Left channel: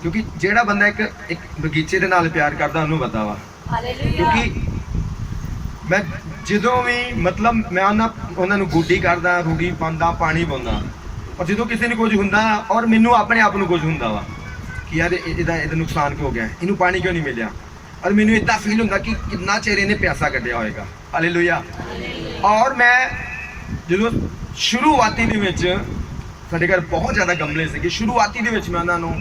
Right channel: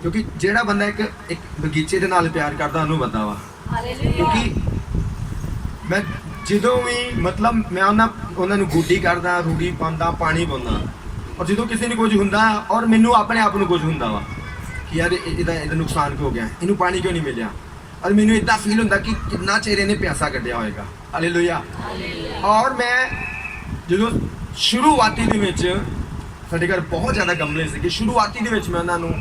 क्योंकि ਜਿਹੜਾ ਬੰਦਾ ਇੱਕ ਬਗੀਚੇ ਦੇ ਨਾਲ ਪਿਆਰ ਕਰਦਾ ਉਹਨੂੰ ਪਤਾ ਵਾ। ਕਿਉਂਕਿ ਮੈਂ ਜਦੋਂ ਵੀ ਮਤਲਬ ਮੈਂ ਉਹਨਾਂ ਨੂੰ ਗੁੱਡੀ ਕਰਦਾ, ਰੂੜੀ ਪਾਉਂਦਾ, ਪਾਣੀ ਪਾਉਂਦਾ, ਔਰ ਜਦੋਂ ਕਿਸੇ ਨੂੰ ਕੁਝ ਹੁੰਦਾ ਔਰ ਮੈਨੂੰ ਆਪਣੇ ਆਪ ਨੂੰ ਕੁਝ ਹੁੰਦਾ ਵਾ ਕਿ ਯਾਰ ਇਹਦਾ ਨੁਕਸਾਨ ਕਿਉਂ ਹੋ ਗਿਆ, ਇਹਨੂੰ ਪਾਣੀ ਕਿਉਂ ਨਹੀਂ ਮਿਲਿਆ, ਔਰ ਮੈਨੂੰ ਇੱਦਾਂ ਫੀਲ ਹੁੰਦਾ ਕਿ ਕਿੰਨਾ ਚਿਰ ਇਹਨੇ ਪਿਆਸਾ ਕੱਢਿਆ ਹੋਏਗਾ। ਹਾਲੇਲੂਇਆ। ਔਰ ਮੈਂ ਜਦੋਂ ਸ਼ੁਰੂਆਤੀ ਦੇ ਵਿੱਚ ਸਾਡੇ ਘਰ ਬਹੁਤ ਜ਼ਿਆਦਾ ਗਮਲੇ ਸੀਗੇ, ਸ਼ੁਰੂਆਤੀ ਦੇ ਵਿੱਚ ਮੈਂ ਉਹਨਾਂ ਨੂੰ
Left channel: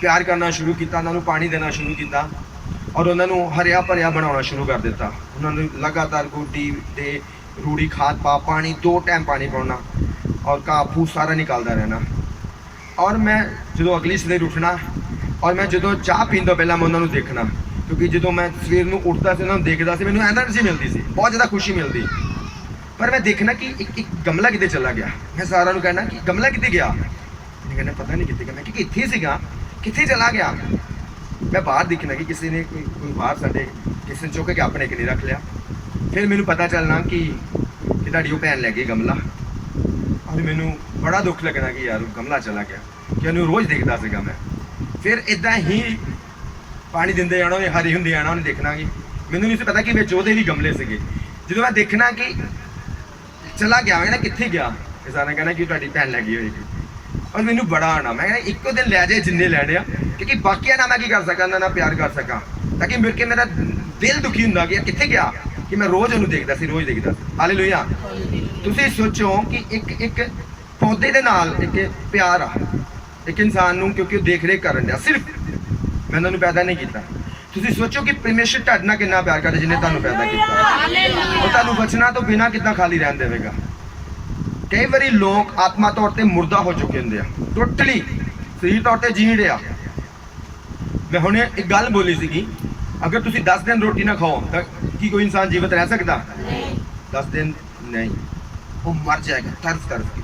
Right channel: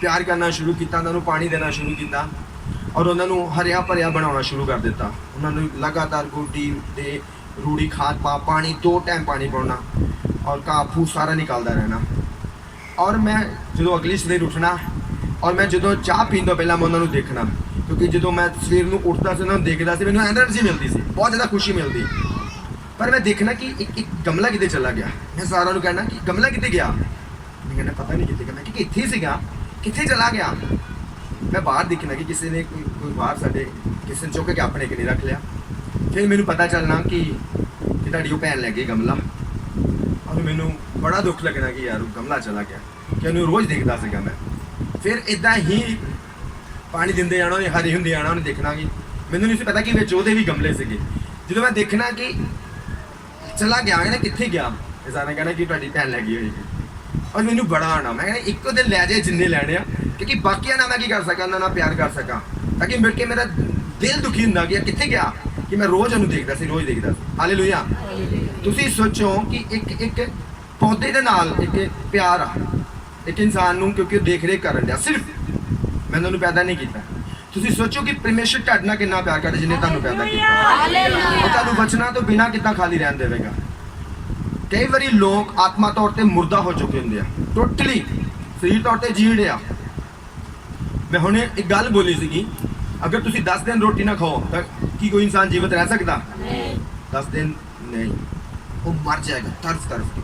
ਪਿਆਰ ਕਰਨਾ ਸ਼ੁਰੂ ਕੀਤਾ, ਉਹਨਾਂ ਨੂੰ ਪਾਣੀ ਦੇਣਾ ਸ਼ੁਰੂ ਕੀਤਾ ਔਰ ਉਹਨਾਂ ਨੂੰ ਹਰਿਆ ਭਰਿਆ ਬਣਾਉਣਾ ਸ਼ੁਰੂ ਕਰ ਦਿੱਤਾ। ਉਹਨਾਂ ਨੂੰ ਲਗਾਤਾਰ ਗੋਡੀ ਤੇ ਰੂੜੀ ਖਾਦ ਪਾ, ਪਾਣੀ 2 ਟਾਈਮ ਪਾਣੀ ਪਾਉਣਾ ਔਰ ਘਾਹ ਫੂਸ ਸਾਰਾ ਨਿਕਲਦਾ ਰਹਿਣਾ। ਔਰ ਮੈਂ ਜਦੋਂ ਅਗਲੀ ਸਵੇਰ ਉੱਠਣਾ ਔਰ ਮੈਂ ਜਦੋਂ ਚਾਹ ਪੀਣ ਤੋਂ ਪਹਿਲਾਂ ਮੈਂ ਉਹਨਾਂ ਨੂੰ ਦੇਖਣਾ, ਕਿਉਂਕਿ ਜਦੋਂ ਮੈਂ ਸਵੇਰ ਨੂੰ ਉੱਠਦਾ ਸੀ ਉਹਨਾਂ ਨੂੰ ਦੇਖਦਾ ਸੀ, ਮੈਨੂੰ ਐਨਰਜੀ ਮਿਲਦੀ ਸੀ, ਬਹੁਤ ਜ਼ਿਆਦਾ ਖੁਸ਼ੀ ਮਿਲਦੀ। ਪਰ ਮੈਂ ਦੇਖਣਾ ਕਿ ਇੱਕ ਗਮਲਾ ਕਿਤੇ ਚਲਾ ਗਿਆ। ਮੈਂ ਸਾਰਿਆਂ ਨੂੰ ਕਹਿਣਾ ਕਿ ਗਮਲਾ ਕਿੱਥੇ ਗਿਆ, ਮੈਂ ਕਹਿੰਦਾ ਪਤਾ ਨਹੀਂ ਕਿੱਥੇ ਗਿਆ। ਮੈਂ ਕਿ ਇੱਥੇ ਸੀਗਾ, ਕਿੱਥੇ ਚਲਾ ਗਿਆ। ਮੈਂ ਬਾਹਰ ਦੇਖਣਾ ਕਿ ਕਿਸੇ ਨੇ ਕੋਈ ਬਾਹਰ ਸਾਡੇ ਕਿਸੇ ਨੇ ਚੁੱਕ ਕੇ ਆਪਣੇ ਘਰੇ ਰੱਖ ਲਿਆ। ਫਿਰ ਮੈਨੂੰ ਪਤਾ ਚੱਲਣਾ ਕਿ ਤੁਹਾਡੀ ਉਹ ਭੈਣ ਲੈ ਗਈ ਗਮਲਾ, ਔਰ ਮੈਨੂੰ ਬੜਾ ਦੁੱਖ ਲੱਗਣਾ ਕਿ ਯਾਰ ਉਹ ਗਮਲਾ ਚਲਾ ਗਿਆ, ਕਿ ਉਹਨੂੰ ਰੋਜ਼ ਦੇਖਦਾ ਸੀਗਾ ਮੈਂ। ਫਿਰ ਇੱਦਾਂ ਹੀ ਪਾਣੀ ਦਿੰਦੇ ਜਾਣਾ, ਉਹਨੇ ਹਰੀ ਹੁੰਦੀ ਜਾਣਾ, ਉਹਨੇ ਦੇਖਣਾ ਕਿ ਮੈਨੂੰ ਨਹੀਂ ਸੀ ਪਤਾ ਕਿ ਵਿੱਚ ਉਹਦੇ ਵੀ ਗਮਲੇ ਸੀਗੇ। ਜਦੋਂ ਮੈਂ ਦੇਖਣਾ ਕਿ ਚਲਾ ਗਿਆ, ਮੈਂ ਕਿੱਥੇ ਗਿਆ, ਕਿਸੇ ਨੇ ਕਹਿਣਾ ਕਿ ਤੁਹਾਡੀ ਭੈਣ ਲੈ ਗਈ ਹੋਏਗੀ। ਔਰ ਮੈਨੂੰ ਬੜਾ ਆਣਾ, ਮੈਂ ਕਹਿੰਦਾ ਇੱਕੋ ਦਿਨ ਲੈ ਜਾਏ ਜਿੰਨੇ ਲੈਣੇ ਆ, ਕਿਉਂਕਿ ਬਾਕੀਆਂ ਨਾਲ ਮੈਂ ਕੀ ਕਰ ਸਕਾਂ, ਉਹਨਾਂ ਨਾਲ ਪਿਆਰ ਕਰ ਸਕਾਂ, ਤਾਂ ਕਿ ਮਿਲ ਕੇ ਮੇਰਾ ਦਿਲ ਦੁਖੀ ਹੁੰਦਾ ਕਿ ਕਿੱਥੇ ਗਿਆ, ਕਿ ਮੈਂ ਰੋਜ਼ ਉਹਨੂੰ ਦੇਖਦਾ ਸੀ, ਰੋਜ਼ ਦੇਖਦਾ ਸੀ। ਹਾਲੇਲੂਇਆ। ਤੁਸੀਂ ਸੋਚੋ ਕਿ ਇੱਕ ਪੌਦੇ ਦੇ ਨਾਲ ਇੱਕ ਪਿਆਰ ਆ ਇੱਕ ਇਨਸਾਨ ਨੂੰ, ਕਿਉਂਕਿ ਉਹ ਦੇਖ ਰੇਖ ਕਰਨ ਡਿਆ, ਸਿਰਫ ਮੈਂ ਉਹਨਾਂ ਨੂੰ ਪੈਦਾ ਨਹੀਂ ਕੀਤਾ। ਤੁਸੀਂ ਸੋਚੋ ਕਿ ਪਰਮੇਸ਼ਰ ਤੁਹਾਡੇ ਨਾਲ ਕਿੰਨਾ ਪਿਆਰ ਕਰਦਾ ਜਿਹਨੇ ਤੁਹਾਨੂੰ ਪੈਦਾ ਕੀਤਾ। ਉਹ ਤੁਹਾਨੂੰ ਬਚਣਾ ਤੋਂ ਬਿਨਾਂ ਕਿੱਦਾਂ ਖਾਲੀ ਰਹਿਣ ਦੇਵੇਗਾ। ਕਈ ਵਾਰੀ ਲੋਕ ਆਤਮਾ ਤੌਰ ਤੇ ਮੁਰਦਾ ਹੋ ਚੁੱਕੇ ਹੁੰਦੇ ਆ, ਟੋਟਲੀ ਸਰੀਰ ਤੌਰ ਤੇ ਜੀਣ ਰਿਹਾ। ਮੈਂ ਹੁਣੇ ਇੱਕ ਗੱਲ ਬੋਲੀ ਸੀਗੀ, ਅਗਰ ਤੁਸੀਂ 10 ਦਿਨ ਰੋਟੀ ਨਾ ਖਾਓ ਤਾਂ ਕੀ ਕੋਈ ਇਨਸਾਨ ਜੀਵਤ ਰਹਿ ਸਕਦਾ? 10 ਦਿਨ ਨਹੀਂ, ਉਹ ਮਰ ਜਾਏਗਾ ਤਰਸ ਕੇ।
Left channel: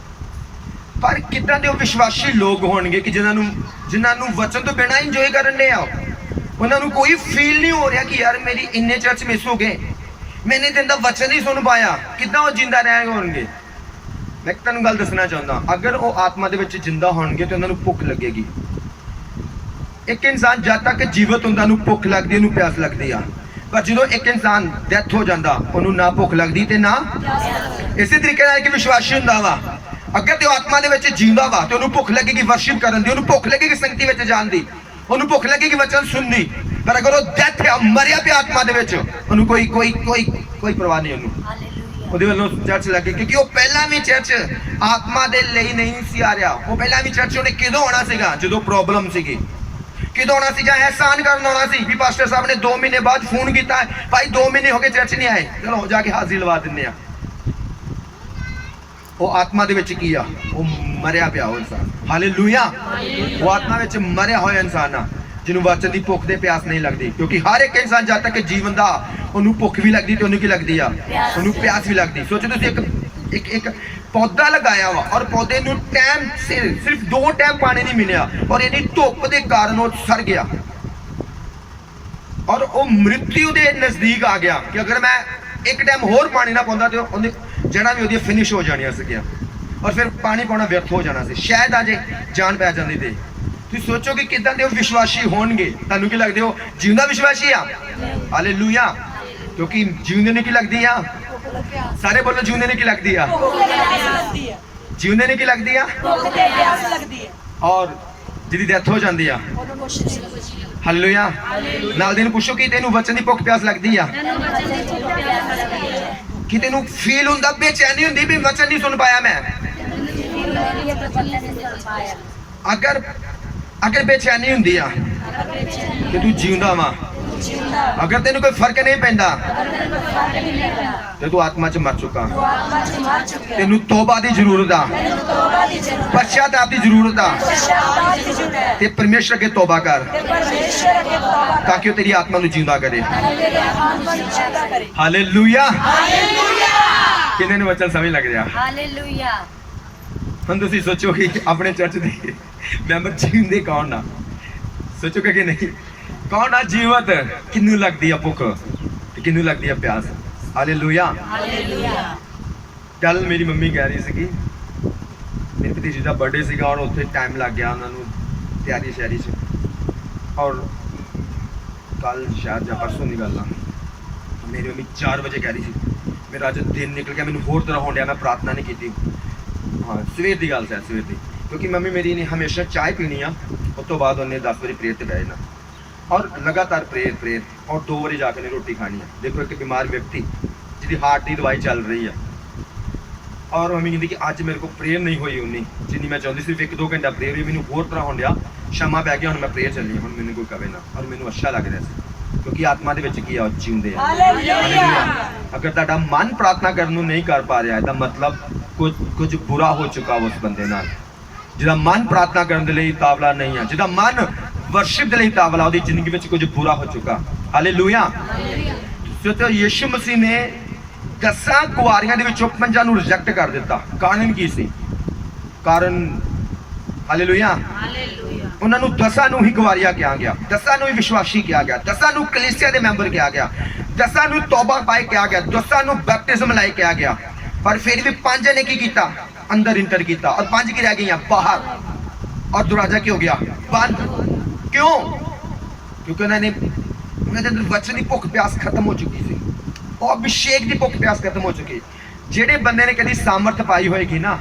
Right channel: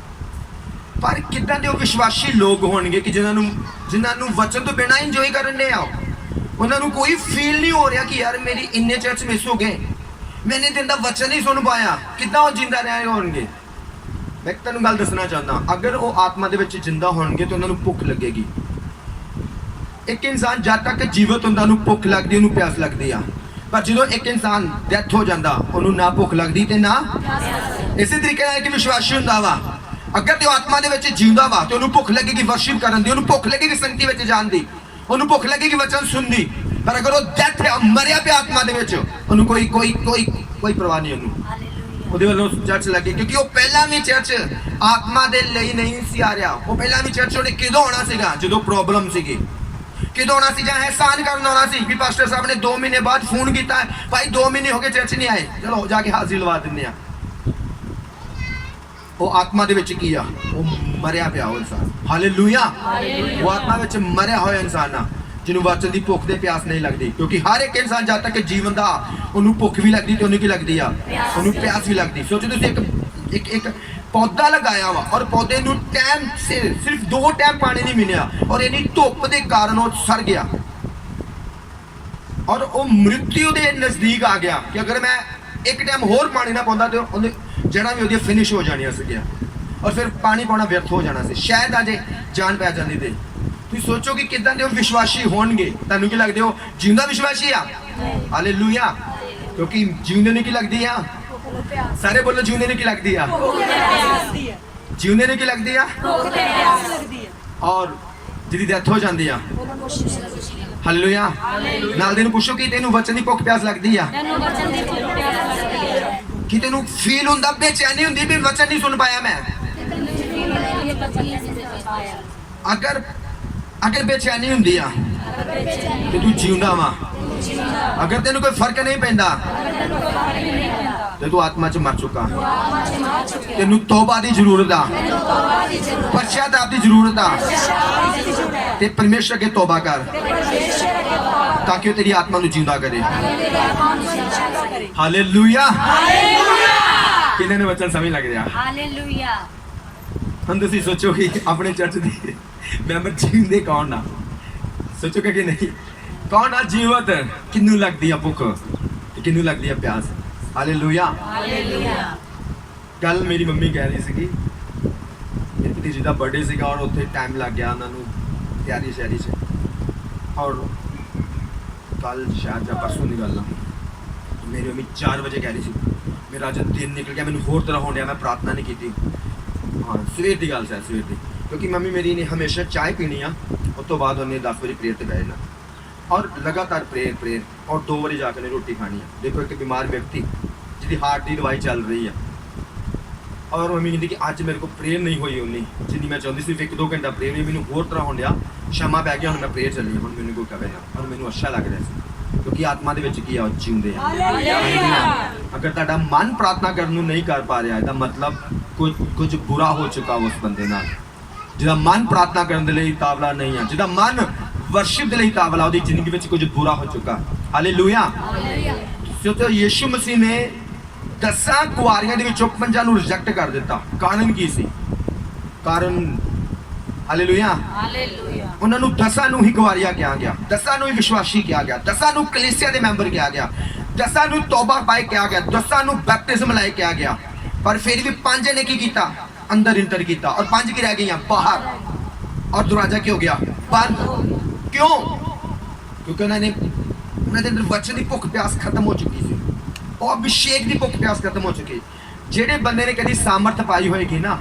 ਪਰ ਕਿੱਦਾਂ ਦੇ ਉਹ ਵਿਸ਼ਵਾਸੀ ਲੋਕ ਹੋਣਗੇ ਕਿ ਜਿਨ੍ਹਾਂ ਨੂੰ ਵਚਨ ਤੋਂ ਬਿਨਾਂ ਇੰਜੋਏ ਕਰਨ ਦੇ ਆ। ਉਹਨਾਂ ਨੂੰ ਕੋਈ ਫੀਲ ਨਹੀਂ ਹੋ ਰਿਹਾ ਕਿ ਯਾਰ ਮੇਰੀ ਇੰਨੇ ਚਰਚ ਮਿਸ ਹੋ ਗਏ, ਮੈਂ ਇੰਨੇ ਦਿਨ ਦਾ ਵਚਨ ਨਹੀਂ ਸੁਣ ਪਾਇਆ। ਕਿੱਦਾਂ ਉਹ ਜਿੰਦਾ ਰਹਿ ਹੋਣਗੇ? ਮੈਂ ਤੁਹਾਨੂੰ ਗੱਲ ਦੱਸਣਾ ਚਾਹੁੰਦਾ, ਅਗਰ ਉਹ ਆਤਮਾ ਦੇ ਵਿੱਚ ਜਿੰਦਾ ਹੋਣਗੇ ਤਾਂ ਉਹਨਾਂ ਨੂੰ ਭੁੱਖ ਲੱਗੇਗੀ। ਇੱਕ ਇਨਸਾਨ ਜਦ ਤੱਕ ਜੀਵਤ ਹੁੰਦਾ ਉਹਨੂੰ ਭੁੱਖ ਲੱਗਦੀ, ਉਹਨੂੰ ਪਿਆਸ ਲੱਗਦੀ ਆ। ਪਰ ਜਦੋਂ ਇੱਕ ਇਨਸਾਨ ਡੈਥ ਹੋ ਜਾਂਦਾ ਉਹਨੂੰ ਨਾ ਭੁੱਖ ਲੱਗਦੀ ਤੇ ਨਾ। ਇਸੇ ਤਰੀਕੇ ਨਾਲ ਇੱਕ ਵਿਸ਼ਵਾਸੀ ਹੁੰਦਾ ਵਾ, ਅਗਰ ਤੇ ਉਹ ਆਤਮਾ ਦੇ ਵਿੱਚ ਜਿਉਂਦਾ ਵਾ ਤੇ ਉਹਨੂੰ ਭੁੱਖ ਲੱਗੇਗੀ ਵਰਸ਼ਿਪ ਕਰਨ ਦੀ, ਉਹਨੂੰ ਭੁੱਖ ਲੱਗੇਗੀ ਸੰਗਤੀ ਵਿੱਚ ਜਾਣ ਦੀ, ਉਹਨੂੰ ਭੁੱਖ ਲੱਗੇਗੀ ਵਚਨ ਸੁਣਨੀ। ਪਰ ਅਗਰ ਉਹ ਡੈਥ ਹੈ, ਮਰਿਆ ਪਿਆ ਆਤਮਾ ਦੇ ਵਿੱਚ, ਉਹਨੂੰ ਕੋਈ ਪਰਵਾਹ ਨਹੀਂ ਉਹਨੂੰ ਉਹਦੇ ਵੱਲੋਂ ਚਰਚ ਲੱਗੇ, ਕਿਉਂਕਿ ਉਹ ਪਹਿਲਾਂ ਵੀ ਚਰਚ ਆਤਮਾ ਦੇ ਲਈ ਨਹੀਂ ਸੀ ਆ ਰਿਹਾ। ਉਹ ਪਹਿਲਾਂ ਵੀ ਚਰਚ ਉਹਨੇ ਕਿਦੋਂ ਆਉਣਾ ਸੀਗਾ? ਜਦੋਂ ਪ੍ਰੋਬਲਮ ਸੀਗੀ। ਕਿਦੋਂ ਆਉਣਾ ਸੀ? ਜਾਂ ਅਹਿਸਾਨ ਕਰਨ ਆਉਣਾ ਸੀ ਵੀ ਪਾਸਟਰ ਸਾਹਿਬ ਨੇ 2 ਮਹੀਨੇ ਬਾਅਦ ਫੋਨ ਕੀਤਾ ਹੈ, ਭਾਈ 2 ਮਹੀਨੇ ਹੋ ਗਏ ਚਰਚ ਨਹੀਂ ਆਏ, ਚਲੋ ਜਾ ਕੇ ਹਾਜ਼ਰੀ ਲਵਾ ਦਿੰਦੇ ਆ। ਉਹ ਆਤਮਾ ਦੇ ਵਿੱਚ ਕੀ ਆ? ਉਹ ਮਰਿਆ ਪਿਆ ਉਹ ਇਨਸਾਨ। ਹਾਲੇਲੂਇਆ। ਉਹ ਆਤਮਾ ਵਿੱਚ ਮਰਿਆ ਹੋਇਆ ਇਨਸਾਨ ਆ ਜਿਹਨੂੰ ਵਚਨ ਦੀ ਭੁੱਖ ਤੇ ਪਿਆਸ ਨਹੀਂ ਲੱਗਦੀ। ਕਿਉਂਕਿ ਹਰ ਇੱਕ ਇਨਸਾਨ ਜਦ ਤੱਕ ਜੀਵਨ ਦਾ ਉਹਨੂੰ ਭੁੱਖ ਵੀ ਲੱਗਦੀ ਤੇ ਉਹਨੂੰ ਕੀ ਲੱਗਦੀ ਆ? ਉਹਨੂੰ ਪਿਆਸ ਵੀ ਲੱਗਦੀ। ਸੋਚੋ ਤੁਸੀਂ ਇੱਕ ਪੌਦਾ ਲਗਾਇਆ ਵਾ ਔਰ ਪੌਦੇ ਨੂੰ ਟਾਈਮ ਸਿਰਫ 2 ਟਾਈਮ ਪਾਣੀ ਨਹੀਂ ਮਿਲਿਆ ਔਰ ਇਹਨੀ ਧੁੱਪ ਦੇ ਕਾਰਨ ਉਹ ਸੜ ਗਿਆ ਔਰ ਉਹ ਮ੍ਰਿਤੂ ਦੇ ਨਜ਼ਦੀਕ ਆ ਗਿਆ ਕਿ ਅਗਰ ਮੈਂ ਇੱਕ ਟਾਈਮ ਹੋਰ ਪਾਣੀ ਨਾ ਪਾਉਂਦਾ ਤੇ ਉਹਨੇ ਜੜ੍ਹਾਂ ਵੀ ਉਹਦੀਆਂ ਫਿਨਿਸ਼ ਹੋ ਜਾਣੀਆਂ ਸੀਗੀਆਂ ਔਰ ਫਿਰ ਪਾਣੀ ਪਾਉਣਾ ਵਿਅਰਥ ਹੋ ਜਾਣਾ ਸੀ। ਸ਼ਾਇਦ ਅਜੇ ਜਾਨ ਪੈ ਜਾਂਦੀ ਤੇ। ਤੁਸੀਂ ਸੋਚੋ ਕਿ ਕਿੱਦਾਂ ਦੇ ਉਹ ਵਿਸ਼ਵਾਸੀ ਹੋਣਗੇ। ਤੁਹਾਨੂੰ ਕੀ ਲੱਗਦੇ ਹੋ? ਜਿਉਂਦਾ ਵਿਸ਼ਵਾਸੀ ਆ। ਹਾਲੇਲੂਇਆ। ਕਿਉਂਕਿ ਜਿਉਂਦੇ ਨੂੰ ਕੀ ਲੱਗਦੀ ਆ? ਸਾਰੇ ਬੋਲੋ, ਜਿਉਂਦੇ ਨੂੰ ਕੀ ਲੱਗਦੀ ਆ? ਜਿਉਂਦੇ ਨੂੰ ਕੀ ਲੱਗਦੀ ਆ? ਔਰ ਜਿਹਦੀ ਡੈਥ ਹੋ ਜਾਂਦੀ ਆ। ਹਾਲੇਲੂਇਆ। ਨਾਲ ਦੇ ਨੂੰ ਪੁੱਛੋ ਕਿ ਤੈਨੂੰ ਵਚਨ ਦੀ ਭੁੱਖ ਪਿਆਸ ਲੱਗਦੀ ਆ? ਕਿ ਤੈਨੂੰ ਫੀਲ ਹੁੰਦਾ, ਬੇਚੈਨੀ ਹੁੰਦੀ ਵੀ ਵਚਨ ਨਹੀਂ ਸੁਣ ਪਾਇਆ ਮੈਂ? ਅਗਰ ਬੇਚੈਨੀ ਹੁੰਦੀ ਆ ਤੇ ਤੂੰ ਜਿਉਂਦਾ ਵਾ। ਅਗਰ ਤੈਨੂੰ ਕੋਈ ਫਰਕ ਨਹੀਂ ਪੈਂਦਾ ਤੇ ਤੂੰ ਆਤਮਾ 'ਚ ਮਰ ਚੁੱਕਾ। ਤੈਨੂੰ ਤੋਬਾ ਦੀ ਜ਼ਰੂਰਤ ਆ, ਪਛਤਾਵਾ ਦੀ ਜ਼ਰੂਰਤ ਆ ਤੇ ਪਰਮੇਸ਼ਰ ਅੱਗੇ ਤੋਬਾ ਕਰ ਤਾਂ ਕਿ ਉਹ ਤੇਰੀ ਆਤਮਾ ਨੂੰ ਜਿਉਂਦਾ ਕਰੇ। ਹਾਲੇਲੂਇਆ। ਕਿੰਨੇ ਨੂੰ ਵਚਨ ਸਮਝ ਲੱਗ ਰਿਹਾ? ਹਾਲੇਲੂਇਆ। ਹੁਣ ਤੁਸੀਂ ਸੋਚੋ ਕਿ ਆਪਣੇ ਚਰਚ ਦੇ ਮੈਂਬਰ ਜਿਉਂਦੇ ਕੌਣ ਆ? ਸੋਚੋਗੇ ਕਿ ਨਹੀਂ? ਕੌਣ ਆ ਜੀਵਤ? ਕਿਹਨੂੰ ਲੱਗਦੀ ਆ ਭੁੱਖ ਤੇ ਕਿਹਨੂੰ ਲੱਗਦੀ ਆ ਪਿਆਸ? ਹਾਲੇਲੂਇਆ। ਹਾਲੇਲੂਇਆ। ਕੱਲ ਮੇਰੀ ਮੰਮੀ ਕਹਿ ਰਹੀ ਸੀਗੀ ਮੇਰੇ ਭਤੀਜੇ ਦਾ ਬਰਥਡੇ ਸੀਗਾ ਔਰ ਉੱਥੇ ਟਾਈਮ ਲੱਗ ਗਿਆ ਉਹਨਾਂ ਨੂੰ ਤਿਆਰੀ ਸ਼ਹਿਰੀ 'ਚ। और कल शायद या परसों की गल मेरी मम्मी 4 बजे कह रही थी मेरा अज दिन निकल गया, मैंने होर तरह होने मैं प्रार्थना नहीं की। हाँ सवेर की गल है, सवेर की, क्योंकि मम्मी मेरी ने हमेशा चाय पीनी आ, उस तो बाद उन्हें 10 बजे प्रेयर से बह जाना और लगातार प्रेयर और 2 बजे जाकर रोटी खानी है। देखो एक बीमार व्यक्ति जिसकी हार्ट की दवाई चल रही है और मम्मी कहती कि अज मेरे को प्रेयर नहीं हुई उन्नी जिनी मैं चाहती, सिर्फ 1-2 घंटा प्रेयर हुई, मैंने होर तरह हो गया, शामा पै गया, हूँ मैं प्रेयर चली, हूँ मैंने कोई कहे ना, और मैंने अच्छा लग रहा है क्योंकि आत्मा के जींदे हैं। अगर तुहाडा मन प्रार्थना करने नहीं कर पा रहा है मतलब कुछ बुरा हो चुका उस बंदे नाल, जिहदा मन प्रार्थना करने लई तावला नहीं है, जिहदा मन वर्शिप दे लई तावला, उहदी जिंदगी विच कुछ बुरा हो चुका। हालेलुया। तो यीशु मसीह ने 10 कुआरियां दे विचों 5 नूं रिजेक्ट कर दिता। कारण की सी? कारण हालेलुया, उन्होंने 10 नूं ही कुआरिया कहा गया, 10 नूं ही विश्वासी कहा गया, 10 नूं कलीसिया दे मैंबर कहा गया, 10 नूं तौबा पाए कहा गया, 10 नूं बैप्टिज्म लाए कहा गया, पर फिर भी 5 ने की किया? अंदर इंटर किया, और 5 की रह गई बाहर, और दरवाजा क्या हो गया? बंद। क्यों? क्योंकि उन्होंने अंदर वचन की भुख प्यास खत्म हो चुकी थी, वो अभिषेक की भुख प्यास खत्म हो चुकी। जेडे बंदे ने कभी सामर्थ पाई होएगी ना,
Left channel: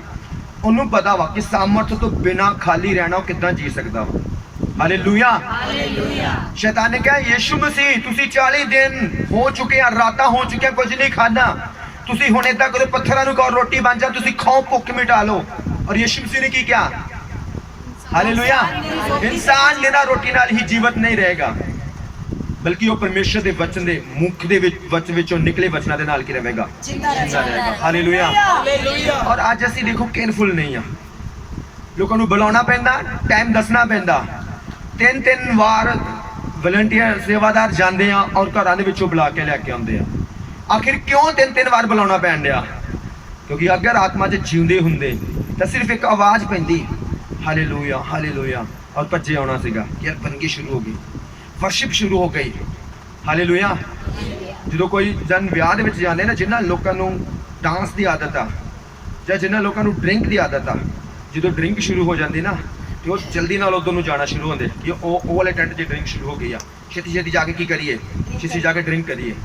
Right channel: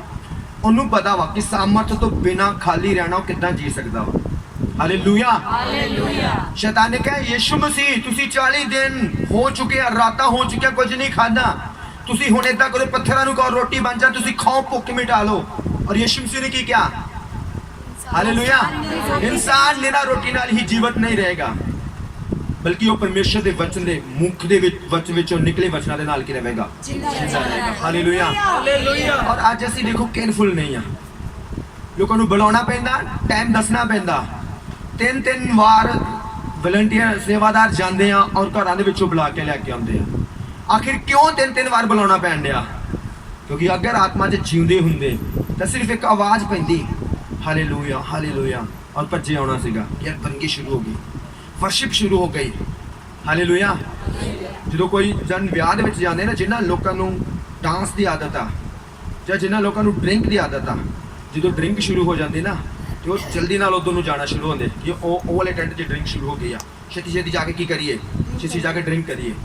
उन्होंने पता वा कि सामर्थ तो बिना खाली रहना वो कितना जी सकता वा। हालेलुया। शैतान ने कहा यीशु मसीह तुसी 40 दिन हो चुके हैं, रातां हो चुके हैं, कुछ नहीं खाना, तुसी हुण इदां करो पत्थरां नूं कहो रोटी बन जा, तुसी खाओ भुख मिटा लो। और यीशु मसीह ने की क्या? हालेलुया। इंसान बिना रोटी नाल ही जीवित नहीं रहेगा, बल्कि वो परमेश्वर के वचन के मुख के वचन विचों निकले वचनों के नाल की रहेगा, जिंदा रहेगा। हालेलुया। और आज असीं देखो केयरफुल नहीं हाँ, लोगों को बुलाना पैंदा, टाइम दसना पैंदा, 3-3 बार वॉलंटियर सेवादार जाते हैं और घरों के विचों बुला के लैके आते हैं। आखिर क्यों 3-3 बार बुलाना पैन दिया? क्योंकि अगर आत्मा च जींदे हुंदे तो सिर्फ एक आवाज़ पैंदी हालेलुया हालेलुया, और भज्जे आना सीगा कि यार बंदगी शुरू हो गई, वर्शिप शुरू हो गई। हालेलुया। जो कोई जन ब्याह दे विच जांदे ना, जिन्हां लोकां नूं डांस की आदत आ जां जिन्हां लोकां नूं ड्रिंक की आदत आ, जो ड्रिंक शुरू हो जाती ना तो वो जल्दी नाल उधर नूं जाना शुरू होंदे कि वो वाले टेंट 'च ड्रिंक शुरू हो गई आ, छेती छेती जाके की करिए, छेती जाके ड्रिंक करिए।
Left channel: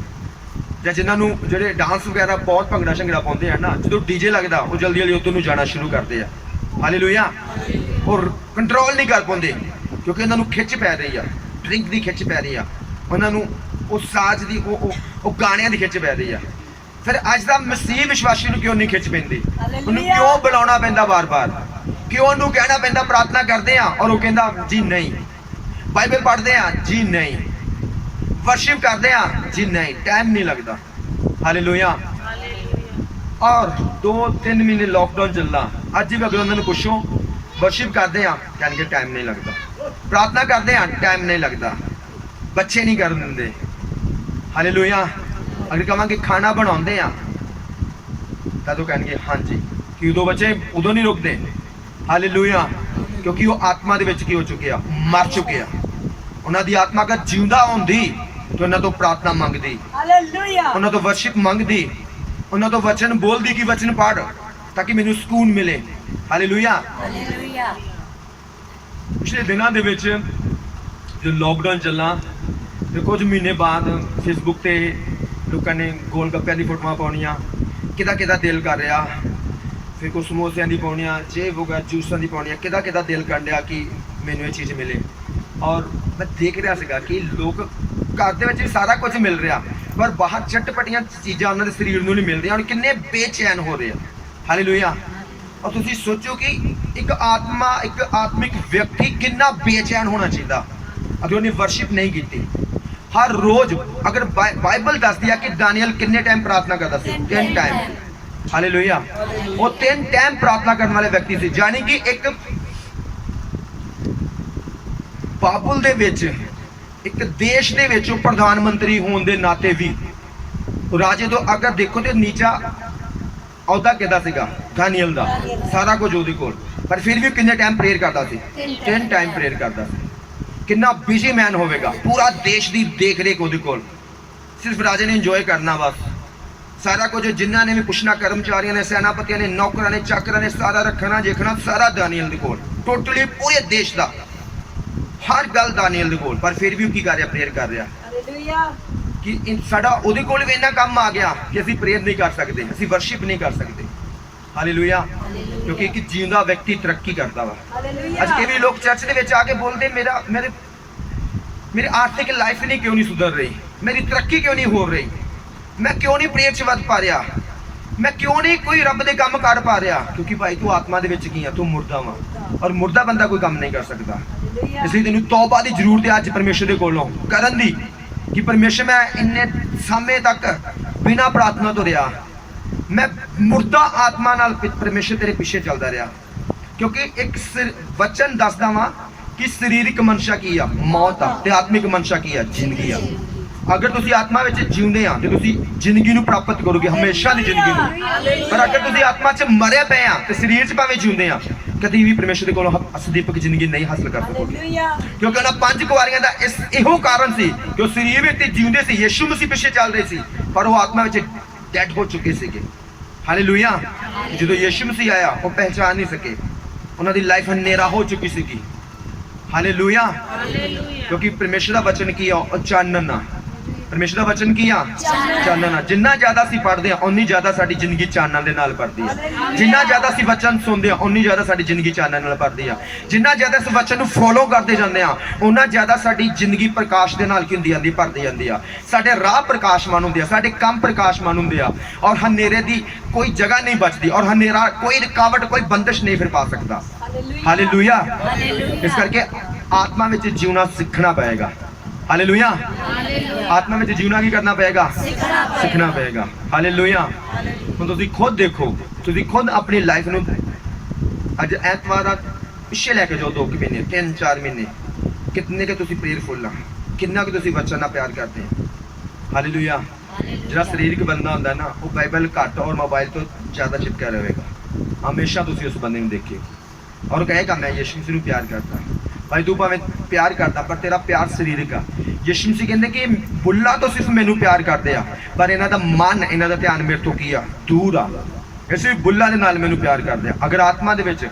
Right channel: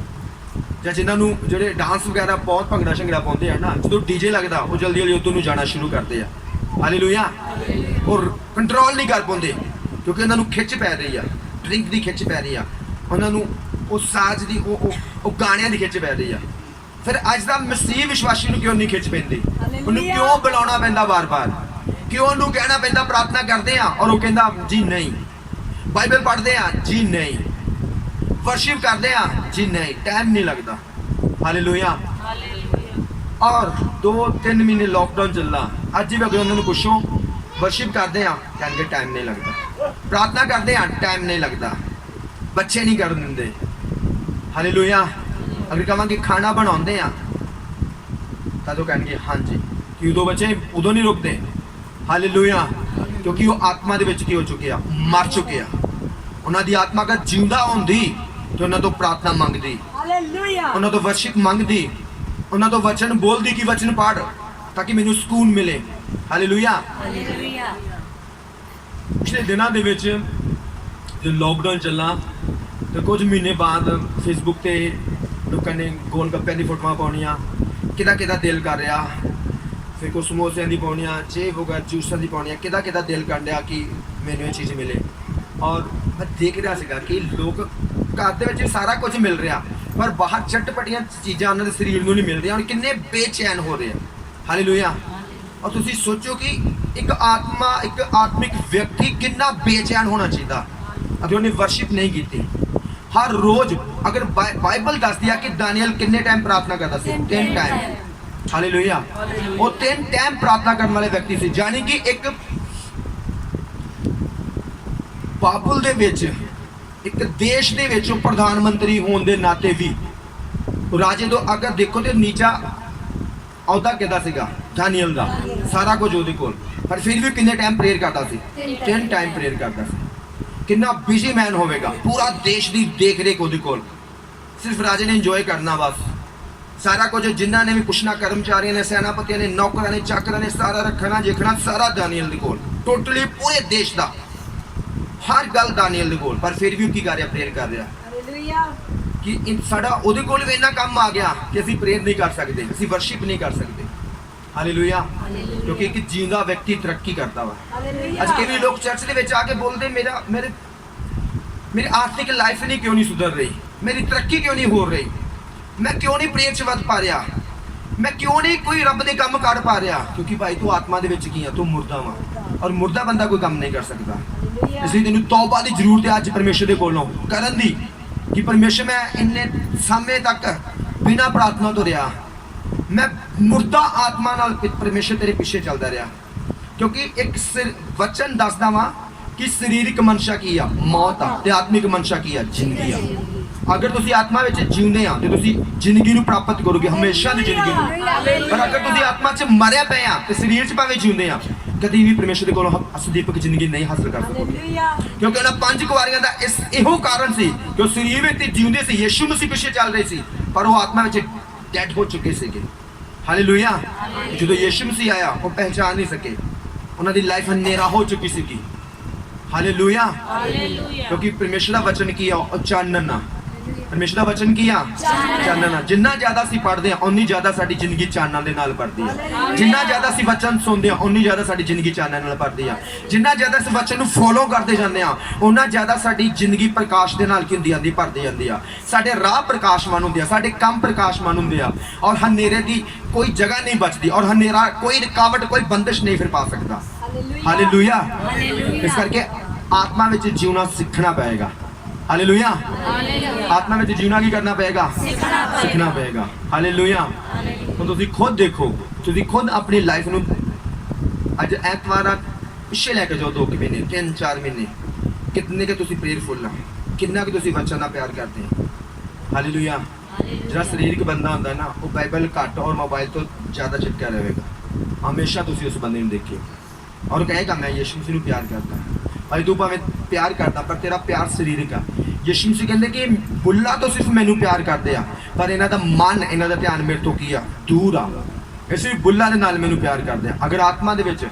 जां जिन्हां जो डांस वगैरह बहुत भंगड़ा शंगड़ा पाउंदे हैं ना, जो डीजे लगता वो जल्दी जल्दी उधर नूं जाना शुरू करते हैं। हालेलुया। और कंट्रोल नहीं कर पाते क्योंकि उन्होंने खिच पै रही है, ड्रिंक की खिच पै रही है, उन्होंने उस साज की गाणियां की खिच पै रही है। फिर अज का मसीह विश्वासी क्यों नहीं खिच पैंदी? उन्होंने क्यों बुलाना पैंदा बार बार? क्यों उन्होंने कहना पैंदा प्रार्थना करते हैं और वो कहता जी नहीं, बाइबल पढ़ते हैं जी नहीं, वर्शिप करते हैं जी नहीं, टाइम नहीं लगता। हालेलुया। और 2-3 महीने लॉकडाउन चलना, अज भी अगर उन्होंने पूछो वर्शिप करते हैं कहेंगे टाइम नहीं लगता, प्रार्थना करते हैं टाइम नहीं लगता, बच्चे नहीं कर देंगे। हालेलुया। अगर कहेंगे खाना बनाते हैं तो कहेंगे हाँ जी, कि उदों बच्चे उदों नहीं रुकते। हालेलुया। क्योंकि वो आत्मा दे विच की हो चुके हैं, मर चुके हैं। उन्होंने आत्मा का जिंदा होंदी तो उन्होंने तो प्रार्थना मंगती, उन्होंने तो वर्शिप मंगती, उन्होंने तो वचन बोलती कि वचन पढ़ ताकि मैनू सुकून मिले। हालेलुया। पिछले दिनों दे विच जो लॉकडाउन चलना तो कुछ महीने बाद फेसबुक पे लोगों ने गोल गप्पे की फोटोआं पाउणियां, किदा दिल कर रहा, फिर कुछ समोसियां दी पाउणियां, जे होगा जूसां दी पाउणियां, किदा दिल कर रहा कि मैनू ये चीज़ मिले। और मैं देख रहा सीगा कि लोग घर दे विच सारा कुछ मिल रहा पर बाहर चटपटियां चीज़ां उन्होंने शरीर को नहीं मिल रही और किन्ने बेचैन हो रहे हैं। हालेलुया। और तुसी सोचो कि एक आत्मिक व्यक्ति कितना बेचैन होना चाहिए अगर उन्हें वर्शिप नहीं की। हर रोज अगर बाइबल दस दिया कि दानियल कितने टाइम प्रार्थना करता सी? 3 टाइम। हालेलुया। वो 3 टाइम प्रार्थना करने वाले व्यक्ति से, यानी कि एक बाबुल दे विच एक देश दे विच प्रधानमंत्री होने के नाते भी राजे तो अगर देखो तो नीचा अहदा किहदा सीगा? दानियल दा, सारा कुछ उहदे कोल, पर फिर भी कितने टाइम प्रेयर करता सी? 3 टाइम प्रेयर करता सी। कितना बिजी मैन होगा, पूरा देश की देख रेख उहदे कोल, सिर्फ राजे ने इंजॉय करना बस। सारा कुछ जिन्हों ने भी पुछना, कर्मचारियों ने, सेनापतियों ने, नौकरों ने, चाकरों ने, सारा रखना देखना सारा दानियल दे कोल, टोटली पूरे देश का। ਹਰ ਗੱਲ ਦਾਨੀਏਲ ਦੇ ਕੋਲ, ਪਰ ਫਿਰ ਵੀ ਉਹ ਕੀ ਕਰ ਰਿਹਾ? ਪ੍ਰੇਅਰ ਕਰ ਰਿਹਾ। ਕਿ ਸਾਡਾ ਉਹਦੇ ਕੋਲ ਵੀ ਇੰਨਾ ਕੰਮ ਆ ਗਿਆ ਕਿ ਅਸੀਂ ਪ੍ਰੇਅਰ ਨਹੀਂ ਕਰ ਸਕਦੇ, ਅਸੀਂ ਵਰਸ਼ਿਪ ਨਹੀਂ ਕਰ ਸਕਦੇ। ਹਾਲੇਲੂਇਆ। ਕਿਉਂਕਿ ਇੱਕ ਜਿਉਂਦਾ ਵਿਅਕਤੀ ਤਰੱਕੀ ਕਰਦਾ ਵਾ। ਅੱਜ ਕਈ ਵੀ ਲੋਕ ਚਰਚ ਦੇ ਵਿੱਚ ਆ ਕੇ ਬੋਲਦੇ ਮੇਰੀ ਆਰਥਿਕ ਲਾਈਫ ਨਹੀਂ ਕਿਉਂ ਨਹੀਂ ਸੁਧਰ ਰਹੀ, ਮੇਰੀ ਤਰੱਕੀ ਕਿਉਂ ਨਹੀਂ ਹੋ ਰਹੀ, ਮੈਂ ਕਿਉਂ ਨਹੀਂ ਪ੍ਰੇਅਰ 'ਚ ਵੱਧ ਪਾ ਰਿਹਾ, ਮੈਂ ਕਿਉਂ ਨਹੀਂ ਕੋਈ ਰੱਬ ਦੇ ਕੰਮ ਕਰ ਪਾ ਰਿਹਾ। ਕਿਉਂਕਿ ਭਾਈ ਤੂੰ ਆਤਮਾ ਦੇ ਵਿੱਚ ਕੀ ਆ? ਤੂੰ ਮੁਰਦਾ ਵਾ, ਔਰ ਮੁਰਦਾ ਬੰਦਾ ਕੋਈ ਕੰਮ ਨਹੀਂ ਕਰ ਸਕਦਾ। ਇਸ ਲਈ ਤੈਨੂੰ ਤੌਬਾ ਦੀ ਜ਼ਰੂਰਤ ਹੈ ਅੱਜ ਪਰਮੇਸ਼ਰ ਦੇ ਕੋਲੋਂ ਕਰਨ ਦੀ, ਕਿ ਪਰਮੇਸ਼ਰ ਮੈਂ ਇੰਨੇ ਸਮੇਂ ਤੱਕ ਬਿਨਾਂ ਪ੍ਰਾਰਥਨਾ ਤੋਂ ਰਿਹਾ, ਮੈਂ ਮੁਰਦਾ ਆਤਮਾ ਨਾਲ ਪਰਮੇਸ਼ਰ ਤੇਰੇ ਪਿੱਛੇ ਚੱਲਦਾ ਰਿਹਾ। ਕਿਉਂਕਿ ਇੱਕ ਵਚਨ ਦੱਸਦਾ ਵਾ ਕਿ ਸਰੀਰਕ ਮਨਸ਼ਾ ਕੀ ਆ? ਮੌਤ ਆ, ਤੇ ਆਤਮਿਕ ਮਨਸ਼ਾ ਕੀ ਆ? ਜ਼ਿੰਦਗੀ ਆ। ਅਗਰ ਤੁਸੀਂ ਆਤਮਾ ਵਿੱਚ ਜਿਉਂਦੇ ਆ ਤੇ ਤੁਸੀਂ ਜ਼ਿੰਦਗੀ ਨੂੰ ਪ੍ਰਾਪਤ ਕਰੋਗੇ, ਹਮੇਸ਼ਾ ਦੀ ਜ਼ਿੰਦਗੀ ਨੂੰ। ਪਰ ਅਗਰ ਤੁਸੀਂ ਆਤਮਾ 'ਚ ਮਰਿਆ ਪਏ ਆ ਤੇ ਸਰੀਰ 'ਚ ਭਾਵੇਂ ਜਿਉਂਦੇ ਆ, ਕਦੀ ਵੀ ਪਰਮੇਸ਼ਰ ਦੇ ਕੋਲੋਂ ਅਸਦੀਪਕ ਜ਼ਿੰਦਗੀ ਨਹੀਂ ਹਾਸਲ ਕਰ ਸਕੋਗੇ। ਕਿਉਂਕਿ ਉਹਨਾਂ 5 ਕੁਆਰੀਆਂ ਦਾ ਇਹੋ ਕਾਰਨ ਸੀ ਕਿ ਉਹ ਸਰੀਰ ਵਿੱਚ ਜਿਉਂਦੇ ਸੀ, ਯਿਸੂ ਮਸੀਹ ਪਿੱਛੇ ਚੱਲ ਰਹੇ ਸੀ, ਪਰ ਉਹ ਆਤਮਾ ਵਿੱਚ ਡੈਡ ਹੋ ਚੁੱਕੇ ਸੀਗੇ। ਹਾਲੇਲੂਇਆ। ਜਦੋਂ ਯਿਸੂ ਮਸੀਹ ਆਇਆ ਉਹ ਪਹਿਚਾਨ ਨਹੀਂ ਸਕੇ, ਉਹਨਾਂ ਦੀ ਲਾਈਫ ਹਨੇਰਾ ਹੋ ਚੁੱਕੀ ਸੀਗੀ। ਹਾਲੇਲੂਇਆ। ਕਿਉਂਕਿ ਪਰਮੇਸ਼ਰ ਦਾ ਵਚਨ ਕੀ ਆ? ਉਹ ਚਾਨਣ ਆ। ਪਰਮੇਸ਼ਰ ਦਾ ਵਚਨ ਕੀ ਆ? ਚਾਨਣ ਆ। ਜਿੰਨਾ ਜ਼ਿਆਦਾ ਅਸੀਂ ਪੜ੍ਹਦੇ ਆ ਉਨੀ ਜ਼ਿਆਦਾ ਸਾਡੀ ਜ਼ਿੰਦਗੀ ਚਾਨਣ ਦੇ ਨਾਲ ਭਰਦੀ ਆ। ਜਿੰਨਾ ਜ਼ਿਆਦਾ ਅਸੀਂ ਵਚਨ ਸੁਣਦੇ ਆ ਉਨੀ ਜ਼ਿਆਦਾ ਸਾਡੀ ਜ਼ਿੰਦਗੀ ਚਾਨਣ ਨਾਲ ਭਰਦੀ ਆ। ਜਿੰਨਾ ਜ਼ਿਆਦਾ ਇਸ ਵਚਨ ਨੂੰ ਫੋਲੋ ਕਰਦੇ ਜਾਂਦੇ ਆ ਉਨਾ ਜ਼ਿਆਦਾ ਸਾਡੀ ਜ਼ਿੰਦਗੀ ਪ੍ਰਕਾਸ਼ ਦੇ ਨਾਲ ਕੀ ਹੁੰਦੀ ਜਾਂਦੀ? ਭਰਦੀ ਜਾਂਦੀ ਆ। ਸਾਡੇ ਰਾਹ ਪ੍ਰਕਾਸ਼ਮਾਨ ਹੁੰਦੇ ਆ, ਸਾਡੇ ਕੰਮ ਪ੍ਰਕਾਸ਼ਮਾਨ ਹੁੰਦੇ ਆ, ਔਰ ਹਨੇਰੇ ਦੀ ਕੋਈ ਜਗ੍ਹਾ ਨਹੀਂ ਬਚਦੀ, ਔਰ ਹਨੇਰਾ ਕੋਈ ਰੁਕਾਵਟ, ਕੋਈ ਬੰਦਿਸ਼ ਨਹੀਂ ਫਿਰ ਪਾ ਸਕਦਾ। ਹਾਲੇਲੂਇਆ। ਇਸ ਕਰਕੇ ਆਤਮਾ ਵਿੱਚ ਜਿਉਣਾ ਸਿੱਖਣਾ ਪਏਗਾ। ਹਾਲੇਲੂਇਆ। ਆਤਮਾ ਵਿੱਚ ਜਿਉਣਾ ਕੀ ਕਰਨਾ ਪਏਗਾ? ਸਿੱਖਣਾ ਪਏਗਾ। ਹਾਲੇਲੂਇਆ। ਹੁਣ ਤੁਸੀਂ ਖੁਦ ਦੇਖੋ, ਤੁਸੀਂ ਖੁਦ ਆਪਣੀ ਲਾਈਫ ਨੂੰ ਅੱਜ ਐਤਵਾਰ ਪਿੱਛੇ ਲੈ ਕੇ ਜਾਓ, 2 ਮਹੀਨੇ 3-4 ਮਹੀਨੇ, ਕਿੰਨੇ ਕਿ ਤੁਸੀਂ ਪ੍ਰੇਅਰਫੁਲ ਆ, ਕਿੰਨਾ ਕਿ ਤੁਸੀਂ ਵਚਨ ਨਾਲ ਪਿਆਰ ਕਰਦੇ ਆ। ਹਾਲੇਲੂਇਆ। ਜਿਹੜਾ ਸਰੀਰਕ ਬੰਦਾ ਹੁੰਦਾ ਨਾ ਉਹ ਬਾਈਬਲ ਘੱਟ ਔਰ ਮੋਬਾਈਲ ਤੋਂ ਜ਼ਿਆਦਾ ਚਿਪਕਿਆ ਰਹੇਗਾ। ਹਮੇਸ਼ਾ ਤੁਸੀਂ ਉਸ ਬੰਦੇ ਨੂੰ ਦੇਖੇ ਔਰ ਕਹੇਗਾ ਮੈਂ ਯਿਸੂ ਮਸੀਹ ਨੂੰ ਪਿਆਰ ਕਰਦਾ। ਭਾਈ ਤੂੰ ਭਾਵੇਂ ਪਿਆਰ ਕਰਦਾ ਪਰ ਤੇਰਾ ਪਿਆਰ ਸਰੀਰਕ ਆ। ਯਿਸੂ ਮਸੀਹ ਕਹਿੰਦੇ ਕਿ ਬੁੱਲਾ ਤੋਂ ਸਿਰਫ ਮੈਨੂੰ ਪਿਆਰ ਕਰਦੇ ਆ, ਪਰ ਇਹਨਾਂ ਦਾ ਮਨ, ਇਹਨਾਂ ਦਾ ਧਿਆਨ ਮੇਰੇ ਤੋਂ ਕੀ ਆ? ਦੂਰ ਆ। ਇਸ ਲਈ ਬੁੱਲਾ ਦੇ ਨਾਲ ਮੈਨੂੰ ਪਿਆਰ ਕਰਦੇ ਆ। ਅਗਰ ਆਤਮਾ ਦੇ ਵਿੱਚ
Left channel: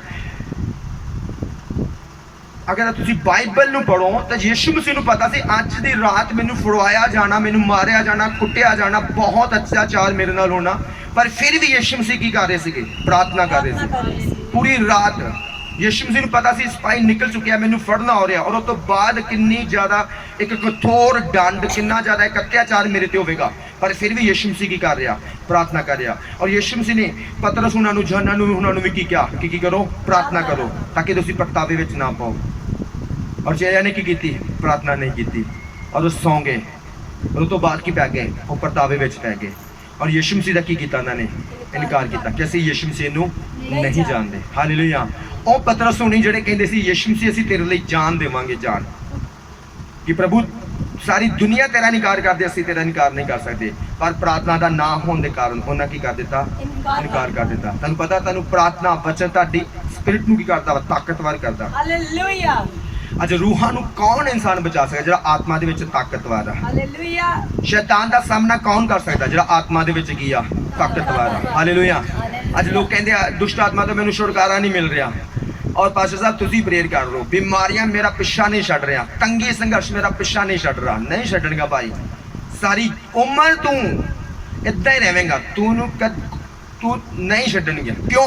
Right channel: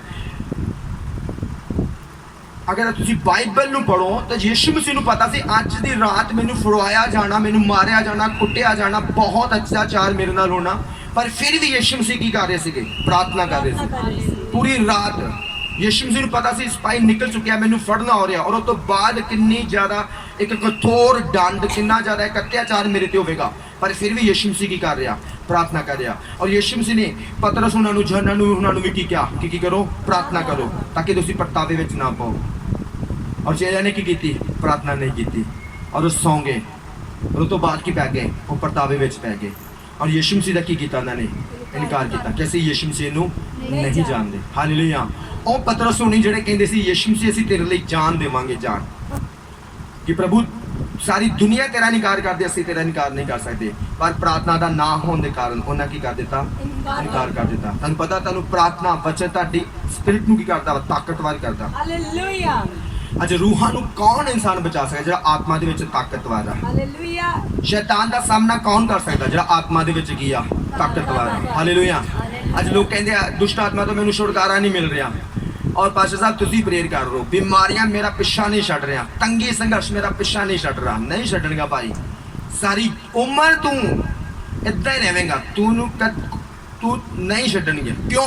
ਅਗਰ ਤੁਸੀਂ ਬਾਈਬਲ ਨੂੰ ਪੜ੍ਹੋ ਤਾਂ ਯਿਸੂ ਮਸੀਹ ਨੂੰ ਪਤਾ ਸੀ ਅੱਜ ਦੀ ਰਾਤ ਮੈਨੂੰ ਫੜਵਾਇਆ ਜਾਣਾ, ਮੈਨੂੰ ਮਾਰਿਆ ਜਾਣਾ, ਕੁੱਟਿਆ ਜਾਣਾ, ਬਹੁਤ ਅਤਿਆਚਾਰ ਮੇਰੇ ਨਾਲ ਹੋਣਾ, ਪਰ ਫਿਰ ਵੀ ਯਿਸੂ ਮਸੀਹ ਕੀ ਕਰ ਰਹੇ ਸੀਗੇ? ਪ੍ਰਾਰਥਨਾ ਕਰ ਰਹੇ ਸੀ ਪੂਰੀ ਰਾਤ। ਯਿਸੂ ਮਸੀਹ ਨੂੰ ਪਤਾ ਸੀ ਸਿਪਾਹੀ ਨਿਕਲ ਚੁੱਕਿਆ, ਮੈਨੂੰ ਫੜਨਾ ਹੋ ਰਿਹਾ, ਔਰ ਉਸ ਤੋਂ ਬਾਅਦ ਕਿੰਨੀ ਜ਼ਿਆਦਾ ਇੱਕ ਕਠੋਰ ਦੰਡ, ਕਿੰਨਾ ਜ਼ਿਆਦਾ ਇੱਕ ਅਤਿਆਚਾਰ ਮੇਰੇ ਤੇ ਹੋਵੇਗਾ, ਪਰ ਫਿਰ ਵੀ ਯਿਸੂ ਮਸੀਹ ਕੀ ਕਰ ਰਿਹਾ? ਪ੍ਰਾਰਥਨਾ ਕਰ ਰਿਹਾ। ਔਰ ਯਿਸੂ ਮਸੀਹ ਨੇ ਪਤਰਸ ਉਹਨਾਂ ਨੂੰ, ਯਹੋਨਾ ਨੂੰ, ਉਹਨਾਂ ਨੂੰ ਵੀ ਕੀ ਕਿਹਾ ਕਿ ਕੀ ਕਰੋ? ਪ੍ਰਾਰਥਨਾ ਕਰੋ ਤਾਂ ਕਿ ਤੁਸੀਂ ਪਛਤਾਵੇ ਵਿੱਚ ਨਾ ਪਾਓ। ਔਰ ਚੇਲਿਆਂ ਨੇ ਕੀ ਕੀਤੀ? ਪ੍ਰਾਰਥਨਾ ਨਹੀਂ ਕੀਤੀ ਔਰ ਉਹ ਸੌਂ ਗਏ। ਉਸ ਤੋਂ ਬਾਅਦ ਕੀ ਪੈ ਗਏ? ਉਹ ਪਛਤਾਵੇ ਵਿੱਚ ਪੈ ਗਏ। ਔਰ ਯਿਸੂ ਮਸੀਹ ਦਾ ਕੀ ਕੀਤਾ? ਉਹਨਾਂ ਨੇ ਇਨਕਾਰ ਕੀਤਾ ਕਿ ਅਸੀਂ ਯਿਸੂ ਮਸੀਹ ਨੂੰ ਨਹੀਂ ਜਾਣਦੇ। ਹਾਲੇਲੂਇਆ। ਉਹ ਪਤਰਸ ਹੋਣੀ ਜਿਹੜੇ ਕਹਿੰਦੇ ਸੀ ਯਿਸੂ ਮਸੀਹ ਅਸੀਂ ਤੇਰੇ ਲਈ ਜਾਨ ਦੇਵਾਂਗੇ, ਜਾਨ, ਕਿ ਪ੍ਰਭੂ ਸਾਰੀ ਦੁਨੀਆ ਤੇਰਾ ਇਨਕਾਰ ਕਰਦੇ, ਅਸੀਂ ਤੇਰਾ ਇਨਕਾਰ ਨਹੀਂ ਕਰ ਸਕਦੇ, ਪਰ ਪ੍ਰਾਰਥਨਾ ਦਾ ਨਾ ਹੋਣ ਦੇ ਕਾਰਨ ਉਹਨਾਂ ਕੀ ਕਰ ਦਿੱਤਾ? ਇਨਕਾਰ ਕਰ ਦਿੱਤਾ। ਤੁਹਾਨੂੰ ਪਤਾ, ਤੁਹਾਨੂੰ ਪ੍ਰਾਰਥਨਾ ਵਚਨ ਤੁਹਾਡੀ ਸਪਿਰਿਟ ਨੂੰ ਕੀ ਕਰਦਾ ਵਾ? ਤਾਕਤਵਰ ਕਰਦਾ। ਹਾਲੇਲੂਇਆ। ਅੱਜ ਰੂਹਾਂ ਨੂੰ ਕੌਣ ਇਨਸਾਨ ਬਚਾ ਸਕਦਾ? ਜਿਹੜਾ ਆਤਮਾ ਦੇ ਵਿੱਚ ਤਾਕਤਵਰ ਆ। ਹਾਲੇਲੂਇਆ। ਸ਼ੈਤਾਨ ਦਾ ਸਾਹਮਣਾ ਕੌਣ ਕਰ ਸਕਦਾ? ਜਿਹੜਾ ਆਤਮਾ ਦੇ ਵਿੱਚ ਕੀ ਆ? ਤਾਕਤਵਰ ਆ। ਹਾਲੇਲੂਇਆ। ਅੱਜ ਲੋਕ ਕਹਿੰਦੇ ਆ ਦੁਸ਼ਟ ਆਤਮਾ ਤੋਂ ਮੈਨੂੰ ਛੁਟਕਾਰਾ ਨਹੀਂ ਮਿਲ ਰਿਹਾ, ਔਰ ਪਾਸਟਰ ਸਾਹਿਬ ਤੁਸੀਂ ਪ੍ਰੇਅਰ ਕਰ ਰਹੇ ਹੋ, ਬਿਮਾਰੀਆਂ ਮੇਰਾ ਪਿੱਛਾ ਨਹੀਂ ਛੱਡ ਰਿਹਾ, ਤੰਗੀ ਸੰਘਰਸ਼ ਮੇਰਾ ਪਿੱਛਾ ਨਹੀਂ ਛੱਡ ਰਿਹਾ। ਨਹੀਂ ਛੱਡਣਗਾ ਭਾਈ, ਸਾਰੀ ਉਮਰ ਤੂੰ ਇੱਦਾਂ ਹੀ ਰਹੇਂਗਾ, ਤੂੰ ਨਹੀਂ ਛੱਡਣਗੇ। ਕਿਉਂ?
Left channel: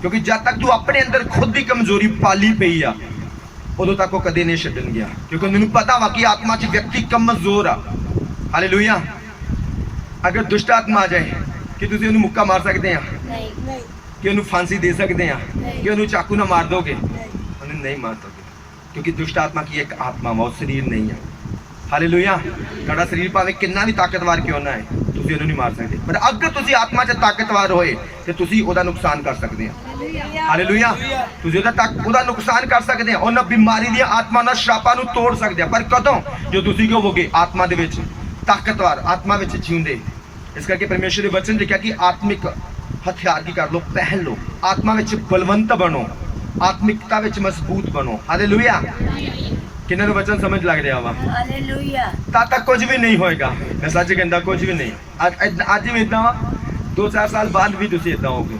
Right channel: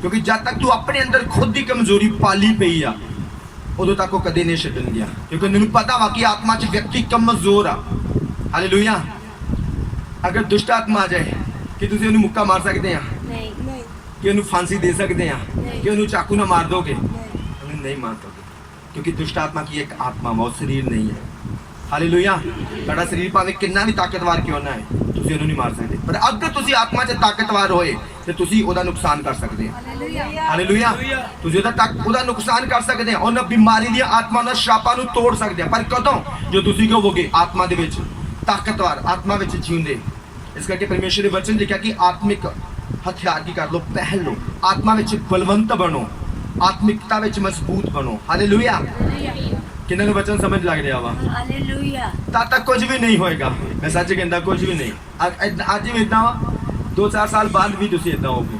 ਕਿਉਂਕਿ ਜਦ ਤੱਕ ਤੂੰ ਆਪਣੇ ਅੰਦਰ ਖੁਦ ਦੀ ਕਮਜ਼ੋਰੀ ਪਾਲੀ ਪਈ ਆ ਉਦੋਂ ਤੱਕ ਉਹ ਕਦੇ ਨਹੀਂ ਛੱਡਣਗੇ, ਕਿਉਂਕਿ ਮੈਨੂੰ ਪਤਾ ਵਾ ਕਿ ਆਤਮਾ 'ਚ ਵਿਅਕਤੀ ਕਮਜ਼ੋਰ ਆ। ਹਾਲੇਲੂਇਆ। ਅਗਰ ਦੁਸ਼ਟ ਆਤਮਾ ਆ ਜਾਏ ਕਿ ਤੁਸੀਂ ਉਹਨੂੰ ਮੁੱਕਾ ਮਾਰ ਸਕਦੇ ਆ? ਨਹੀਂ। ਕਿ ਉਹਨੂੰ ਫਾਂਸੀ ਦੇ ਸਕਦੇ ਆ? ਕਿ ਉਹਨੂੰ ਚਾਕੂ ਨਾਲ ਮਾਰ ਦੋਗੇ? ਉਹਨੂੰ ਨਹੀਂ ਮਾਰ ਦੋਗੇ, ਕਿਉਂਕਿ ਦੁਸ਼ਟ ਆਤਮਾ ਕੀ ਇੱਕ ਆਤਮਾ ਵਾ, ਉਹ ਸਰੀਰ ਨਹੀਂ ਹੈ। ਹਾਲੇਲੂਇਆ। ਤੁਹਾਡਾ ਸਰੀਰ ਭਾਵੇਂ ਕਿੰਨਾ ਵੀ ਤਾਕਤਵਰ ਕਿਉਂ ਨਾ ਹੈ, ਤੁਸੀਂ ਉਹਨੂੰ ਨਹੀਂ ਮਾਰ ਸਕਦੇ, ਪਰ ਅਗਰ ਤੁਸੀਂ ਆਤਮਾ 'ਚ ਤਾਕਤਵਰ ਹੋਏ ਤੇ ਤੁਸੀਂ ਉਹਦਾ ਨੁਕਸਾਨ ਕਰ ਸਕਦੇ ਹੋ। ਹਾਲੇਲੂਇਆ। ਤੁਸੀਂ ਉਹਦਾ ਨੁਕਸਾਨ ਕਰ ਸਕਦੇ ਆ, ਉਹਨਾਂ ਬਿਮਾਰੀ ਦੀਆਂ ਆਤਮਾ ਨਾਲ ਸ਼ਾਪਾਂ ਨੂੰ ਤੋੜ ਸਕਦੇ ਆ, ਪਰ ਕਦੋਂ? ਜੋ ਤੁਸੀਂ ਕਹੋਗੇ ਆਤਮਾ ਦੇ ਵਿੱਚ ਤਾਕਤਵਰ, ਆਤਮਾ ਵਿੱਚ ਜਿਉਂਦੇ। ਇਸ ਕਰਕੇ ਪਰਮੇਸ਼ਰ ਦੇ ਵਚਨ ਲਿਖਿਆ ਕਿ ਆਤਮਿਕ ਹਥਿਆਰ ਕੀ ਕਰ ਲੋ? ਪਹਿਨ ਲੋ। ਆਤਮਾ ਵਿੱਚ ਬਲਵੰਤ ਬਣੋ, ਆਤਮਿਕਤਾ ਵਿੱਚ ਮਜ਼ਬੂਤ ਬਣੋ। ਹਾਲੇਲੂਇਆ। ਕਿੰਨਾਂ ਨੂੰ ਵਚਨ ਸਮਝ ਲੱਗ ਰਿਹਾ ਵਾ? ਹਾਲੇਲੂਇਆ। ਤਾਂ ਤੱਕ ਕੁਝ ਵੀ ਨਹੀਂ ਹੋਏਗਾ। ਮੈਂ ਸੱਚ ਕਹਿੰਦਾ, ਕੁਝ ਵੀ ਨਹੀਂ। ਅੱਜ ਵੀ ਇਦਾਂ 2-4 ਸਾਲ ਬਾਅਦ ਵੀ ਤੁਸੀਂ ਇਦਾਂ ਹੋਗੇ।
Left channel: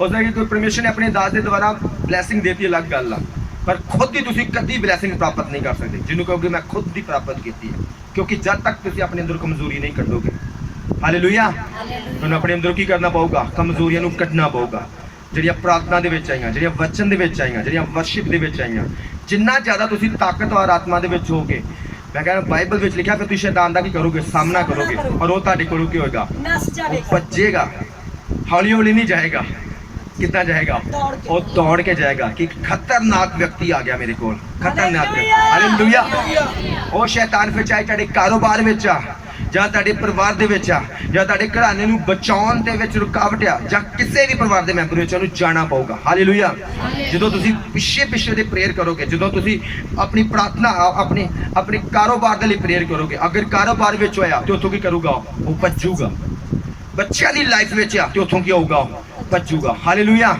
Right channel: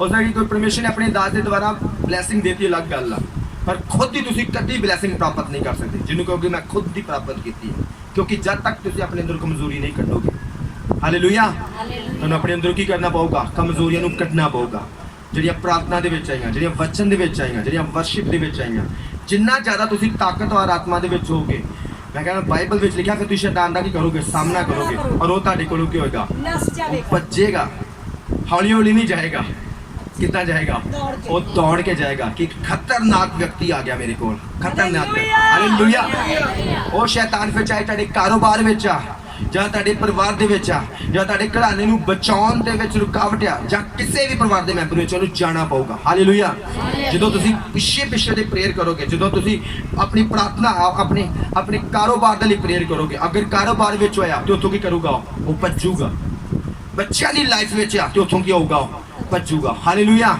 ਹੋ ਸਕਦਾ ਕਿ ਕੋਈ ਪਰਮੇਸ਼ਰ ਨੇ ਆਪਣੇ ਦਾਸ ਦੇ ਦੁਆਰਾ ਬਲੈਸਿੰਗ ਦੇਤੀ, ਅਲੱਗ ਗੱਲ ਆ, ਪਰ ਖੁਦ ਦੀ ਤੁਸੀਂ ਕਦੀ ਬਲੇਸਿੰਗ ਪ੍ਰਾਪਤ ਨਹੀਂ ਕਰ ਸਕਦੇ ਜਿਹਨੂੰ ਕਹੋਗੇ ਮੈਂ ਖੁਦ ਦੀ ਪ੍ਰਾਪਤ ਕੀਤੀ ਹੈ, ਕਿਉਂਕਿ ਜਦ ਤੱਕ ਤੁਸੀਂ ਆਪਣੇ ਅੰਦਰ ਕਮਜ਼ੋਰੀ ਨਹੀਂ ਕੱਢੋਗੇ। ਹਾਲੇਲੂਇਆ। ਤੁਹਾਨੂੰ ਆਪਣੇ ਅੰਦਰੋਂ ਕੀ ਕਰਨਾ ਪਊਗਾ? ਕਮਜ਼ੋਰੀਆਂ ਨੂੰ ਕੱਢਣਾ ਪਊਗਾ, ਜਿਹੜੀਆਂ ਪ੍ਰਾਰਥਨਾ ਦੇ ਵਿੱਚ ਆਈਆਂ, ਜਿਹੜੀਆਂ ਵਚਨ ਦੇ ਵਿੱਚ ਆਈਆਂ, ਜਿਹੜੀਆਂ ਵਰਸ਼ਿਪ ਦੇ ਵਿੱਚ ਆਈਆਂ। ਜਿੰਨਾ ਜ਼ਿਆਦਾ ਤੁਸੀਂ ਤਾਕਤਵਰ ਆਤਮਾ ਦੇ ਵਿੱਚ ਹੋਗੇ, ਮੈਂ ਕਹਿੰਦਾ ਬਾਈਬਲ ਵਿੱਚ ਲਿਖਿਆ ਕਿ ਤੁਸੀਂ ਸ਼ੈਤਾਨ ਦਾ ਕੀ ਕਰੋਗੇ? ਸਾਹਮਣਾ ਕਰੋਗੇ, ਔਰ ਉਹ ਤੁਹਾਡੇ ਕੋਲੋਂ ਕੀ ਹੋਏਗਾ? ਨਸ ਉਹ ਜਾਵੇਗਾ, ਭੱਜੇਗਾ, ਹੌਲੀ ਹੌਲੀ ਨਹੀਂ ਜਾਏਗਾ। ਕਿੱਦਾਂ ਜਾਏਗਾ? ਦੌੜ ਕੇ। ਉਹ ਦੌੜ ਕੇ ਜਾਏਗਾ ਕਿ ਖਤਰਨਾਕ ਵਿਅਕਤੀ ਆ ਗਿਆ ਮੇਰੇ ਕੋਲ, ਖਤਰਨਾਕ। ਹਾਲੇਲੂਇਆ। ਹਾਲੇਲੂਇਆ। ਉਹ ਸ਼ੈਤਾਨ ਫਿਰ ਚਾਹੇ ਤੁਹਾਡੇ ਕਾਰੋਬਾਰ ਵਿੱਚ ਆ, ਜਾਂ ਤੁਹਾਡੇ ਪਰਿਵਾਰ ਦੇ ਵਿੱਚ ਆ, ਜਾਂ ਤੁਹਾਡੇ ਘਰਾਣੇ ਨੂੰ ਬਚਾਉਣ ਦੇ ਵਿੱਚ ਰੁਕਾਵਟ ਆ, ਜਾਂ ਕਿਸੇ ਵੀ ਪਰਿਵਾਰ ਦੇ ਮੈਂਬਰ ਵਿੱਚ ਉਹਨੂੰ ਜਾਣਾ ਪਊਗਾ। ਹਾਲੇਲੂਇਆ। ਜਦੋਂ ਤੁਸੀਂ ਪਿੱਛੇ ਦੇ ਪ੍ਰੇਅਰ ਕਰੋਗੇ, ਜਦੋਂ ਤੁਸੀਂ ਆਪਣੀ ਪ੍ਰਾਰਥਨਾ ਆਪਣੇ ਕਾਰੋਬਾਰ ਦੇ ਲਈ ਪ੍ਰੇਅਰ ਕਰੋਗੇ, ਅਗਰ ਕਾਰੋਬਾਰ ਵਿੱਚ ਹੋਇਆ ਤੇ ਉੱਥੋਂ ਕੀ ਕਰੂਗਾ? ਉਹ ਭੱਜੂਗਾ। ਬੱਚਿਆਂ ਦੀ ਲਾਈਫ ਵਿੱਚ ਆ ਤੇ ਉੱਥੋਂ ਕੀ ਹੋਊਗਾ? ਭੱਜੂਗਾ। ਹਾਲੇਲੂਇਆ।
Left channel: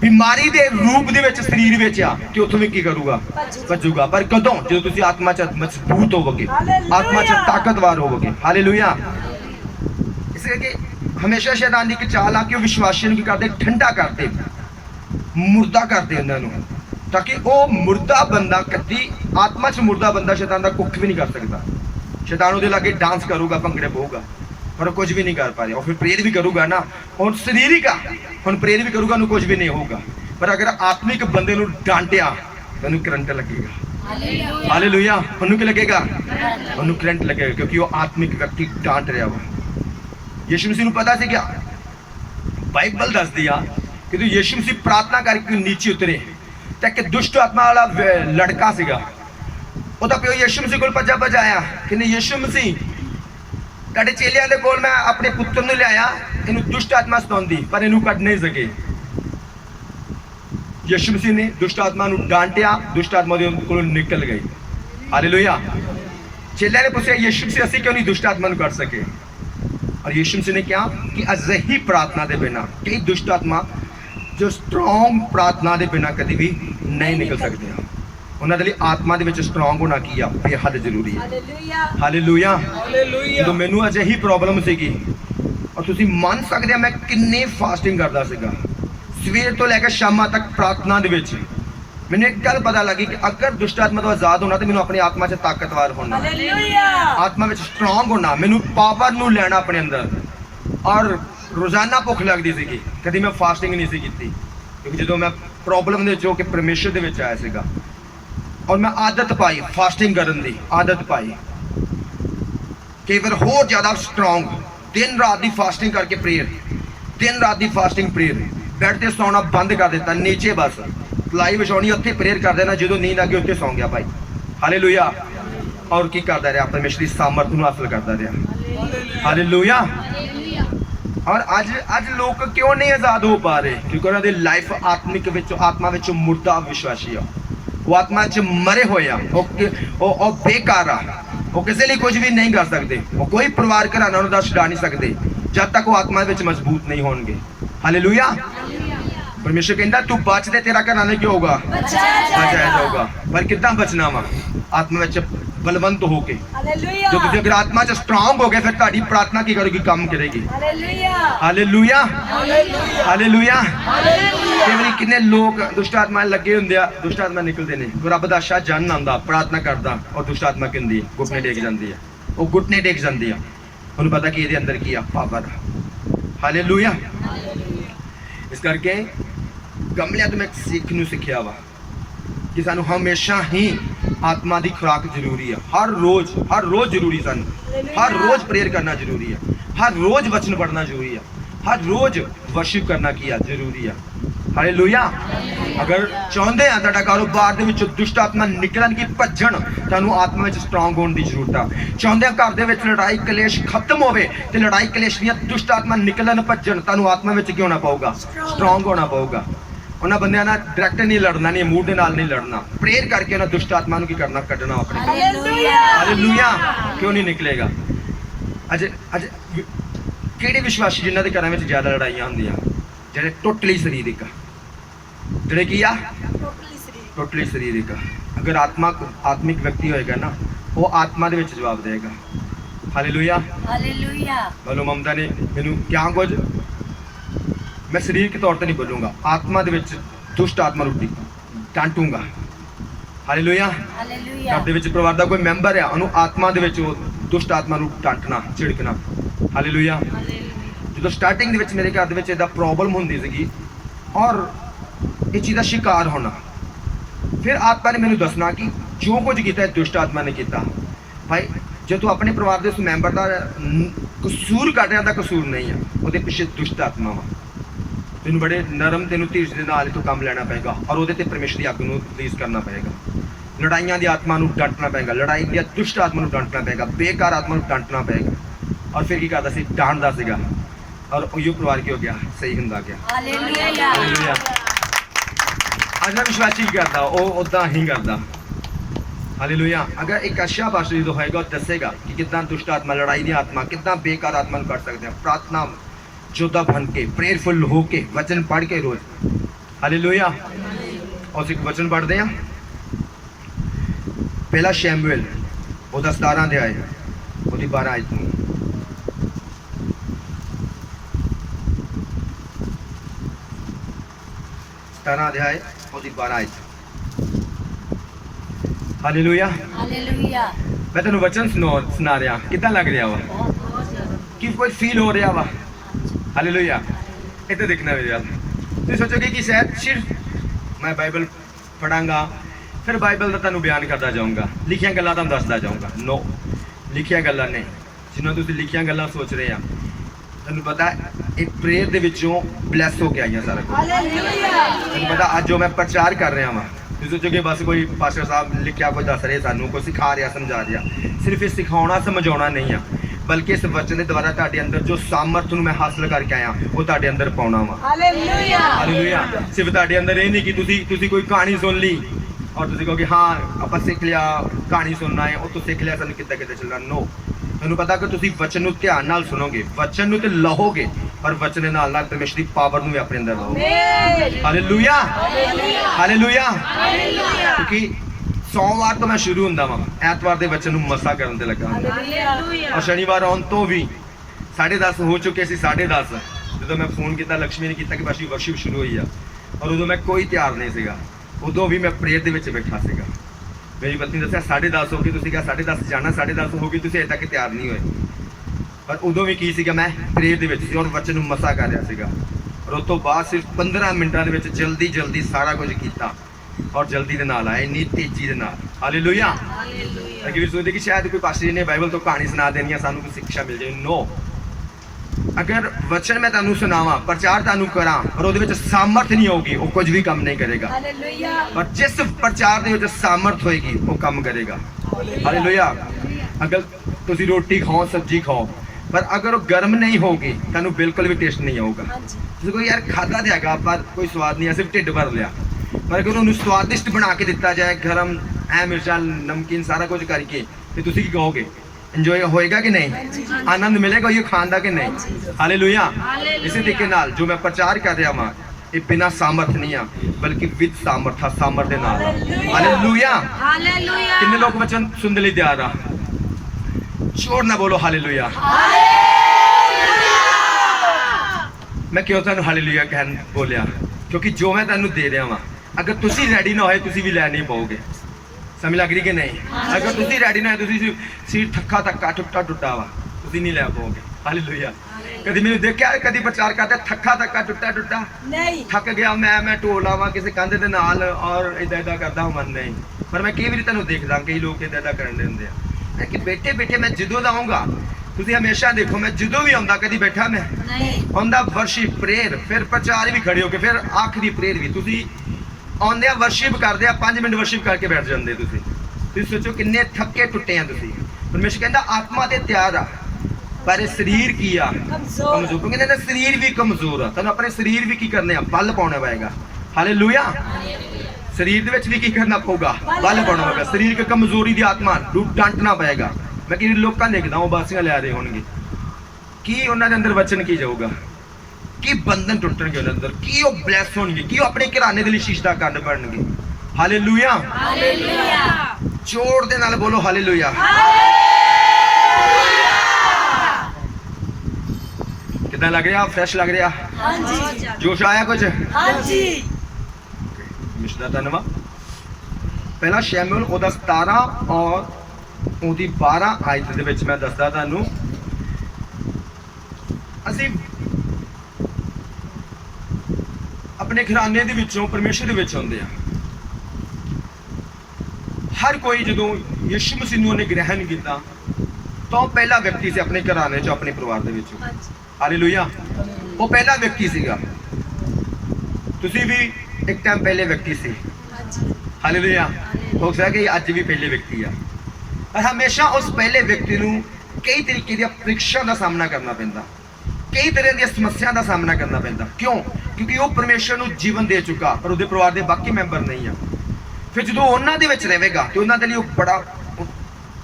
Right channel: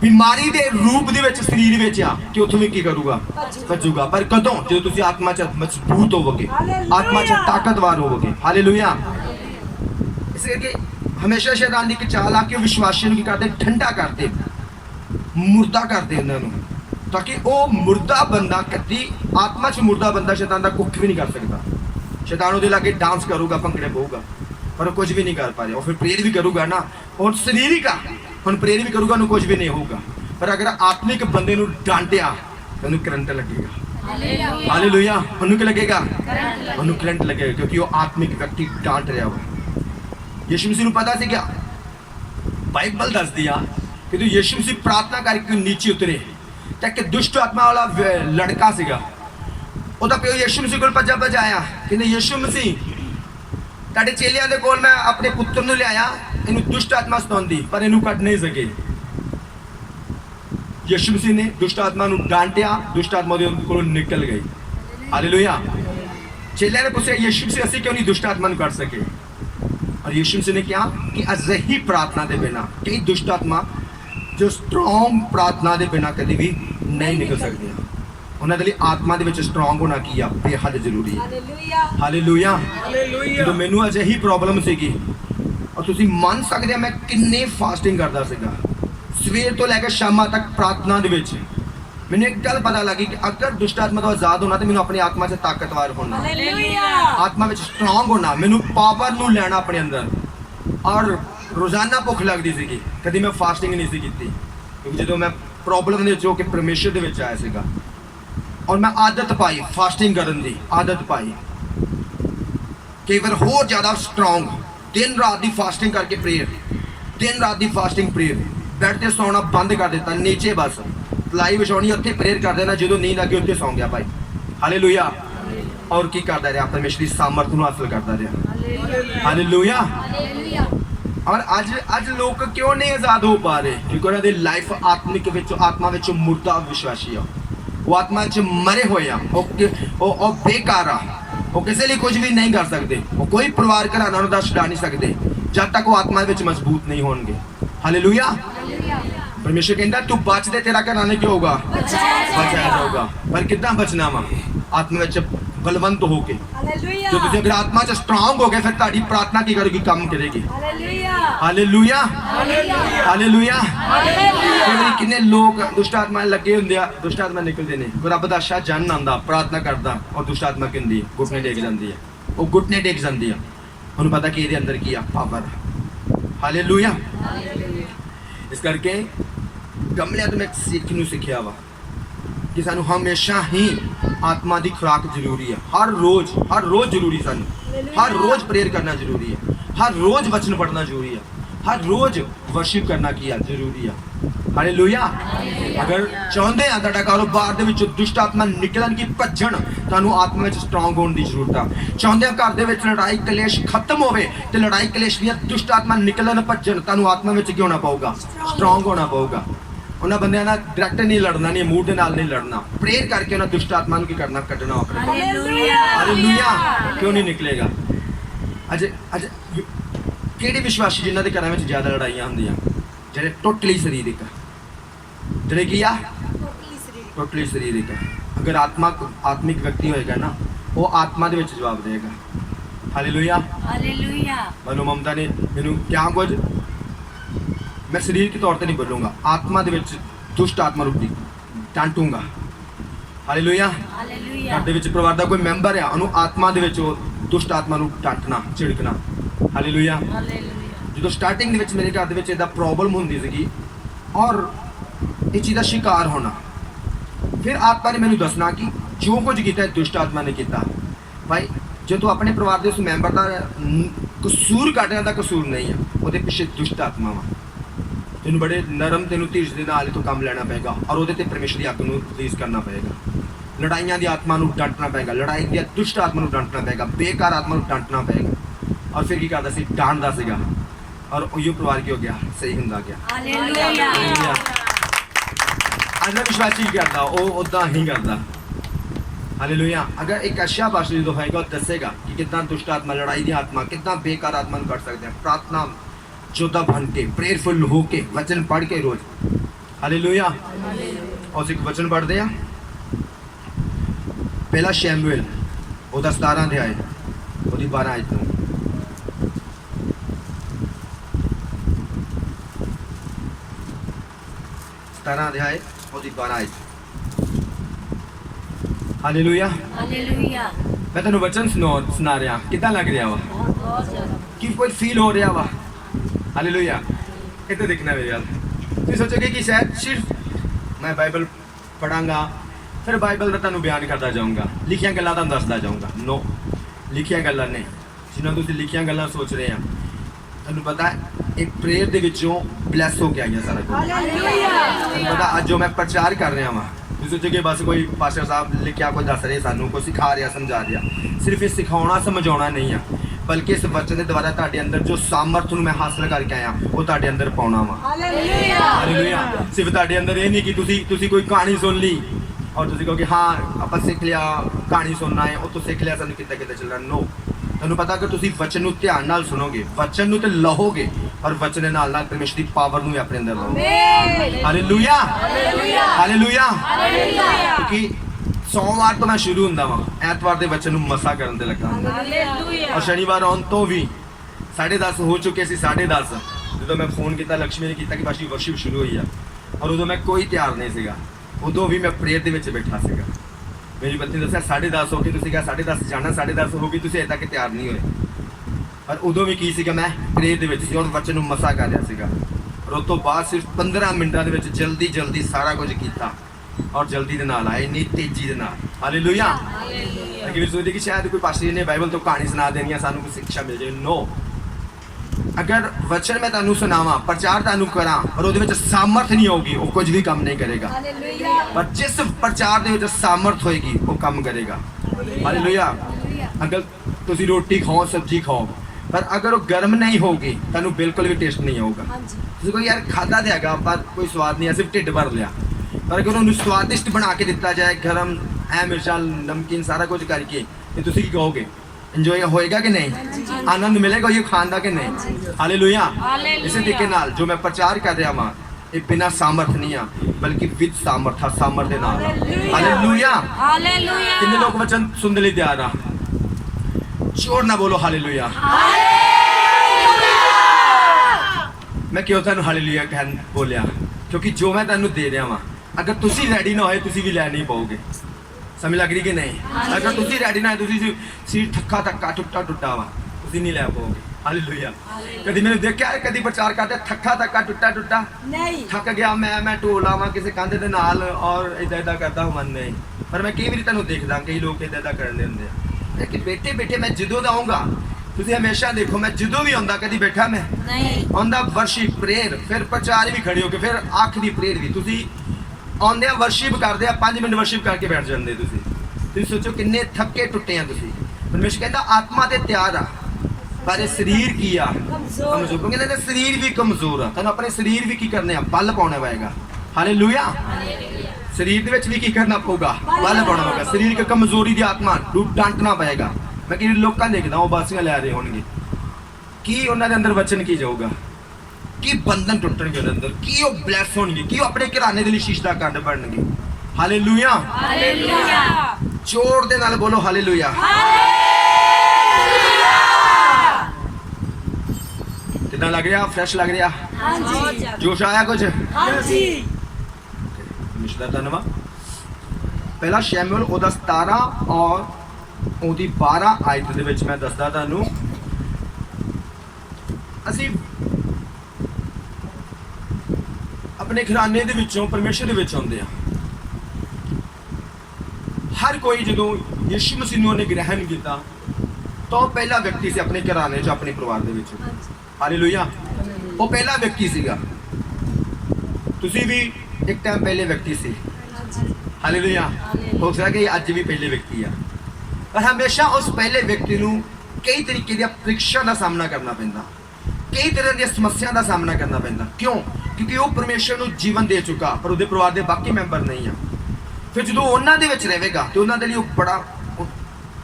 ਬਿਮਾਰੀ ਦੇ ਰੂਪ ਦੇ ਵਿੱਚ ਸਰੀਰ ਵਿੱਚ ਆ ਤੇ ਉੱਥੋਂ ਵੀ ਕੀ ਕਰੂਗਾ? ਭੱਜੂਗਾ। ਪਰ ਕਦੋਂ? ਜਦੋਂ ਤੁਸੀਂ ਆਤਮਾ 'ਚ ਮਜ਼ਬੂਤ ਹੋਵੋਗੇ, ਆਤਮਾ 'ਚ ਤਾਕਤਵਰ ਹੋਵੋਗੇ। ਹਾਲੇਲੂਇਆ। ਇਸ ਕਰਕੇ ਹਮੇਸ਼ਾ ਸ਼ੈਤਾਨ ਦੀ ਇੱਕ ਚਾਲ ਆ ਕਿ ਉਹ ਵਿਸ਼ਵਾਸੀਆਂ ਨੂੰ ਕੀ ਕਰਦੇ? ਠੰਡਾ ਕਰਦੇ, ਮੁਰਦਾ ਕਰਦੇ ਉਹਨਾਂ ਨੂੰ, ਤਾਂ ਕਿ ਉਹ ਮੁਰਦਾ ਬੰਦਾ ਕਦੀ ਆਤਮਾ 'ਚ ਮੁਰਦਾ ਬੰਦਾ ਸ਼ੈਤਾਨ ਦਾ ਕੁੱਖ ਵੀ ਨਹੀਂ ਕਰ ਸਕਦਾ। ਸ਼ੈਤਾਨ ਉਹਦੇ ਲਾਗੇ ਡਾਂਸ ਕਰੂਗਾ, ਭੰਗੜੇ ਪਾਊਗਾ, ਪਰ ਕੁਝ ਵੀ ਨਹੀਂ ਕਰ ਪਾ ਰਿਹਾ। ਉਹ ਫਿਰ ਪ੍ਰੇਰ ਵੀ ਕਰੂਗਾ ਨਾ, ਹੁਣ ਸਰੀਰਿਕ ਆ, ਹੁਣ ਪ੍ਰੇਰ ਵੀ ਕਰੂਗਾ, ਉਹਨੂੰ ਕੁਝ ਵੀ ਨਹੀਂ ਹੋਊਗਾ। ਪਰ ਅਗਰ ਆਤਮਿਕ ਬੰਦੇ ਨੂੰ ਡਾਂਟਿਆ ਤਾਂ ਉਹਨੂੰ ਕਰੰਟ ਲੱਗੇਗਾ। ਹਾਲੇਲੂਇਆ। ਉਹਨੂੰ ਕੀ ਲੱਗੇਗਾ? ਉਹਨੂੰ ਕਰੰਟ ਲੱਗੇਗਾ, ਕਿਉਂਕਿ ਉਹ ਆਤਮਿਕ ਵਿਅਕਤੀ ਡਾਂਟ ਰਿਹਾ ਵਾ। ਯਿਸੂ ਮਸੀਹ ਨੂੰ ਪਤਾ ਸੀ ਕਿ ਬਾਈਬਲ ਦੱਸਦੀ ਆ ਕਿ ਜਦੋਂ ਯਿਸੂ ਮਸੀਹ ਪ੍ਰਾਰਥਨਾ ਕਰਕੇ ਨੀਚੇ ਉਤਰੇ ਤਾਂ ਇੱਕ ਦੁਸ਼ਟ ਆਤਮਾ ਵਾਲਾ ਲੜਕਾ ਸੀਗਾ, ਉਹਦਾ ਪਿਓ ਯਿਸੂ ਮਸੀਹ ਕੋਲ ਭੱਜਾ ਆਇਆ ਕਿ ਨਹੀਂ ਯਿਸੂ ਮਸੀਹ, ਤੁਹਾਡੇ ਚੇਲਿਆਂ ਦੇ ਕੋਲ ਮੈਂ ਆਪਣੇ ਪੁੱਤਰ ਨੂੰ ਲਿਆਇਆ, ਇਹਨੂੰ ਦੁਸ਼ਟ ਆਤਮਾ ਸਤਾਉਂਦੀ, ਪਰ ਇਹਨੂੰ ਕੱਢ ਨਹੀਂ ਸਕੇ। ਯਿਸੂ ਮਸੀਹ ਨੇ ਦੁਸ਼ਟ ਆਤਮਾ ਨੂੰ ਡਾਂਟਿਆ, ਦੁਸ਼ਟ ਆਤਮਾ ਉਹਦੇ ਕੋਲੋਂ ਨਿਕਲ ਗਈ। ਹਾਲੇਲੂਇਆ। ਚੇਲਿਆਂ ਨੇ ਪੁੱਛਿਆ ਯਿਸੂ ਮਸੀਹ ਅਸੀਂ ਕਿਉਂ ਨਹੀਂ ਦੁਸ਼ਟ ਆਤਮਾ ਨੂੰ ਕੱਢ ਸਕੇ? ਔਰ ਯਿਸੂ ਮਸੀਹ ਨੇ ਕਿਹਾ ਕਿ ਅਜਿਹੀ ਪ੍ਰਾਰਥਨਾ ਦੇ ਬਿਨਾਂ ਕਈ ਦੁਸ਼ਟ ਆਤਮਾ ਜੋ ਸਟਰੋਂਗ ਪ੍ਰਾਰਥਨਾ ਦੇ ਬਿਨਾਂ ਕਦੀ ਵੀ ਨਹੀਂ ਨਿਕਲ ਸਕਦੀਆਂ। ਉਹਨਾਂ ਦੇ ਲਈ ਆਤਮਾ ਦੇ ਵਿੱਚ ਸਟਰੋਂਗ ਹੋਣਾ ਕੀ ਆ? ਬੇਹੱਦ ਜ਼ਰੂਰੀ ਹੈ। ਹਾਲੇਲੂਇਆ। ਜਦੋਂ ਮੈਨੂੰ ਅਜਿਹੀ ਪ੍ਰੋਬਲਮ ਸੀਗੀ, ਔਰ ਤੁਸੀਂ ਮੰਨ ਸਕਦੇ ਆ ਮੈਂ ਕਿੰਨੀ ਫਾਸਟਿੰਗ ਕਰਦਾ ਸੀਗਾ, ਸਵੇਰ ਤੋਂ ਲੈ ਕੇ ਸ਼ਾਮਾਂ ਤੱਕ ਪ੍ਰਾਰਥਨਾ ਦੇ ਵਿੱਚ, ਮੈਨੂੰ ਇੱਕ ਗੱਲ ਪਤਾ ਲੱਗੀ ਕਿ ਅਗਰ ਦੁਸ਼ਟ ਆਤਮਾ ਤੋਂ ਆਜ਼ਾਦ ਹੋਣਾ ਤੇ ਮੈਨੂੰ ਆਪਣੀ ਆਤਮਾ 'ਚ ਤਾਕਤਵਰ ਹੋਣਾ, ਆਤਮਾ ਵਿੱਚ ਸਟਰੋਂਗ ਹੋਣਾ, ਮੈਨੂੰ ਪਾਵਰ ਨੂੰ ਲੈਣਾ ਆਪਣੇ ਅੰਦਰ। ਔਰ ਰੋਜ਼ਾਨਾ ਭੁੱਖ ਲੱਗਦੀ ਸੀਗੀ, ਕਦੀ ਮੈਂ ਫਾਸਟਿੰਗ ਨਹੀਂ ਸੀ ਕੀਤੀ, ਕਿਉਂਕਿ ਜਦੋਂ ਮੈਂ ਪ੍ਰੋਬਲਮ ਦੇ ਵਿੱਚ ਹੋ ਕੇ ਪਰਮੇਸ਼ਰ ਦੇ ਵਿੱਚ ਆਇਆ ਸੀਗਾ, ਔਰ ਮੈਂ ਆਦਤ ਪਾਈ ਫਾਸਟਿੰਗ ਕਰਨ ਦੀ, ਆਦਤ ਪਾਈ ਕਈ ਵਾਰ ਹੋਰ ਜ਼ਿਆਦਾ ਸਟਰੋਂਗ, ਦਿਨ ਰਾਤ ਦੀ ਫਾਸਟਿੰਗ ਕਰਕੇ ਪ੍ਰੇਅਰ, ਦਿਨ ਰਾਤ ਦੀ ਫਾਸਟਿੰਗ ਪ੍ਰੇਅਰ, ਬੈੱਡ ਤੇ ਸੌਣਾ ਬੰਦ ਕਰ ਦਿੱਤਾ, ਨੀਚੇ ਬਸ ਪਲਾਈ ਵਿਛਾਉਣੀ, ਉੱਥੇ ਪ੍ਰੇਅਰ ਕਰ ਦੇਣਾ, ਜਦੋਂ ਨੀਂਦ ਆ ਗਈ ਉੱਥੇ ਸੌਂ ਗਿਆ ਭਾਈ। ਹਾਲੇਲੂਇਆ। ਔਰ ਕੀ ਕਰਦਾ ਰਿਹਾ? ਪਰਮੇਸ਼ਰ ਦੀ ਸਾਮਰਥ ਨੂੰ ਹਾਸਲ ਕਰਦਾ ਰਿਹਾ। ਹਾਲੇਲੂਇਆ। ਔਰ ਅੱਜ ਲੋਕ ਕਿਉਂ ਨਹੀਂ ਆਜ਼ਾਦ ਹੋ ਪਾ ਰਹੇ? ਕਿਉਂਕਿ ਉਹਨਾਂ ਦੀ ਲਾਈਫ ਆਤਮਿਕ ਵਿੱਚ, ਆਤਮਾ ਵਿੱਚ ਮੁਰਦਾ ਵਿਸ਼ਵਾਸੀ ਆ, ਉਹ ਆਤਮਾ 'ਚ ਮਰੇ ਹੋਏ ਆ, ਉਹ ਬੇਕਾਰ ਆ, ਉਹ ਕਿਸੇ ਲਈ ਕੁਝ ਵੀ ਨਹੀਂ ਕਰ ਸਕਦੇ, ਉਹ ਕੋਈ ਪਰਿਵਾਰ ਘਰਾਣਾ ਉਹਨਾਂ ਦਾ ਛੁਡਾ ਨਹੀਂ ਸਕਦੇ ਜਦ ਤੱਕ ਉਹ ਆਤਮਾ ਵਿੱਚ ਮਜ਼ਬੂਤ ਨਹੀਂ ਹੋਣਗੇ। ਹਾਲੇਲੂਇਆ। ਪਰਮੇਸ਼ਰ ਕਹਿੰਦਾ ਤੂੰ ਬਚਦੇ, ਤੇਰਾ ਘਰਾਣਾ ਕੀ ਹੋਊਗਾ? ਬਚਾਇਆ ਜਾਊਗਾ। ਪਰ ਕਿੱਦਾਂ ਬਚਣਾ ਵਾ? ਆਤਮਾ ਵਿੱਚ ਬਲਵੰਤ ਹੋ ਕੇ। ਜੋ ਤੁਸੀਂ ਅਗਰ ਆਤਮਾ 'ਚ ਸਟਰੋਂਗ ਹੋ ਗਏ, ਫਿਰ ਤੁਹਾਡੀ ਪ੍ਰਾਰਥਨਾ ਕੀ ਕਰੇਗੀ? ਕੰਮ ਕਰੇਗੀ। ਹਾਲੇਲੂਇਆ। ਹਾਲੇਲੂਇਆ। ਕਿੰਨੇ ਲੋਕ ਦੁਸ਼ਟ ਆਤਮਾ ਲੱਗੇ ਹੁੰਦੇ ਆ, ਦੁਸ਼ਟ ਆਤਮਾ ਨਿਕਲਦੇ ਨੇ, ਰੱਬ ਦਾ ਆਸ਼ਾ ਜਨ ਆਉਂਦਾ, ਪ੍ਰਾਰਥਨਾ ਕਰਦਾ, ਔਰ ਦੁਸ਼ਟ ਆਤਮਾ ਕਹਿੰਦੀ ਹੈ ਘੁਟਨੇ ਟੇਕ ਜਾਂਦੀ ਹੈ, ਉਹ ਘੁਟਨੇ ਟੇਕ ਜਾਂਦੀ ਆ, ਉਹਨੂੰ ਪਤਾ ਕਿ ਇਹਦੇ ਅੰਦਰ ਕੀ ਆ? ਪਾਵਰ। ਹਾਲੇਲੂਇਆ। ਇਸ ਕਰਕੇ ਗਮਲਿਆਂ ਤੋਂ ਮੈਂ ਸਿੱਖ ਨੂੰ ਸਿੱਖਿਆ ਵਾ ਕਿ ਸਾਨੂੰ ਹਮੇਸ਼ਾ ਹੀ ਆਤਮਾ ਦੀ ਖੁਰਾਕ ਜ਼ਰੂਰੀ ਹੈ। ਹਰ ਰੋਜ਼ ਜ਼ਰੂਰੀ, ਸਾਨੂੰ ਹਰ ਰੋਜ਼ ਪ੍ਰੇਅਰ ਕਰਨਾ ਜ਼ਰੂਰੀ ਹੈ, ਹਰ ਰੋਜ਼ ਵਚਨ ਪੜ੍ਹਨਾ ਜ਼ਰੂਰੀ ਹੈ, ਹਰ ਰੋਜ਼ ਵਰਸ਼ਿਪ ਕਰਨਾ ਕੀ ਆ? ਜ਼ਰੂਰੀ ਆ। ਹਾਲੇਲੂਇਆ। ਅਗਰ ਚਾਹੁੰਦੇ ਆ ਤੁਹਾਡਾ ਕਾਰੋਬਾਰ ਦੇ ਵਿੱਚ ਦੁਸ਼ਟ ਆਤਮਾ ਨਿਕਲਣ ਕੀ ਭੱਜਣ, ਤੁਹਾਨੂੰ ਆਤਮਾ ਵਿੱਚ ਸਟਰੋਂਗ ਹੋਣ ਦੀ ਜ਼ਰੂਰਤ ਆ। ਚਾਹੁੰਦੇ ਆ ਘਰ ਦੇ ਵਿੱਚ ਲੜਾਈ ਕਲੇਸ਼ ਖਤਮ ਹੋਵੇ ਤੇ ਲੜਾਈ ਕਲੇਸ਼ ਦੀਆਂ ਦੁਸ਼ਟ ਆਤਮਾ ਨਿਕਲਣ ਭੱਜਣ, ਤੁਹਾਨੂੰ ਆਤਮਾ ਵਿੱਚ ਕੀ ਹੋਣਾ ਪਊਗਾ? ਸਟਰੋਂਗ ਹੋਣਾ ਪਊਗਾ। ਉਹਨਾਂ ਬੰਦਿਆਂ ਨਾਲ ਡਾਇਰੈਕਟ ਨਹੀਂ ਲੜਨਾ, ਨਹੀਂ ਮੂਡ ਦੇ ਨਾਲ ਨਹੀਂ ਲੜਨਾ, ਪ੍ਰੇਅਰ ਕਰਕੇ ਉਹਨਾਂ ਦੁਸ਼ਟ ਆਤਮਾ ਨੂੰ ਕੀ ਕਰਨਾ? ਕੱਢਣਾ ਆਪਣੇ। ਹਾਲੇਲੂਇਆ। ਕਿਉਂ ਨਹੀਂ ਨਿਕਲੇਗਾ? ਅੱਜ ਕਿਹੜੇ ਵਿਸ਼ਵਾਸੀ ਜਿਨ੍ਹਾਂ ਦੇ ਘਰਾਂ ਵਿੱਚ ਜ਼ਿਆਦਾ ਲੜਾਈਆਂ ਹੁੰਦੀਆਂ? ਜਿਹੜੇ ਟੋਟਲੀ ਸਰੀਰਿਕ, ਜਿਹੜੇ ਕੀ ਆ? ਟੋਟਲੀ ਸਰੀਰਿਕ। ਅਗਰ ਆਤਮਿਕ ਵਿਅਕਤੀ ਹੋਏਗਾ ਨਾ, ਉਹ ਆਤਮਾ ਦੇ ਵਿੱਚ ਜਵਾਬ ਦੇਗਾ। ਹਾਲੇਲੂਇਆ। ਮਾਲੋ ਮਮਤਾ ਨੇ ਮੈਨੂੰ ਕਿਆ ਕੁਝ, ਮੈਂ ਸਰੀਰ ਦੇ ਤੌਰ ਤੇ ਨਹੀਂ ਬੋਲੂੰਗਾ, ਆਤਮਾ ਦੇ ਵਿੱਚ ਦੁਸ਼ਟ ਆਤਮਾ ਨੂੰ ਡਾਂਟੂੰਗਾ। ਹਾਲੇਲੂਇਆ। ਹਾਲੇਲੂਇਆ। ਘਰ ਦੇ ਵਿੱਚ ਪਰਿਵਾਰ ਦਾ ਕੋਈ ਮੈਂਬਰ ਆ, ਉਹਨੂੰ ਆਤਮਾ ਦੇ ਵਿੱਚ ਉਹ ਦੁਸ਼ਟ ਆਤਮਾ ਨੂੰ ਡਾਂਟਣਾ, ਝਿੜਕਣਾ। ਹਾਲੇਲੂਇਆ। ਜਦੋਂ ਸਟਾਰਟਿੰਗ ਦੇ ਵਿੱਚ ਮੇਰੇ ਘਰ ਦੇ ਵਿੱਚ ਇਹਦਾ ਪ੍ਰੋਬਲਮ ਹੁੰਦੀ ਸੀਗੀ ਔਰ ਇਹ ਚੀਜ਼ ਦਾ ਸ਼ਿਕਾਰ ਹੋਣਾ, ਫਿਰ ਆਤਮਾ ਨੇ ਮੈਨੂੰ ਦੱਸਣਾ ਕਿ ਜੋ ਕੁਝ ਕੀਤਾ ਦੁਸ਼ਟ ਆਤਮਾ ਨੇ ਕੀਤਾ। ਭਾਈ ਜੇ ਤੂੰ ਆਪਣੇ ਪਰਿਵਾਰ ਦੇ ਉਸ ਮੈਂਬਰ ਦਾ ਕਸੂਰ ਕੱਢ ਰਿਹਾ ਤਾਂ ਕਸੂਰ ਨਹੀਂ ਆ, ਉਹਦੇ ਪਿੱਛੇ ਦੁਸ਼ਟ ਆਤਮਾ ਵਾ। ਤੈਨੂੰ ਬੜੇ ਨਰਮ ਤੈਨੂੰ ਧੀਰਜ ਦੇ ਨਾਲ ਤੋਂ ਕੰਮ ਲੈਣਾ ਪਏਗਾ ਔਰ ਉਹਦੇ ਤੇ ਪਰਮੇਸ਼ਰ ਦੀ ਅੱਗ ਨੂੰ ਰਿਲੀਜ਼ ਕਰਨਾ ਪਏਗਾ। ਲੜਾਈਆਂ ਦੀ ਆਤਮਾ ਨੂੰ ਡਾਂਟਣਾ ਪਏਗਾ, ਲੜਾਈ ਦੀ ਦੁਸ਼ਟ ਆਤਮਾ ਨੂੰ ਡਾਂਟਣਾ ਪਏਗਾ, ਬੇਕਾਰ ਆਤਮਾ ਨੂੰ ਡਾਂਟਣਾ ਪਏਗਾ। ਔਰ ਫਿਰ ਕੀ ਕਰਦਾ ਸੀ? ਡਾਂਟਦਾ ਸੀਗਾ ਔਰ ਉਹੀ ਪਰਿਵਾਰ ਕੀ ਹੋ ਗਿਆ? ਸਹੀ ਹੁੰਦਾ ਗਿਆ। ਹਾਲੇਲੂਇਆ। ਅੱਜ ਦਾ ਵਿਸ਼ਵਾਸੀ ਕੀ ਕਰਦਾ? ਉਹ ਉਦਾਂ ਹੀ ਕਰਦਾ। ਹਾਲੇਲੂਇਆ। ਅਗਰ ਇੱਕ ਅੱਛਾ ਪਾਸਟਰ ਜਦੋਂ ਹੋਏਗਾ ਉਹ ਦੱਸੇਗਾ ਕਿ ਕਿੱਦਾਂ ਦੁਸ਼ਟ ਆਤਮਾ, ਲੜਾਈ ਦੀ ਆਤਮਾ, ਕਿੱਦਾਂ ਬੇਕਾਰ ਆਤਮਾ ਨੂੰ ਕੱਢ ਸਕਦੇ ਹਾਂ। ਪ੍ਰਾਰਥਨਾ ਜੋਧਾ ਬਣ ਕੇ, ਪ੍ਰੇਅਰਫੁਲ ਹੋ ਕੇ, ਵਚਨ ਪੜ੍ਹ ਕੇ ਰੋਜ਼। ਹਾਲੇਲੂਇਆ। ਅਸੀਂ ਇੱਕ ਵਚਨ ਪੜ੍ਹਦੇ ਹਾਂ, ਪਹਿਲਾ ਸ਼ੈਮੂਏਲ ਉਹਦਾ 17 ਅਧਿਆਇ ਉਹਦੀ 12 ਆਇਤ ਨੂੰ। ਅਧਿਆਇ ਉਹਦੀ 12 ਆਇਤ। ਹਾਲੇਲੂਇਆ। ਹਾਲੇਲੂਇਆ। ਮੈਂ ਤੁਹਾਨੂੰ ਵਚਨ ਸੁਣਾ ਰਿਹਾ, ਕਿੱਦਾਂ ਲੱਗ ਰਿਹਾ ਵਾ? ਬਹੁਤ ਜ਼ਿਆਦਾ। ਕਿ ਕੋਈ ਫੀਲ ਹੋ ਰਿਹਾ ਵਾ? ਹਾਲੇਲੂਇਆ। ਇੱਥੇ ਦੇਖਣਾ ਮੇਰੇ ਯਾਰ, ਤੁਸੀਂ ਸੋਚੋਗੇ ਕਿ ਸ਼ਾਇਦ ਸਿਰਫ ਮੈਂ ਬਾਈਬਲ ਪੜਾਂਗਾ ਫਿਰ ਬਾਈਬਲ ਦਾ ਤੁਹਾਨੂੰ ਬਿਆਨ ਕਰਦਾ ਜਾਊਂਗਾ, ਲਿਖੀਆਂ ਗੱਲਾਂ ਤੁਹਾਨੂੰ ਦੱਸਦਾ ਜਾਊਂਗਾ। ਨੋ, ਲਿਖੀਆਂ ਗੱਲਾਂ ਨਹੀਂ। ਜਿਨ੍ਹਾਂ ਤੁਸੀਂ ਲਿਖੀਆਂ ਗੱਲਾਂ ਸੋਚ ਰਹੇ ਆ, ਤੁਹਾਨੂੰ ਪਤਾ ਇਹ ਪ੍ਰੇਅਰ ਦੇ ਵਿੱਚੋਂ ਬਲੈਸ ਹੋ ਕੇ ਆਈਆਂ ਸਾਰਾ ਕੁਝ। ਤੁਹਾਨੂੰ ਪਤਾ ਅੱਜ ਜੋ ਮੈਂ ਪ੍ਰਚਾਰ ਕਰ ਰਿਹਾ ਵਾਂ, ਤੁਸੀਂ ਸੋਚੋਗੇ ਬਸ ਕੋਈ ਪਾਸਟਰ ਸਾਹਿਬ ਲਿਖਿਆ ਕੋਈ ਦੱਸ ਰਹੇ ਸਾਨੂੰ, ਕੋਈ ਸਿਖਾ ਰਿਹਾ, ਸਮਝਾ ਰਿਹਾ। ਸਿਰਫ ਇਹ ਸਿਖਾਉਣਾ ਸਮਝਾਉਣਾ ਨਹੀਂ ਆ, ਬਲਕਿ ਇਸ ਵਚਨ ਦੇ ਦੁਆਰਾ ਤੁਹਾਡੇ ਅੰਦਰ ਜੋ ਸਾਮਰਥ ਨੂੰ ਮੈਂ ਹਾਸਲ ਕਰਕੇ ਆਇਆ ਉਹ ਤੁਹਾਡੇ ਅੰਦਰ ਪਾਉਣਾ ਵਾ। ਹਾਲੇਲੂਇਆ। ਹਾਲੇਲੂਇਆ। ਸਿਰਫ ਤੁਹਾਡੇ ਅੰਦਰ ਇਹ ਨਹੀਂ ਕਿ ਤੁਸੀਂ ਕੋਈ ਕਹਾਣੀ ਸੁਣ ਲਈ ਔਰ ਤੁਸੀਂ ਕਹੋਗੇ ਹਾਂ ਆਪਾਂ ਸਿੱਖ ਲਿਆ, ਕਹਾਣੀ ਸੁਣਨਾ ਹੈ ਉਹ ਤੋਂ ਸਿੱਖ ਲਿਆ, ਸਾਨੂੰ ਕਿੱਦਾਂ ਕਿੱਦਾਂ ਚੱਲਣਾ। ਨੋ, ਤੁਹਾਨੂੰ ਪਤਾ ਕਿ ਤੁਸੀਂ ਵਚਨ ਨੂੰ ਧਿਆਨ ਨਾਲ ਸੁਣੋਗੇ, ਵਚਨ ਨੂੰ ਤੇ ਲਹੋਗੇ ਔਰ ਵਚਨ ਦੇ ਨਾਲ ਨਾਲ ਪਰਮੇਸ਼ਰ ਦੀ ਪਾਵਰ ਨੂੰ ਵੀ ਆਪਣੇ ਅੰਦਰ ਲਹੋਗੇ। ਹਾਲੇਲੂਇਆ। ਹਾਲੇਲੂਇਆ। ਕਿਉਂਕਿ ਸੋਮਵਾਰ ਤੋਂ ਮੈਂ ਸ਼ੁਰੂ ਹੁੰਦਾ ਵਾਂ, ਐਤਵਾਰ ਦੇ ਵਚਨ ਨੂੰ ਮਸਾ ਕਰਨ ਤੇ ਲੱਗਾ ਹੁੰਦਾ ਔਰ ਸ਼ਨੀਵਾਰ ਆਉਣ ਤੋਂ ਵੀ 10:30 ਹੋ ਚੁੱਕੇ ਸੀ। 10:30 ਜਦੋਂ ਮੈਂ ਫੋਨ ਕੀਤਾ, ਲక్ష్ਮੀ ਨੇ ਕੀਤਾ ਕਿ ਪਾਸ਼ੀ ਵਰਸ਼ਿਪ ਸ਼ੁਰੂ ਹੋਈ ਆ ਔਰ ਉਦੋਂ ਮੈਂ ਕੋਈ ਤਿਆਰ ਨਹੀਂ ਸੀਗਾ। ਉਦੋਂ ਵੀ ਮੈਂ ਪ੍ਰੇਅਰ ਦੇ ਵਿੱਚ ਬੈਠਾ ਸੀਗਾ। ਮੇਰੀ ਪਤਨੀ ਦੱਸਿਆ 10:30 ਹੋ ਗਈ, ਤੁਸੀਂ ਕਿਹਾ 10:30 ਜਾਣਾ, 10:30 ਹੋ ਗਈ, ਤੁਸੀਂ ਅਜੇ ਤੱਕ ਤਿਆਰ ਨਹੀਂ ਹੋਏ। ਪਰ ਉਦੋਂ ਵੀ ਕੀ ਸੀਗਾ, ਮੈਂ ਪ੍ਰੇਅਰ ਦੇ ਵਿੱਚ ਸੀ ਔਰ ਵਚਨ ਨੂੰ ਮਸਾ ਕਰ ਰਿਹਾ ਸੀਗਾ। ਔਰ ਉਸ ਤੋਂ ਬਾਅਦ ਸਿਰਫ 15 ਮਿੰਟਾਂ ਦੇ ਵਿੱਚ ਜਲਦੀ ਸਾਰਾ ਕੁਝ ਕੀਤਾ ਔਰ ਜਲਦੀ ਦੇ ਨਾਲ ਆਏ, ਇੰਨੀ ਤੇਜ਼ੀ ਦੇ ਨਾਲ। ਹਾਲੇਲੂਇਆ। ਕਿ ਵੀ ਸੋਚਦੇ ਕਿ ਸ਼ਾਇਦ ਕੋਈ ਪਾਸਟਰ ਨੇ ਬਾਈਬਲ ਤੋਂ ਕਹਾਣੀ ਸੁਣਾ ਦੇਣੀ ਆ, ਸਾਨੂੰ ਕੋਈ ਸਿੱਖਿਆ ਮਿਲ ਜਾਏ। ਨੋ, ਅਗਰ ਵਚਨ ਮੈਂ ਤੁਹਾਨੂੰ ਸੁਣਾਵਾਂ, ਪ੍ਰਚਾਰ ਤੁਹਾਨੂੰ ਕਰਾਂ ਪਰ ਉਹਦੇ ਵਿੱਚ ਸਾਮਰਥ ਨਹੀਂ ਹੋਊਗੀ, ਉਹ ਕੁਝ ਵੀ ਕੰਮ ਨਹੀਂ ਕਰੇਗਾ। ਹਾਲੇਲੂਇਆ। ਪਰ ਜਿਸ ਪ੍ਰਚਾਰ ਦੇ ਵਿੱਚ ਸਾਮਰਥ ਹੋਏਗੀ ਉਹ ਕੰਮ ਕਰੇਗਾ। ਹਾਲੇਲੂਇਆ। ਅਗਰ ਤੁਸੀਂ ਰੋਟੀ ਖਾਓ, ਸਬਜ਼ੀ ਖਾਓ, ਪਰ ਅਗਰ ਉਹ ਗਰਮ ਨਹੀਂ ਹੋਊਗੀ ਤੁਹਾਨੂੰ ਬਿਲਕੁਲ ਵੀ ਟੇਸਟ ਨਹੀਂ ਆਊਗਾ। ਤੁਸੀਂ ਕੋਈ ਯਾਰ ਖਾਦਾ ਤੇ ਹੈਗਾ ਪਰ ਕੋਈ ਸਵਾਦ ਨਹੀਂ ਆ, ਸਿਰਫ ਢਿੱਡ ਭਰ ਲਿਆ। ਪਰ ਅਗਰ ਉਹਨੂੰ ਸਵਾਦਿਸ਼ਟ ਬਣਾ ਕੇ ਦਿੱਤਾ ਜਾਏ, ਗਰਮ ਮਿਰਚਾਂ ਨਮਕੀਨ ਸਾਰਾ ਕੁਝ ਕਰਕੇ, ਤੇ ਤੁਸੀਂ ਕੀ ਕਹੋਗੇ? ਇੰਜੋਏ ਹੋਏਗਾ ਕਿ ਨਹੀਂ? ਆਨੰਦ ਮਿਲੇਗਾ ਇਹ ਖਾਣ ਦਾ ਕਿ ਨਹੀਂ? ਹਾਲੇਲੂਇਆ। ਇਸੇ ਤਰੀਕੇ ਨਾਲ ਜੋ ਮੈਂ ਪ੍ਰਚਾਰ ਕਰ ਰਿਹਾ ਵਾਂ, ਇਹ ਬਿਨਾਂ ਸਾਮਰਥ ਨਹੀਂ ਆ ਬਲਕਿ ਵਿਦ ਸਾਮਰਥਾ, ਸਾਮਰਥ ਦੇ ਨਾਲ। ਹਾਲੇਲੂਇਆ। ਹਾਲੇਲੂਇਆ। ਕਿੰਨੇ ਲੋਕ ਵਚਨ ਸੁਣਨ ਦੇ ਲਈ ਤਿਆਰ ਆ? ਜ਼ੋਰ ਨਾਲ ਬੋਲੋ ਹਾਲੇਲੂਇਆ। ਮੈਂ ਕਿਉਂ ਤੁਹਾਨੂੰ ਹਾਲੇਲੂਇਆ ਕਹਿਣ ਬੋਲਿਆ? ਕਿਉਂਕਿ ਜੋ ਮੈਂ ਤੁਹਾਨੂੰ ਦੇ ਰਿਹਾ ਵਾਂ, ਅਗਰ ਤੁਸੀਂ ਰੈਡੀ ਨਾ ਹੋਏ ਤੁਸੀਂ ਵੀ ਲੈ ਨਹੀਂ ਪਾਓਗੇ। ਸਮਝ ਲੱਗ ਰਹੀ ਕਿ ਨਹੀਂ? ਅਗਰ ਤੁਸੀਂ ਰੈਡੀ ਨਾ ਹੋਏ, ਤੁਸੀਂ ਸਿਰ ਥੱਕਾ ਟੁੱਟਾ ਵਾ, ਤੁਸੀਂ ਨਹੀਂ ਲੈ ਪਾਓਗੇ। ਹਾਲੇਲੂਇਆ। ਕਦੀ ਮੈਨੂੰ ਦੇਖਿਆ ਕਦੀ ਪ੍ਰਚਾਰ ਕਰਦੇ ਥੱਕਾ ਟੁੱਟਾ ਨਹੀਂ, ਥੱਕ ਗਿਆ, ਮੈਂ ਢੋਲ ਆਵਾਂ ਕਿਸੇ ਕੰਧ ਦੇ ਨਾਲ ਔਰ ਇਦਾਂ ਕਰਦਾ ਹਾਂ, ਮਨ ਨਹੀਂ। ਪਰ ਮੈਂ ਕਈ ਵਾਰੀ ਤੁਹਾਨੂੰ ਦੇਖਦਾ, ਕਈ ਲੋਕ ਇਦਾਂ ਕਰਦੇ ਹੁੰਦੇ ਆ ਕਿ ਬੈਠੇ ਮੈਂ ਜਦੋਂ ਦਾ ਆਊਂਗਾ, ਤੁਸੀਂ ਹਮੇਸ਼ਾ ਦੇਖੋ ਮੈਂ ਜਦੋਂ ਵੀ ਆਉਂਦਾ ਕਦੀ ਬੈਠਾ ਮੈਂ ਨਹੀਂ, ਆਉਂਦਾ ਵਰਸ਼ਿਪ ਪ੍ਰੇਅਰ, ਫਿਰ ਪ੍ਰਚਾਰ ਵੀ ਖੜੇ ਹੋ ਕੇ, ਫਿਰ ਆਖਰੀ ਪ੍ਰੇਅਰ ਵੀ। ਤੁਸੀਂ ਆਉਂਦੇ ਆ ਵਰਸ਼ਿਪ ਕਰਦੇ ਆ, 5 ਮਿੰਟ ਵਰਸ਼ਿਪ ਕਰਕੇ ਬੈਠ ਜਾਂਦੇ। ਤੁਸੀਂ ਸੋਚੋ ਕਿੰਨੇ ਥੱਕੇ ਟੁੱਟੇ ਆ ਤੁਸੀਂ। ਪਰਮੇਸ਼ਰ ਕਹਿੰਦਾ ਆਤਮਾ ਤੇ ਤਿਆਰ ਆ ਪਰ ਇਹ ਸਰੀਰ ਕੀ ਆ? ਕਮਜ਼ੋਰ। ਕਿਉਂਕਿ ਕਹਿੰਦਾ ਸਰੀਰ ਵੀ ਕਮਜ਼ੋਰ ਆ, ਤੁਹਾਨੂੰ ਆਪਣੇ ਸਰੀਰ ਵੀ ਕੀ ਕਰਨੇ ਆ? ਬਲ ਪਾਉਣੇ ਪਏਗਾ। ਹਾਲੇਲੂਇਆ। ਸਰੀਰ ਦੇ ਵਿੱਚ ਵੀ ਕੀ ਕਰਨਾ ਪਊਗਾ? ਬਲ ਪਾਉਣਾ ਪਏਗਾ। ਸਰੀਰਕ ਕਮਜ਼ੋਰੀ ਦੀ ਆਤਮਾ ਨੂੰ ਡਾਂਟਣਾ ਪਏਗਾ। ਮੈਂ ਕਿ ਲੋਕਾਂ ਦੇਖਦਾ ਉਹ ਬਾਸੀਆਂ ਲੈ ਰਹੇ ਹੋਣਗੇ, ਕੀ ਉਹਨਾਂ ਦੇ ਅੰਦਰ ਵਚਨ ਕੀ ਜਾਊਗਾ? ਕੀ ਬੰਧਨ ਟੁੱਟਣਗੇ ਉਹਨਾਂ ਅੰਦਰ? ਕੀ ਉਹ ਬਲੈਸ ਹੋਣਗੇ? ਕੀ ਉਹ ਆਪਣੇ ਘਰਾਣੇ ਦੇ ਲਈ ਸ਼ੀਸ਼ ਦਾ ਕੰਡ ਬਣਨਗੇ? ਹਾਲੇਲੂਇਆ। ਹਾਲੇਲੂਇਆ। ਜ਼ੋਰ ਦੇ ਨਾਲ ਬੋਲੋ ਹਾਲੇਲੂਇਆ। ਕਿੱਦਾਂ ਲੱਗ ਰਿਹਾ? ਫਰੈਸ਼ ਲੱਗ ਰਿਹਾ? ਹਾਂਜੀ। ਜੋਸ਼ ਆਇਆ ਕੁਝ? ਹਾਂਜੀ। ਮਿਸ਼ਦਾ ਧੰਨਵਾਦ। ਪਹਿਲਾ ਸ਼ੈਮੂਅਲ ਉਹਦਾ 17 ਔਰ ਉਹਦੀ 12 ਆਇਤ ਦੇ ਵਿੱਚ ਮੈਂ ਦੱਸਦਾ ਤੁਹਾਨੂੰ। ਅਸੀਂ ਆਪਣੇ ਘਰਾਣੇ ਦੇ ਵਿੱਚੋਂ ਪਰਮੇਸ਼ਰ ਦੇ ਵਿੱਚ ਆਉਂਦੇ ਆ। ਹਰ ਕੋਈ ਜਦੋਂ ਯਿਸੂ ਮਸੀਹ ਨੂੰ ਉਹਨੇ ਗ੍ਰਹਿਣ ਕੀਤਾ ਤਾਂ ਉਹ ਪਹਿਲਾ ਵਿਅਕਤੀ ਸੀ ਆਪਣੇ ਘਰਾਣੇ 'ਚ, ਆਪਣੇ ਪਰਿਵਾਰ ਦੇ ਵਿੱਚ। ਹਾਲੇਲੂਇਆ। ਉਹ ਪਹਿਲਾ ਵਿਅਕਤੀ ਸੀਗਾ। ਤੁਸੀਂ ਵੀ ਇੱਕ ਟਾਈਮ ਪਹਿਲੇ ਵਿਅਕਤੀ ਸੀ। ਹਾਲੇਲੂਇਆ। ਹੋ ਸਕਦਾ ਕਿ ਅੱਜ ਵੀ ਪਹਿਲੇ ਵਿਅਕਤੀ ਆ, ਪਰ ਹਮੇਸ਼ਾ ਉਸ ਪਹਿਲੇ ਵਿਅਕਤੀ ਨੂੰ ਕਈ ਤਰੀਕੇ ਦੀਆਂ ਪ੍ਰੀਖਿਆ ਦਾ ਸਾਹਮਣਾ ਕਰਨਾ ਪੈਂਦਾ, ਕਈ ਤਰ੍ਹਾਂ ਦੀਆਂ ਸਮੱਸਿਆ ਦਾ ਸਾਹਮਣਾ ਕਰਨਾ ਪੈਂਦਾ। ਕਿਉਂ? ਕਿਉਂਕਿ ਉਹ ਪਰਮੇਸ਼ਰ ਨੂੰ ਜੀਵਨ ਦੇ ਚੁੱਕਾ, ਪਰ ਉਹਦੇ ਪਰਿਵਾਰ ਦੇ ਬਾਕੀ ਮੈਂਬਰ ਨਹੀਂ ਆ। ਫਿਰ ਜਦੋਂ ਉਹਨਾਂ ਦੇ ਵਿੱਚ ਰਹੇਗਾ ਤੇ ਉਹਨਾਂ ਦੇ ਲਈ ਉਹ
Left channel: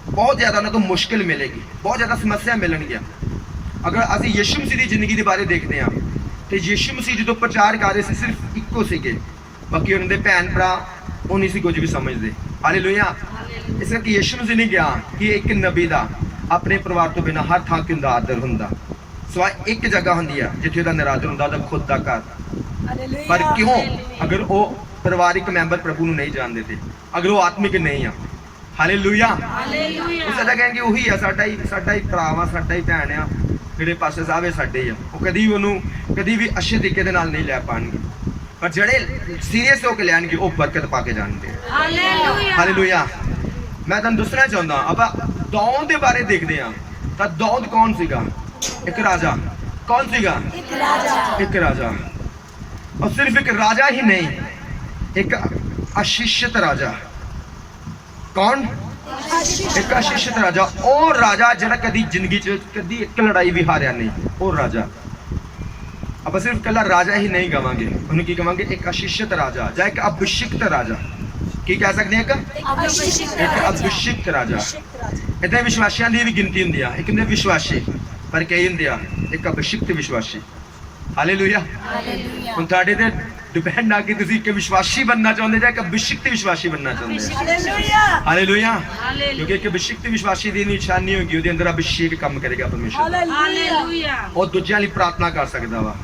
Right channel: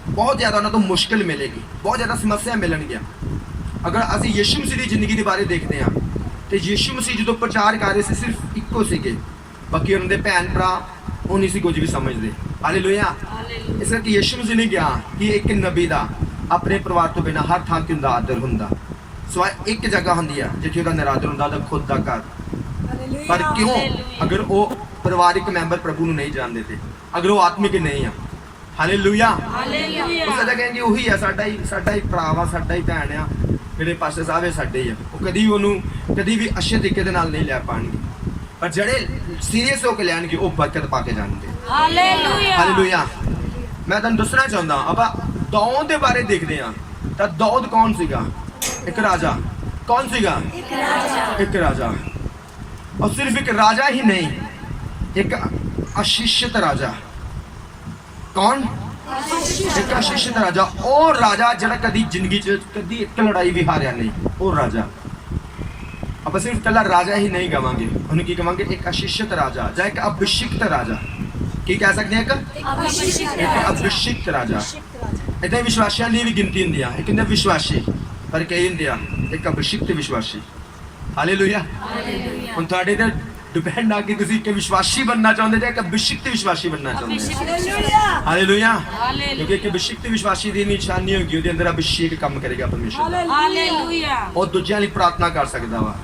ਬਹੁਤ ਜ਼ਿਆਦਾ ਉਹਨਾਂ ਤੋਂ ਮੁਸ਼ਕਿਲ ਮਿਲੇਗੀ, ਬਹੁਤ ਜ਼ਿਆਦਾ ਸਮੱਸਿਆ ਮਿਲਣਗੀਆਂ। ਅਗਰ ਅਸੀਂ ਯਿਸੂ ਮਸੀਹ ਦੀ ਜ਼ਿੰਦਗੀ ਦੇ ਬਾਰੇ ਦੇਖਦੇ ਹਾਂ ਤੇ ਯਿਸੂ ਮਸੀਹ ਜਦੋਂ ਪ੍ਰਚਾਰ ਕਰ ਰਹੇ ਸੀ ਸਿਰਫ ਇੱਕੋ ਸੀਗੇ, ਬਾਕੀ ਉਹਨਾਂ ਦੇ ਭੈਣ ਭਰਾ ਉਹ ਨਹੀਂ ਸੀ ਕੁਝ ਵੀ ਸਮਝਦੇ। ਹਾਲੇਲੂਇਆ। ਇਸ ਕਰਕੇ ਯਿਸੂ ਮਸੀਹ ਨੇ ਕਿਹਾ ਕਿ ਇੱਕ ਨਬੀ ਦਾ ਆਪਣੇ ਪਰਿਵਾਰ ਤੋਂ ਬਿਨਾਂ ਹਰ ਥਾਂ ਤੇ ਆਦਰ ਹੁੰਦਾ, ਸਵਾ ਇੱਕ ਜਗ੍ਹਾ ਹੁੰਦੀ ਆ ਜਿੱਥੇ ਉਹਦਾ ਨਿਰਾਦਰ ਹੁੰਦਾ, ਉਹਦਾ ਖੁਦ ਦਾ ਘਰ। ਪਰ ਕਿਉਂ? ਅਗਰ ਉਹ ਪਰਿਵਾਰਿਕ ਮੈਂਬਰ ਪ੍ਰਭੂ ਨੂੰ ਨਹੀਂ ਜਾਣਦੇ ਤੇ, ਅਗਰ ਉਹ ਆਤਮਿਕ ਨਹੀਂ ਆ। ਹਾਲੇਲੂਇਆ। ਉਸ ਦਾ ਕਹਿੰਗੇ ਉਹੀ ਆ, ਸਾਡਾ ਹੀ ਭਰਾ ਵਾ, ਸਾਡਾ ਹੀ ਭੈਣ ਆ, ਜਿਹੜੇ ਪਾਸੇ ਸਾਹਿਬ ਇਹ ਸਾਡੇ ਹੀ ਆ। ਉਹ ਕਦੀ ਵੀ ਅੱਛੇ ਤਰੀਕੇ ਦੇ ਨਾਲ ਨਹੀਂ ਲੈ ਪਾਣਗੇ, ਪਰ ਜਿਹੜੇ ਸੀਰੀਅਸ ਹੋ ਕੇ ਲੈਣਗੇ ਉਹ ਬਰਕਤ ਪਾ ਕੇ ਜਾਣਗੇ। ਹਾਲੇਲੂਇਆ। ਮੈਂ ਤੁਹਾਨੂੰ ਦੱਸਣਾ ਚਾਹੁੰਦਾ, ਆਪਾਂ ਦਾਊਦ ਦੇ ਬਾਰੇ ਦੇਖਦੇ ਹਾਂ ਤਾਂ ਦਾਊਦ ਕੌਣ ਸੀਗਾ? ਇੱਕ ਰਾਜਾ। ਕੌਣ ਸੀਗਾ? ਇੱਕ ਰਾਜਾ। ਔਰ ਸਿਰਫ ਇੱਕ ਰਾਜਾ ਹੀ ਨਹੀਂ, ਇੱਕ ਅਸ਼ਿਸ਼ਿਤ ਰਾਜਾ। ਕੌਣ? ਇੱਕ ਅਸ਼ਿਸ਼ਿਤ ਰਾਜਾ। ਉਹ ਰਾਜਾ ਜਿਹੜਾ ਕਦੀ ਜ਼ਿੰਦਗੀ 'ਚ ਕਦੀ ਇੱਕ ਲੜਾਈ ਵੀ ਹਾਰਿਆ ਨਹੀਂ। ਉਹ ਰਾਜਾ। ਆਪਾਂ ਸਿਰਫ ਕੱਲਾ ਰਾਜਾ ਹੀ ਨਹੀਂ ਕਵਾਂਗੇ, ਉਹਨੂੰ ਕੀ ਕਵਾਂਗੇ? ਇੱਕ ਅਸ਼ਿਸ਼ਿਤ ਰਾਜਾ ਜਾਂ ਇੱਕ ਅਭਿਸ਼ਿਕਤ ਰਾਜਾ। ਕੀ ਕਹਿ ਸਕਦੇ ਹਾਂ? ਇੱਕ ਅਭਿਸ਼ਿਕਤ ਰਾਜਾ। ਇੱਥੇ ਵਿਸ਼ਵਾਸੀਆਂ ਦੀ ਵੀ ਗਿਣਤੀ ਹੁੰਦੀ ਆ, ਇੱਕ ਹੁੰਦੇ ਵਿਸ਼ਵਾਸੀ, ਪਰ ਕਈ ਹੁੰਦੇ ਆ ਇੱਕ ਅਭਿਸ਼ਿਕਤ ਵਿਸ਼ਵਾਸੀ। ਹਾਲੇਲੂਇਆ। ਹੁਣ ਤੁਹਾਡੇ ਤੇ ਡਿਪੈਂਡ ਆ ਕਿ ਤੁਸੀਂ ਇੱਕ ਵਿਸ਼ਵਾਸੀ ਬਣਨਾ ਚਾਹੁੰਦੇ ਜਾਂ ਇੱਕ ਅਭਿਸ਼ਿਕਤ ਵਿਸ਼ਵਾਸੀ ਬਣਨਾ ਚਾਹੁੰਦੇ। ਹਾਲੇਲੂਇਆ। ਕਿਉਂਕਿ ਇੱਕ ਅਭਿਸ਼ਿਕਤ ਵਿਸ਼ਵਾਸੀ ਦੀ ਨਿਸ਼ਾਨੀ ਹੋਗੀ ਉਹਦੇ ਅੰਦਰ ਅਭਿਸ਼ੇਕ ਕੰਮ ਕਰੇਗਾ ਪਰਮੇਸ਼ਰ। ਹਾਲੇਲੂਇਆ। ਉਹ ਦੂਜਿਆਂ ਲਈ ਪ੍ਰਾਰਥਨਾ ਕਰ ਸਕਦਾ ਵਾ,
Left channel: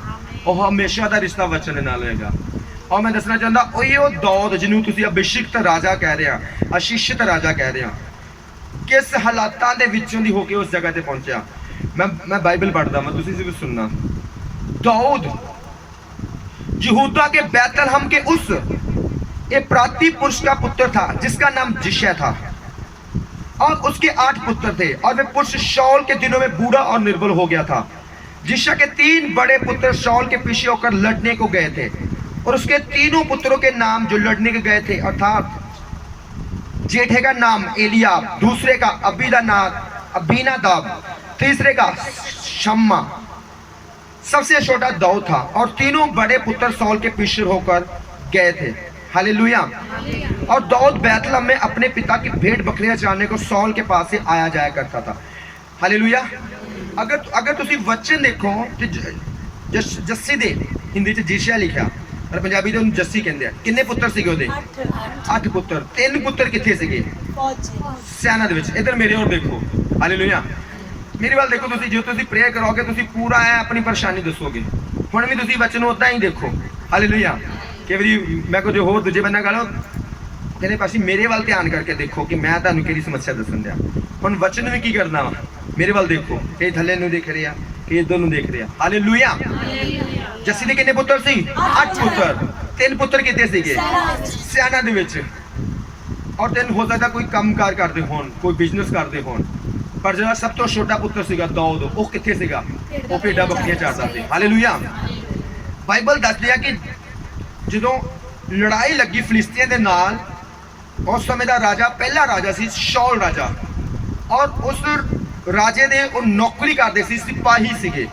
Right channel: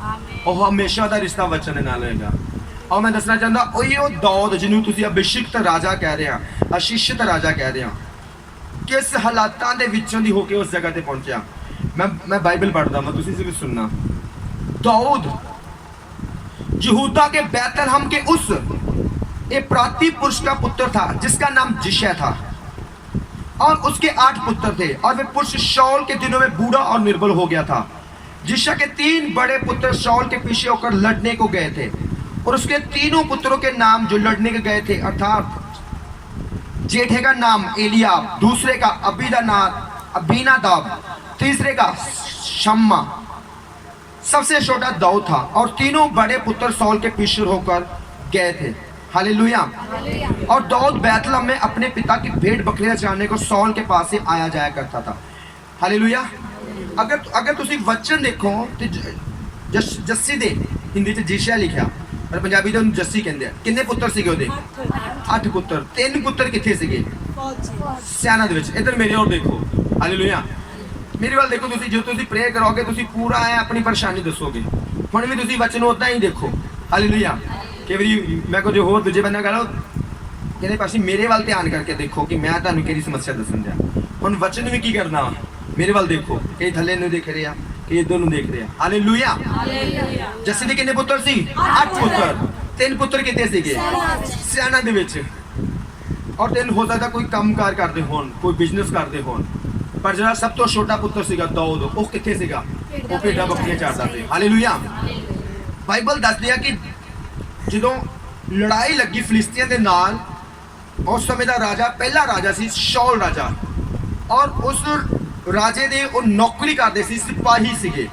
ਉਹ ਹਮੇਸ਼ਾ ਦਾ ਰਿਸ਼ਤਾ ਵਚਨ ਦੇ ਨਾਲ ਹੋਏਗਾ। ਔਰ ਮੈਂ ਦੱਸਣਾ ਚਾਹੁੰਦਾ ਉਹ ਦਾਊਦ ਜਿਹਨੂੰ ਤੁਸੀਂ ਅਭਿਸ਼ਿਕਤ ਰਾਜਾ ਕਹਿ ਰਹੇ ਆ, ਅਸ਼ਿਸ਼ਿਤ ਰਾਜਾ ਕਹਿ ਰਹੇ ਆ, ਕਿਸ ਹਾਲਾਤਾਂ ਦੇ ਵਿੱਚੋਂ ਦੀ ਹੋ ਕੇ ਉਸ ਜਗ੍ਹਾ ਤੇ ਪਹੁੰਚਿਆ। मैं बाइबल पढ़ता हूँ, तुसी से भी सुनना। दाऊद यहूदा के बैतलहम के उस एक प्रांतीय पुरुष का पुत्र था जिसका नाम जिशै था, और उसके 8 पुत्र थे, और वे पुरुष शाऊल के दिनों में बूढ़ा और निर्बल हो गया था। जिशै के 3 बड़े पुत्र शाऊल के पीछे होकर लड़ने को गए थे, और उसके तीनों पुत्रों के नाम जो लड़ने के गए थे, अर्थात जेठे का नाम एलियाब, दूसरे का अबीनादाब, तीसरे का शम्मा, सबसे छोटा दाऊद था, और तीनों बड़े पुत्र शाऊल के पीछे होकर गए थे। हालेलुया। और दाऊद बैतलहम में अपने पिता की भेड़ बकरियां चराने को शाऊल के पास से आया जाया करता था। हालेलुया। अगर तुसी वचन देखो तो जस्सी दे हिंदी च जिशै लिखा, पर पंजाबी दे उन्हें जस्सी कहंदे आ। किन्ने पुत्र सीगे ओदे? 8 पुत्र। 3 पुत्र किथे सीगे? सेना दे विच। इधर मेरे और देखो। हालेलुया। मेरे वाल देखो, तुसी जो तुसी प्रे करोगे तुसी पूरा है अपनी परेशानी दसोगे। हुण भी तुसी वचन उदां ही देखो। हालेलुया। कई बारी मैं कुछ होर दूजे बंदे गल कहने पासे मेरे वाल ध्यान करके देखो कि मैं तुहानूं किहड़ी समस्या दसन दिया। हुण वचन भी की करना, मेरे वाल देखो, कई थल्ले नूं देख रहे आ, कई इधर नूं देख रहे आ। हालेलुया। जस्सी दे किन्ने पुत्र सी? 8 पुत्र। 3 पुत्र किथे सीगे? सेना दे विच। और 3 हो सकदा कोई कामकार करदे होण, कोई बिजनेस करदे होण, पर जो सब तो छोटा पुत्र सीगा दाऊद, वो किथे सीगा? वो भेड़ा बकरियां चारदा सी। हालेलुया। बाइबल दस दिया कि ਜਦੋਂ ਲੜਾਈ ਲੱਗੀ ਫਿਲਿਸਤੀਆਂ ਦੇ ਨਾਲ, ਉਸ ਸਮੇਂ ਦਾ ਰਾਜਾ ਪਹਿਲਾ ਰਾਜਾ ਸੀ ਸ਼ਾਊਲ ਰਾਜਾ, ਔਰ ਉਸ ਰਾਜੇ ਦੇ ਉਹ ਨੌਕਰੀ ਕਰਦੇ ਸੀ, ਸਿਪਾਹੀ ਸੀਗੇ।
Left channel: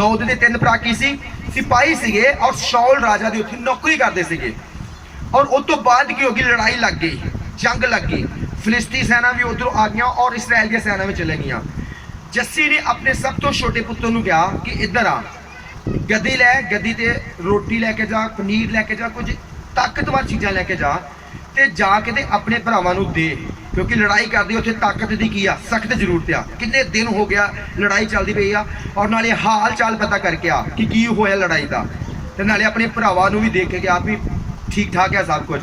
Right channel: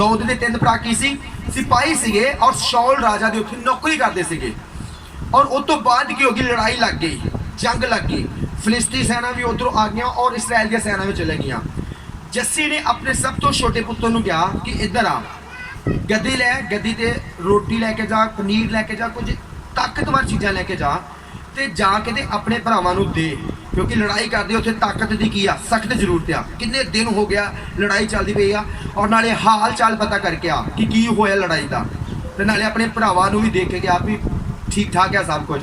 दाऊद ਦੇ 3 ਭਰਾ ਕੀ ਸੀ? ਸਿਪਾਹੀ ਸੀਗੇ, ਔਰ ਸ਼ਾਊਲ ਰਾਜਾ ਦੇ ਉੱਥੇ ਨੌਕਰੀ ਕਰਦੇ ਸੀਗੇ। ਔਰ ਉਸ ਤੋਂ ਬਾਅਦ ਕੀ ਹੋ ਗਈ? ਲੜਾਈ ਲੱਗ ਗਈ, ਜੰਗ ਲੱਗ ਗਈ, ਫਿਲਿਸਤੀ ਸੈਨਾ ਵੀ ਉਧਰੋਂ ਆ ਗਈਆਂ ਔਰ ਇਸਰਾਇਲ ਦੀਆਂ ਸੈਨਾ ਵੀ ਚਲੇ ਗਈਆਂ। ਜੱਸੀ ਨੇ ਆਪਣੇ ਸਭ ਤੋਂ ਛੋਟੇ ਪੁੱਤਰ ਨੂੰ ਕਿਹਾ ਕਿ ਇੱਧਰ ਆ, ਗੱਦੀ ਲੈ, ਗੱਦੀ ਤੇ ਰੋਟੀ ਲੈ ਕੇ ਜਾ, ਪਨੀਰ ਲੈ ਕੇ ਜਾ, ਕੁਝ ਤਾਕਤਵਰ ਚੀਜ਼ਾਂ ਲੈ ਕੇ ਜਾ, ਤੇ ਜਾ ਕੇ ਤੇ ਆਪਣੇ ਭਰਾਵਾਂ ਨੂੰ ਦੇ, ਕਿਉਂਕਿ ਲੜਾਈ ਕਰਦੇ ਉੱਥੇ ਤਾਕਤ ਦੀ ਕੀ ਆ? ਸਖਤ ਜ਼ਰੂਰਤ ਆ। ਕਿੰਨੇ ਦਿਨ ਹੋ ਗਿਆ ਲੜਾਈ ਚੱਲਦੀ ਪਈ ਆ, ਔਰ ਨਾਲੇ ਹਾਲ ਚਾਲ ਪਤਾ ਕਰਕੇ ਆ ਕਿ ਕੀ ਹੋਇਆ ਲੜਾਈ ਦਾ, ਤੇ ਨਾਲੇ ਆਪਣੇ ਭਰਾਵਾਂ ਨੂੰ ਵੀ ਦੇਖ ਕੇ ਆ ਵੀ ਠੀਕ ਠਾਕ ਆ ਸਭ ਕੁਝ।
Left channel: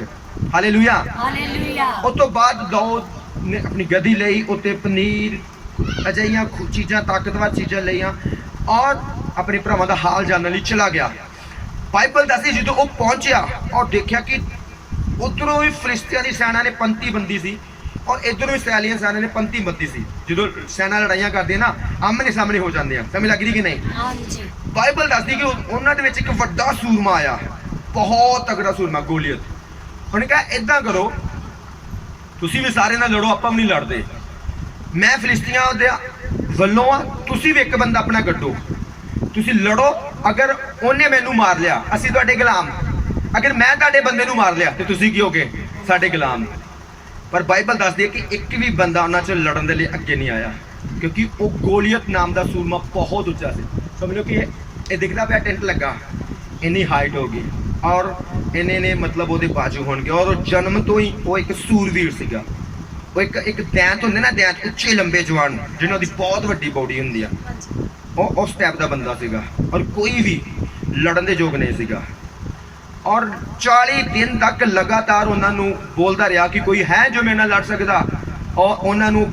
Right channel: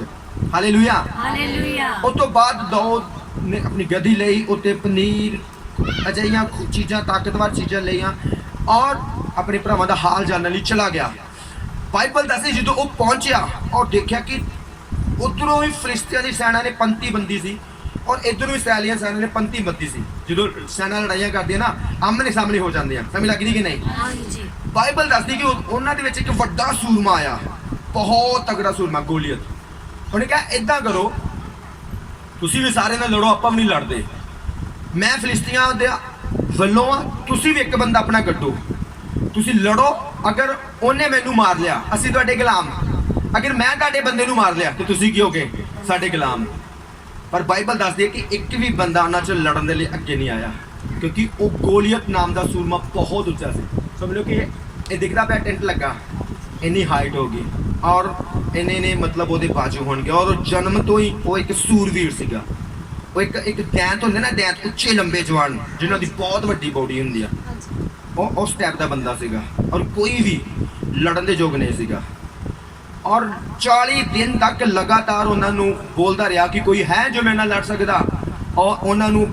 ਹਾਲੇਲੂਇਆ। ਹਾਲੇਲੂਇਆ। ਉਸ ਤੋਂ ਬਾਅਦ ਦਾਊਦ ਨੇ ਆਪਣੀ ਗਦੀ ਲਈ, ਉੱਤੇ ਪਨੀਰ ਅਜਿਹੀਆਂ ਚੀਜ਼ਾਂ, ਤਾਕਤਵਰ ਚੀਜ਼ਾਂ ਲਈਆਂ ਔਰ ਆਪਣੇ ਭਰਾਵਾਂ ਦਾ ਹਾਲ ਜਾਣਨ ਲਈ ਚਲਾ ਗਿਆ। ਬਾਈਬਲ ਦੱਸਦੀ ਜਦੋਂ ਉਹ ਪਹੁੰਚਿਆ ਔਰ ਦੇਖਿਆ ਕਿ ਉਧਰੋਂ ਵੀ ਫਰਿਸ਼ਤਿਆਂ ਦੀ ਸੈਨਾ ਨੇ ਪੰਤੀ ਬੰਦੀ ਸੀ ਔਰ ਇਧਰੋਂ ਵੀ ਇਸਰਾਏਲੀਆਂ ਸੈਨਾ ਨੇ ਪੰਤੀ ਬੰਦੀ ਸੀ। ਜਦੋਂ ਸੈਨਾ ਲੜਾਈਆਂ ਕਰਦੀਆਂ ਨਾ, ਆਮਣੇ ਸਾਹਮਣੇ ਹੋ ਜਾਂਦੇ ਆ, ਸਮਝ ਲੱਗਦੀ ਕਿ ਨਹੀਂ? ਹਾਂਜੀ। ਬਾਈਬਲ ਦੱਸਦੀ ਕਿ ਉਹਨਾਂ ਦੇ ਵਿੱਚ ਇੱਕ ਵੱਡਾ ਸੂਰਮਾ ਆਇਆ, ਬਹੁਤ ਤਗੜਾ ਸੂਰਮਾ, ਗੋਲੀਅਤ। ਉਹਨੇ ਕਿਹਾ ਏਦਾਂ ਕਰੋ, ਤੁਸੀਂ ਵੀ ਸਾਰੇ ਨਾਲ ਲੜੋ, ਆਪਾਂ ਵੀ ਨਹੀਂ ਲੜਦੇ। ਮੈਂ ਫਿਲਿਸਤੀਆਂ ਦੇ ਵੱਲੋਂ ਆ, ਤੁਸੀਂ ਵੀ ਇੱਕ ਬੰਦਾ ਆਪਣਾ ਕੱਢੋ, ਤੁਸੀਂ ਲੜੋ। ਅਗਰ ਉਹਨੇ ਮੈਨੂੰ ਮਾਰ ਲਿਆ, ਅਸੀਂ ਤੁਹਾਡੇ ਗੁਲਾਮ। ਅਗਰ ਮੈਂ ਤੁਹਾਡੇ ਬੰਦੇ ਨੂੰ ਮਾਰ ਲਿਆ ਤੇ ਤੁਸੀਂ ਕੀ ਹੋਗੇ? ਸਾਡੇ ਗੁਲਾਮ। ਪਰ ਬਾਈਬਲ ਦੱਸਦੀ ਹੈ ਕਿ ਇੱਕ ਵੀ ਬੰਦਾ ਉਹਨਾਂ 'ਚ ਲੜਨ ਦੇ ਲਈ ਅੱਗੇ ਨਹੀਂ ਆਇਆ, ਕਿਉਂਕਿ ਉਹ ਗੋਲੀਅਤ ਨਾਮ ਦਾ ਸੂਰਮਾ ਬਹੁਤ ਉੱਚਾ ਸੀ। ਸਮਝ ਲਓ ਕਿ ਇਹ ਦਿਖਦਾ ਪਿਆ ਟੈਂਟ ਲੱਗਾ, ਇੰਨੀ ਹਾਈਟ ਹੋਗੀ ਔਰ ਇੰਨੇ ਨੇ ਮਤਲਬ ਉਹਦੇ ਬਾਜੂ ਹੋਣਗੇ ਔਰ ਉਹ ਜਨਮ ਤੋਂ ਹੀ ਉਹ ਇੱਕ ਸੂਰਵੀਰ ਸੀਗਾ। ਉਹ ਇੱਕ ਦੈਂਤ ਹੁੰਦੇ ਨਾ, ਦੈਂਤ ਉੱਚੇ ਲੰਬੇ ਜਵਾਨ ਜਿਨ੍ਹਾਂ ਦੀ ਬਹੁਤ ਵੱਡੀ ਬੋਡੀ ਹੁੰਦੀ ਆ, ਉਹ ਉਸ ਟਾਈਪ ਦਾ ਬੰਦਾ ਸੀਗਾ ਔਰ ਕੋਈ ਵੀ ਲੜਨ ਦੇ ਯੋਗ ਨਹੀਂ ਸੀਗਾ। ਔਰ 40 ਦਿਨ ਤੱਕ ਲਗਾਤਾਰ ਉਹਨਾਂ ਨੂੰ ਬੋਲਦਾ ਰਿਹਾ ਕਿ ਕੋਈ ਹੈ ਜੋ ਮੇਰੇ ਨਾਲ ਲੜ ਸਕਦਾ, ਔਰ ਉਹਨਾਂ ਨੂੰ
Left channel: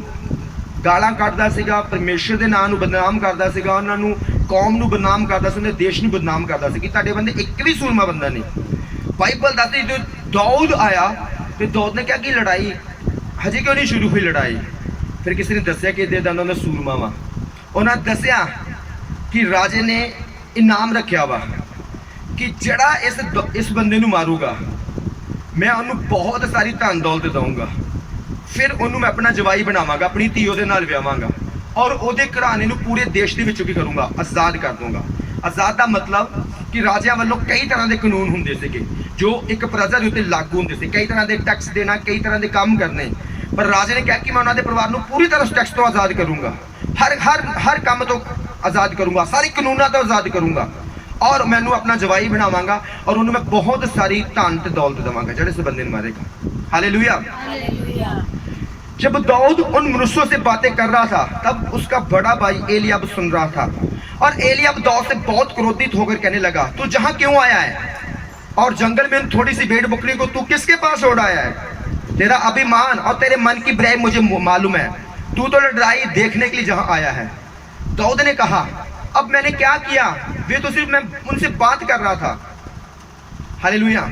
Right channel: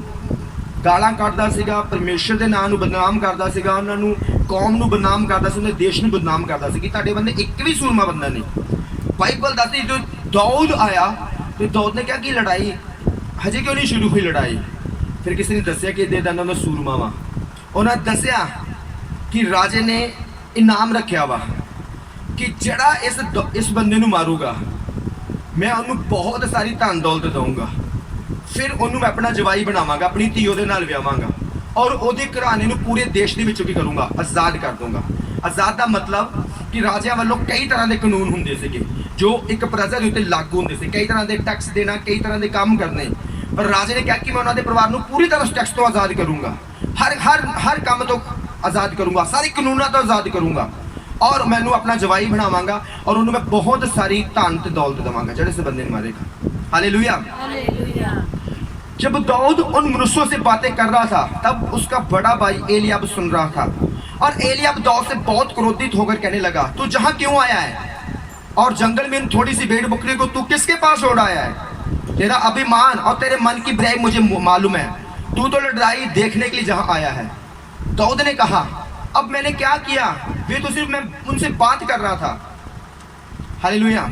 ਗਾਲਾਂ ਕੱਢਦਾ ਸੀਗਾ, ਪਰਮੇਸ਼ਰ ਦੇ ਨਾਂ ਨੂੰ ਬਦਨਾਮ ਕਰਦਾ ਸੀਗਾ, ਉਹਨਾਂ ਨੂੰ ਕੌਮ ਨੂੰ ਬਦਨਾਮ ਕਰਦਾ ਸੀ, ਉਹਨਾਂ ਦੇਸ਼ ਨੂੰ ਬਦਨਾਮ ਕਰਦਾ ਸੀ ਕਿ ਤੁਹਾਡੇ ਬੰਦੇ ਇੱਕ ਵੀ ਸੂਰਮਾ ਬੰਦਾ ਨਹੀਂ। ਬਾਈਬਲ ਦੱਸਦੀ ਜਦੋਂ ਦਾਊਦ ਆਇਆ ਤੇ ਦਾਊਦ ਨੇ ਕਿਹਾ ਕਿ ਲੜਾਈ ਹਜੇ ਕਿਉਂ ਨਹੀਂ ਸ਼ੁਰੂ ਹੋਈ ਲੜਾਈ? ਫਿਰ ਕਿਸੇ ਨੇ ਦੱਸਿਆ ਕਿ ਇਹਦੇ ਦੰਦਾਂ ਦਾ ਸੂਰਮਾ ਵਾ। ਉਹਨਾਂ ਦੱਸਿਆ ਕਿ ਰਾਜੇ ਨੇ ਇਨਾਮ ਰੱਖਿਆ ਵਾ ਕਿ ਜਿਹੜਾ ਇਸ ਬੰਦੇ ਨੂੰ ਮਾਰੂਗਾ ਮੈਂ ਉਹਨੂੰ ਬਹੁਤ ਸਾਰੀ ਧਨ ਦੌਲਤ ਦਊਂਗਾ, ਫਿਰ ਉਹਨੂੰ ਮੈਂ ਆਪਣਾ ਜਵਾਈ ਬਣਾਵਾਂਗਾ, ਆਪਣੀ ਧੀ ਉਹਦੇ ਨਾਲ ਵਿਆਹਾਂਗਾ ਔਰ ਉਹਦੇ ਘਰਾਣੇ ਨੂੰ ਪੂਰੇ ਦੇਸ਼ ਦੇ ਵਿੱਚੋਂ ਕੀ ਕਰੂੰਗਾ? ਆਜ਼ਾਦ ਕਰ ਦੂੰਗਾ। ਆਜ਼ਾਦ ਦਾ ਮਤਲਬ ਕਿ ਰਾਜਿਆਂ ਵੱਲੋਂ ਕਈ ਤਰ੍ਹਾਂ ਦੇ ਕਾਨੂੰਨ ਹੁੰਦੇ ਸੀਗੇ ਜੋ ਇੱਕ ਪ੍ਰਜਾ ਦੇ ਉੱਤੇ ਲਾਗੂ ਹੁੰਦੇ ਸੀ, ਕਈ ਤਰ੍ਹਾਂ ਦੇ ਟੈਕਸ ਦੇਣਾ, ਕਈ ਤਰ੍ਹਾਂ ਦੇ ਕੰਮ ਕਰਨੇ। ਪਰ ਰਾਜੇ ਨੇ ਕਿਹਾ ਕਿ ਮੈਂ ਉਹਨਾਂ ਦੇ ਪਰਿਵਾਰ ਨੂੰ ਪੂਰੀ ਤਰ੍ਹਾਂ ਉਸ ਟੈਕਸ ਤੋਂ ਆਜ਼ਾਦ ਕਰੂੰਗਾ, ਹਰ ਕੰਮ ਤੋਂ ਆਜ਼ਾਦ ਕਰੂੰਗਾ, ਸਾਰੇ ਕਾਨੂੰਨਾਂ ਤੋਂ ਆਜ਼ਾਦ ਕਰੂੰਗਾ ਔਰ ਮੈਨੂੰ ਆਪਣਾ ਜਵਾਈ ਬਣਾਵਾਂਗਾ ਔਰ ਉਹਨੂੰ ਮੈਂ ਬਹੁਤ ਸਾਰੀ ਧਨ ਤੇ ਦੌਲਤ ਦੇਵਾਂਗਾ ਜਿਹੜੇ ਇਸ ਬੰਦੇ ਨੂੰ मारेगा। हालेलुया। हालेलुया। जब दाऊद उन मनुष्यों से बातें कर रहा था तब उसका बड़ा भाई एलियाब सुन रहा था और एलियाब दाऊद से बहुत क्रोधित होकर कहने लगा, तू जहां क्यों आया है और जंगल में थोड़ी सी भेड़ बकरी को तू किसके पास छोड़ आया है? तेरा अभिमान और तेरे मन की बुराई मुझे मालूम है, तू तो लड़ाई देखने के लिए जहां आया है। दाऊद ने कहा, अब मैंने क्या किया? वे तो सिर्फ मैं उनसे बात कर रहा था। हालेलुया।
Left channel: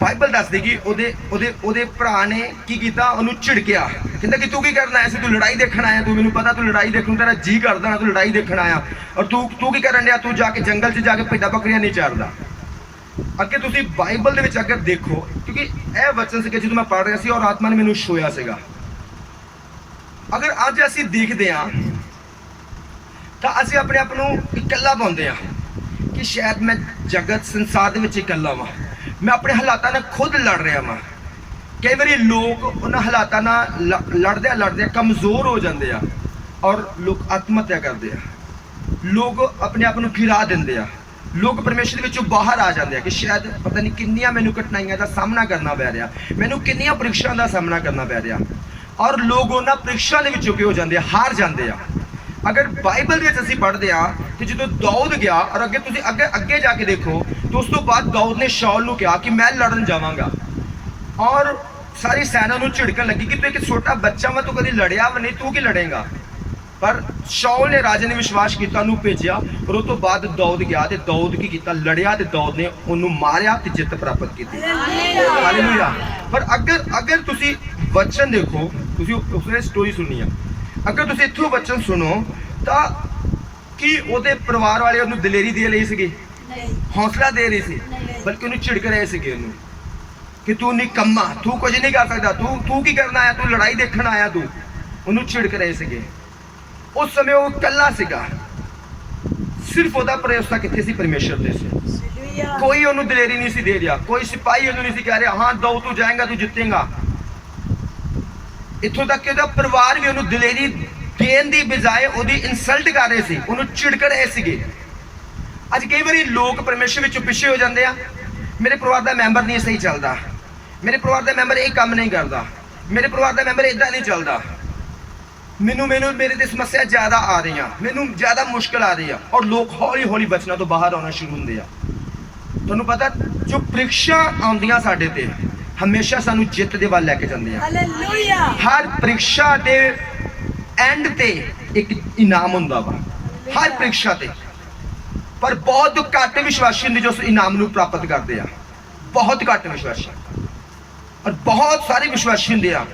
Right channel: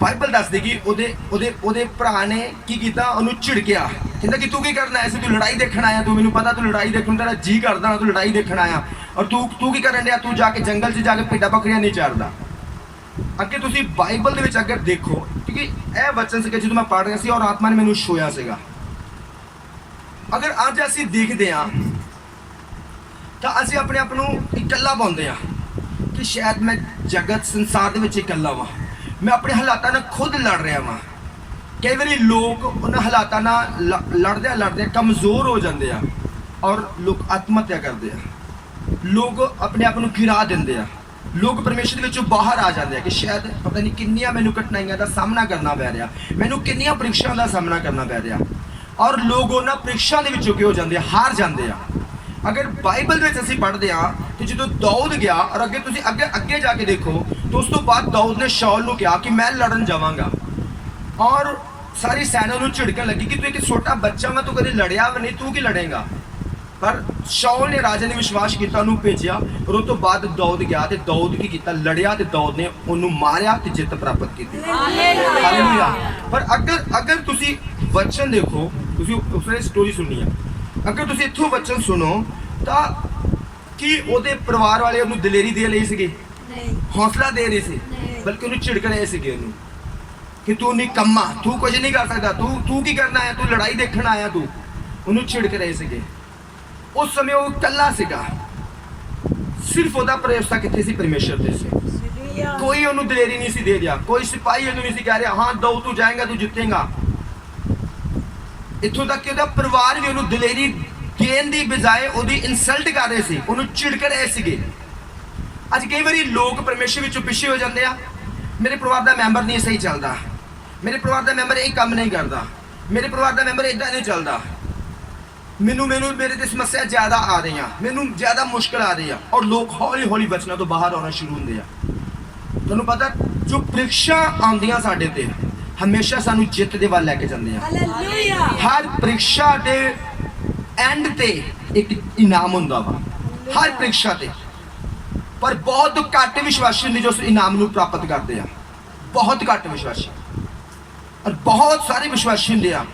ਬਾਈਬਲ ਦੱਸਦੀ ਕਿ ਉਹਦੇ ਭਰਾ ਨੇ ਕੀ ਕੀਤਾ? ਉਹਨੂੰ ਝਿੜਕਿਆ, ਕਹਿੰਦਾ ਕਿ ਤੂੰ ਕੀ ਕਰਨ ਆਇਆ ਸੀ? ਤੂੰ ਲੜਾਈ ਦੇਖਣ ਆਇਆ? ਤੂੰ ਮੈਨੂੰ ਪਤਾ ਤੂੰ ਲੜਾਈ ਦੇਖਣ ਤੇਰਾ ਜੀ ਕਰਦਾ ਨਾ, ਤੂੰ ਲੜਾਈ ਦੇਖਣ ਆਇਆ ਔਰ ਤੂੰ ਕੀ ਕਰਨ ਡਿਆ? ਤੂੰ ਜਾ ਕੇ ਜੰਗਲ 'ਚ ਜਾ ਕੇ ਭੇਡਾਂ ਬੱਕਰੀਆਂ ਨਹੀਂ ਚਾਰਦਾ। ਅੱਗੇ ਤੁਸੀਂ ਬਾਈਬਲ ਦੇ ਵਿੱਚ ਅਗਰ ਦੇਖੋ, ਕਿਉਂਕਿ ਇਹ ਵਚਨ ਸੀ ਕਿ ਜਦੋਂ ਮੈਂ ਪੜ੍ਹ ਰਿਹਾ ਸੀ ਔਰ ਆਤਮਾ ਨੇ ਮੈਨੂੰ ਛੂਇਆ ਸੀਗਾ। ਅਗਰ ਅੱਜ ਅਸੀਂ ਦੇਖਦੇ ਹਾਂ ਤਾਂ ਅਸੀਂ ਆਪਣੇ ਆਪ ਨੂੰ ਇਕੱਲਾ ਪਾਉਂਦੇ ਆ ਕਿ ਸ਼ਾਇਦ ਮੈਂ ਜਗਤ ਸੰਸਾਰ ਦੇ ਵਿੱਚ ਇਕੱਲਾ ਵਾਂ, ਮੈਂ ਆਪਣੇ ਹਾਲਾਤਾਂ ਨਾਲ ਖੁਦ ਲੜ ਰਿਹਾ ਵਾਂ। ਕਈ ਵਾਰੀ ਲੋਕ ਉਹਨਾਂ ਹਾਲਾਤਾਂ ਨਾਲ ਲੜਦੇ ਕਮਜ਼ੋਰ ਹੋ ਜਾਂਦੇ ਆ ਔਰ ਲੋਕ ਆਤਮ ਹੱਤਿਆ ਕਰਦੇ ਆ, ਲੋਕ ਆਪਣੇ ਆਪ ਨੂੰ ਗਿਰਾ ਦਿੰਦੇ ਆ, ਲੋਕ ਪਰਮੇਸ਼ਰ ਦੇ ਵਿੱਚੋਂ ਬਾਹਰ ਆ ਜਾਂਦੇ ਆ ਕਿ ਸ਼ਾਇਦ ਪਤਾ ਨਹੀਂ ਕਿੰਨੀਆਂ ਮੈਨੂੰ ਕਠਿਨਾਈਆਂ ਦਾ ਸਾਹਮਣਾ ਕਰਨਾ ਪੈ ਰਿਹਾ, ਮੈਨੂੰ ਕਿੰਨੀਆਂ ਪ੍ਰੀਖਿਆਵਾਂ ਦਾ ਸਾਹਮਣਾ ਕਰਨਾ ਪੈ ਰਿਹਾ ਔਰ ਲੋਕ ਉਹਨਾਂ ਪ੍ਰੀਖਿਆਵਾਂ ਦੇ ਵਿੱਚੋਂ ਕੀ ਹੋ ਜਾਂਦੇ ਆ? ਹਾਰ ਜਾਂਦੇ ਆ। ਅਗਰ ਬਾਈਬਲ ਦੇ ਵਿੱਚ ਅਸੀਂ ਪੜ੍ਹਦੇ ਆ ਤੇ ਜਦੋਂ ਦਾਊਦ ਗਿਆ ਔਰ ਅੱਗੇ ਤੁਸੀਂ ਅੱਗੇ ਜਾ ਕੇ ਦੇਖੋ ਤਾਂ ਉਸ ਤੋਂ ਬਾਅਦ ਦਾਊਦ ਨੇ ਸ਼ਾਉਲ ਨੂੰ ਕਿਹਾ ਕਿ ਮੈਂ ਲੜਨ ਜਾਵਾਂਗਾ ਔਰ ਸਾਰੀ ਸੈਨਾ ਨੂੰ ਝਿੜਕਣ ਲੱਗੀ ਕਿ ਤੂੰ ਇੱਕ ਛੋਟਾ ਬੱਚਾ ਵਾ, ਤੂੰ ਕਦੀ ਲੜਿਆ ਵੀ ਨਹੀਂ, ਤੂੰ ਕੀ ਲੜੇਗਾ? ਪਰ ਸ਼ਾਉਲ ਨੇ ਰਾਜੇ ਨੇ ਵਿਸ਼ਵਾਸ ਕੀਤਾ, ਉਹਨੂੰ ਭੇਜਿਆ ਔਰ ਉਹ ਤੋਂ ਬਾਅਦ ਦਾਊਦ ਗਿਆ ਤੇ ਦਾਊਦ ਕੀ ਕੀਤਾ? ਲੜਿਆ ਤੇ ਦਾਊਦ ਨੇ ਉਹਨੂੰ ਮਾਰਿਆ ਤੇ ਜਿੱਤ ਪ੍ਰਾਪਤ ਕੀਤੀ। ਹਾਲੇਲੂਇਆ। ਪਰ ਅਗਰ ਤੁਸੀਂ ਵਚਨ ਦੇਖੋ, ਤੁਸੀਂ ਉਸਦੀ ਸਟੋਰੀ ਸੁਣਨੀ ਆ, ਅਗਰ ਤੁਸੀਂ ਇੱਥੋਂ ਵਚਨ ਸੁਣੋ ਤਾਂ ਕੀ ਉਹਦੇ ਪਰਿਵਾਰ ਵਾਲੇ ਉਹਨੂੰ ਦਲੇਰੀ ਦੇ ਲਈ ਸੀਗੇ? ਨਹੀਂ। ਹੌਸਲਾ ਦੇ ਰਹੀ ਸੀ, ਬਲਕਿ ਉਹਨੂੰ ਝਿੜਕ ਰਹੇ ਸੀਗੇ ਉਹਨੂੰ ਕਿ ਤੂੰ ਨਿਕੰਮਾ, ਤੂੰ ਕੁਝ ਨਹੀਂ ਕਰ ਸਕਦਾ, ਤੂੰ ਕੀ ਕਰਨ ਆਇਆ? ਤੂੰ ਲੜਾਈ ਦੇਖਣ ਆਇਆ? ਤੂੰ ਉਹਨੂੰ ਝਿੜਕ ਰਹੇ ਸੀਗੇ। ਉਸ ਸਮੇਂ ਉਹ ਇਕੱਲਾ ਸੀਗਾ, ਸਿਰਫ ਉਹਦਾ ਭਰੋਸਾ ਕਿੱਥੇ ਸੀ? ਪਰਮੇਸ਼ਰ ਤੇ ਸੀ। ਕੋਈ ਉਹਨੂੰ ਦਲੇਰੀ ਨਹੀਂ ਸੀ ਦੇ ਰਿਹਾ, ਕੋਈ ਸਿਪਾਹੀ ਉਹਨੂੰ ਨਹੀਂ ਸੀ ਕਹਿ ਰਿਹਾ ਹਾਂ ਦਾਊਦ ਤੂੰ ਜਾਏਗਾ, ਤੂੰ ਜਿੱਤੇਗਾ। ਇੱਥੋਂ ਤੱਕ ਕਿ ਉਹਦਾ ਪਰਿਵਾਰ ਵੀ ਉਹਨੂੰ ਦਲੇਰੀ ਦੇਣ ਦੀ ਬਜਾਏ ਉਹਦੀ ਇਨਸਲਟ ਕਰ ਰਹੇ ਸੀ, ਉਹਨੂੰ ਝਿੜਕ ਰਹੇ ਸੀਗੇ। ਅੱਜ ਕਈ ਵਾਰੀ ਲੋਕ ਪਰਮੇਸ਼ਰ ਵਿੱਚੋਂ ਪਿੱਛੇ ਹੋ ਜਾਂਦੇ ਆ, ਮੇਰੇ ਪਰਿਵਾਰ ਦਾ ਮੈਂਬਰ ਨਹੀਂ ਸਹੀ ਚੱਲਦਾ, ਮੇਰੇ ਪਰਿਵਾਰ ਦਾ ਮੈਂਬਰ ਇਹ ਕੰਮ ਨਹੀਂ ਕਰਦਾ, ਮੇਰੇ ਪਰਿਵਾਰ ਦਾ ਮੈਂਬਰ ਇਦਾਂ ਨਹੀਂ ਚੱਲਦਾ, ਮੈਨੂੰ ਮੇਰੇ ਤੇ ਸਮੱਸਿਆ ਜ਼ਿਆਦਾ ਆ ਰਹੀਆਂ, ਮੈਨੂੰ ਜ਼ਿਆਦਾ ਮੁਸ਼ਕਲ ਆ ਰਹੀ ਆ ਔਰ ਲੋਕ ਹੌਲੀ ਹੌਲੀ ਬਚਨਾਂ ਤੋਂ ਬਾਹਰ ਆਉਣਾ ਸ਼ੁਰੂ ਹੁੰਦੇ ਆ। ਤੁਹਾਨੂੰ ਪਤਾ ਜੋ ਪ੍ਰੀਖਿਆ ਆਉਂਦੀਆਂ ਸਾਡੇ ਤੇ ਹਮੇਸ਼ਾ ਸਾਨੂੰ ਜਿੱਤ ਦੇ ਵੱਲ ਲੈ ਕੇ ਜਾਂਦੀਆਂ। ਹਾਲੇਲੂਇਆ। ਹਰ ਪ੍ਰੀਖਿਆ ਦੇ ਐਂਡ ਤੇ ਇੱਕ ਇਨਾਮ ਹੁੰਦਾ ਵਾ, ਹਰ ਪ੍ਰੀਖਿਆ ਤੇ। ਪਰ ਬਹੁਤ ਘੱਟ ਵਿਸ਼ਵਾਸੀ ਹੁੰਦੇ ਜੋ ਉਸ ਇਨਾਮ ਨੂੰ ਪ੍ਰਾਪਤ ਕਰਦੇ ਆ, ਬਹੁਤ ਘੱਟ ਵਿਸ਼ਵਾਸੀ। ਔਰ ਬਹੁਤ ਸਾਰੇ ਵਿਸ਼ਵਾਸੀ ਹੁੰਦੇ ਆ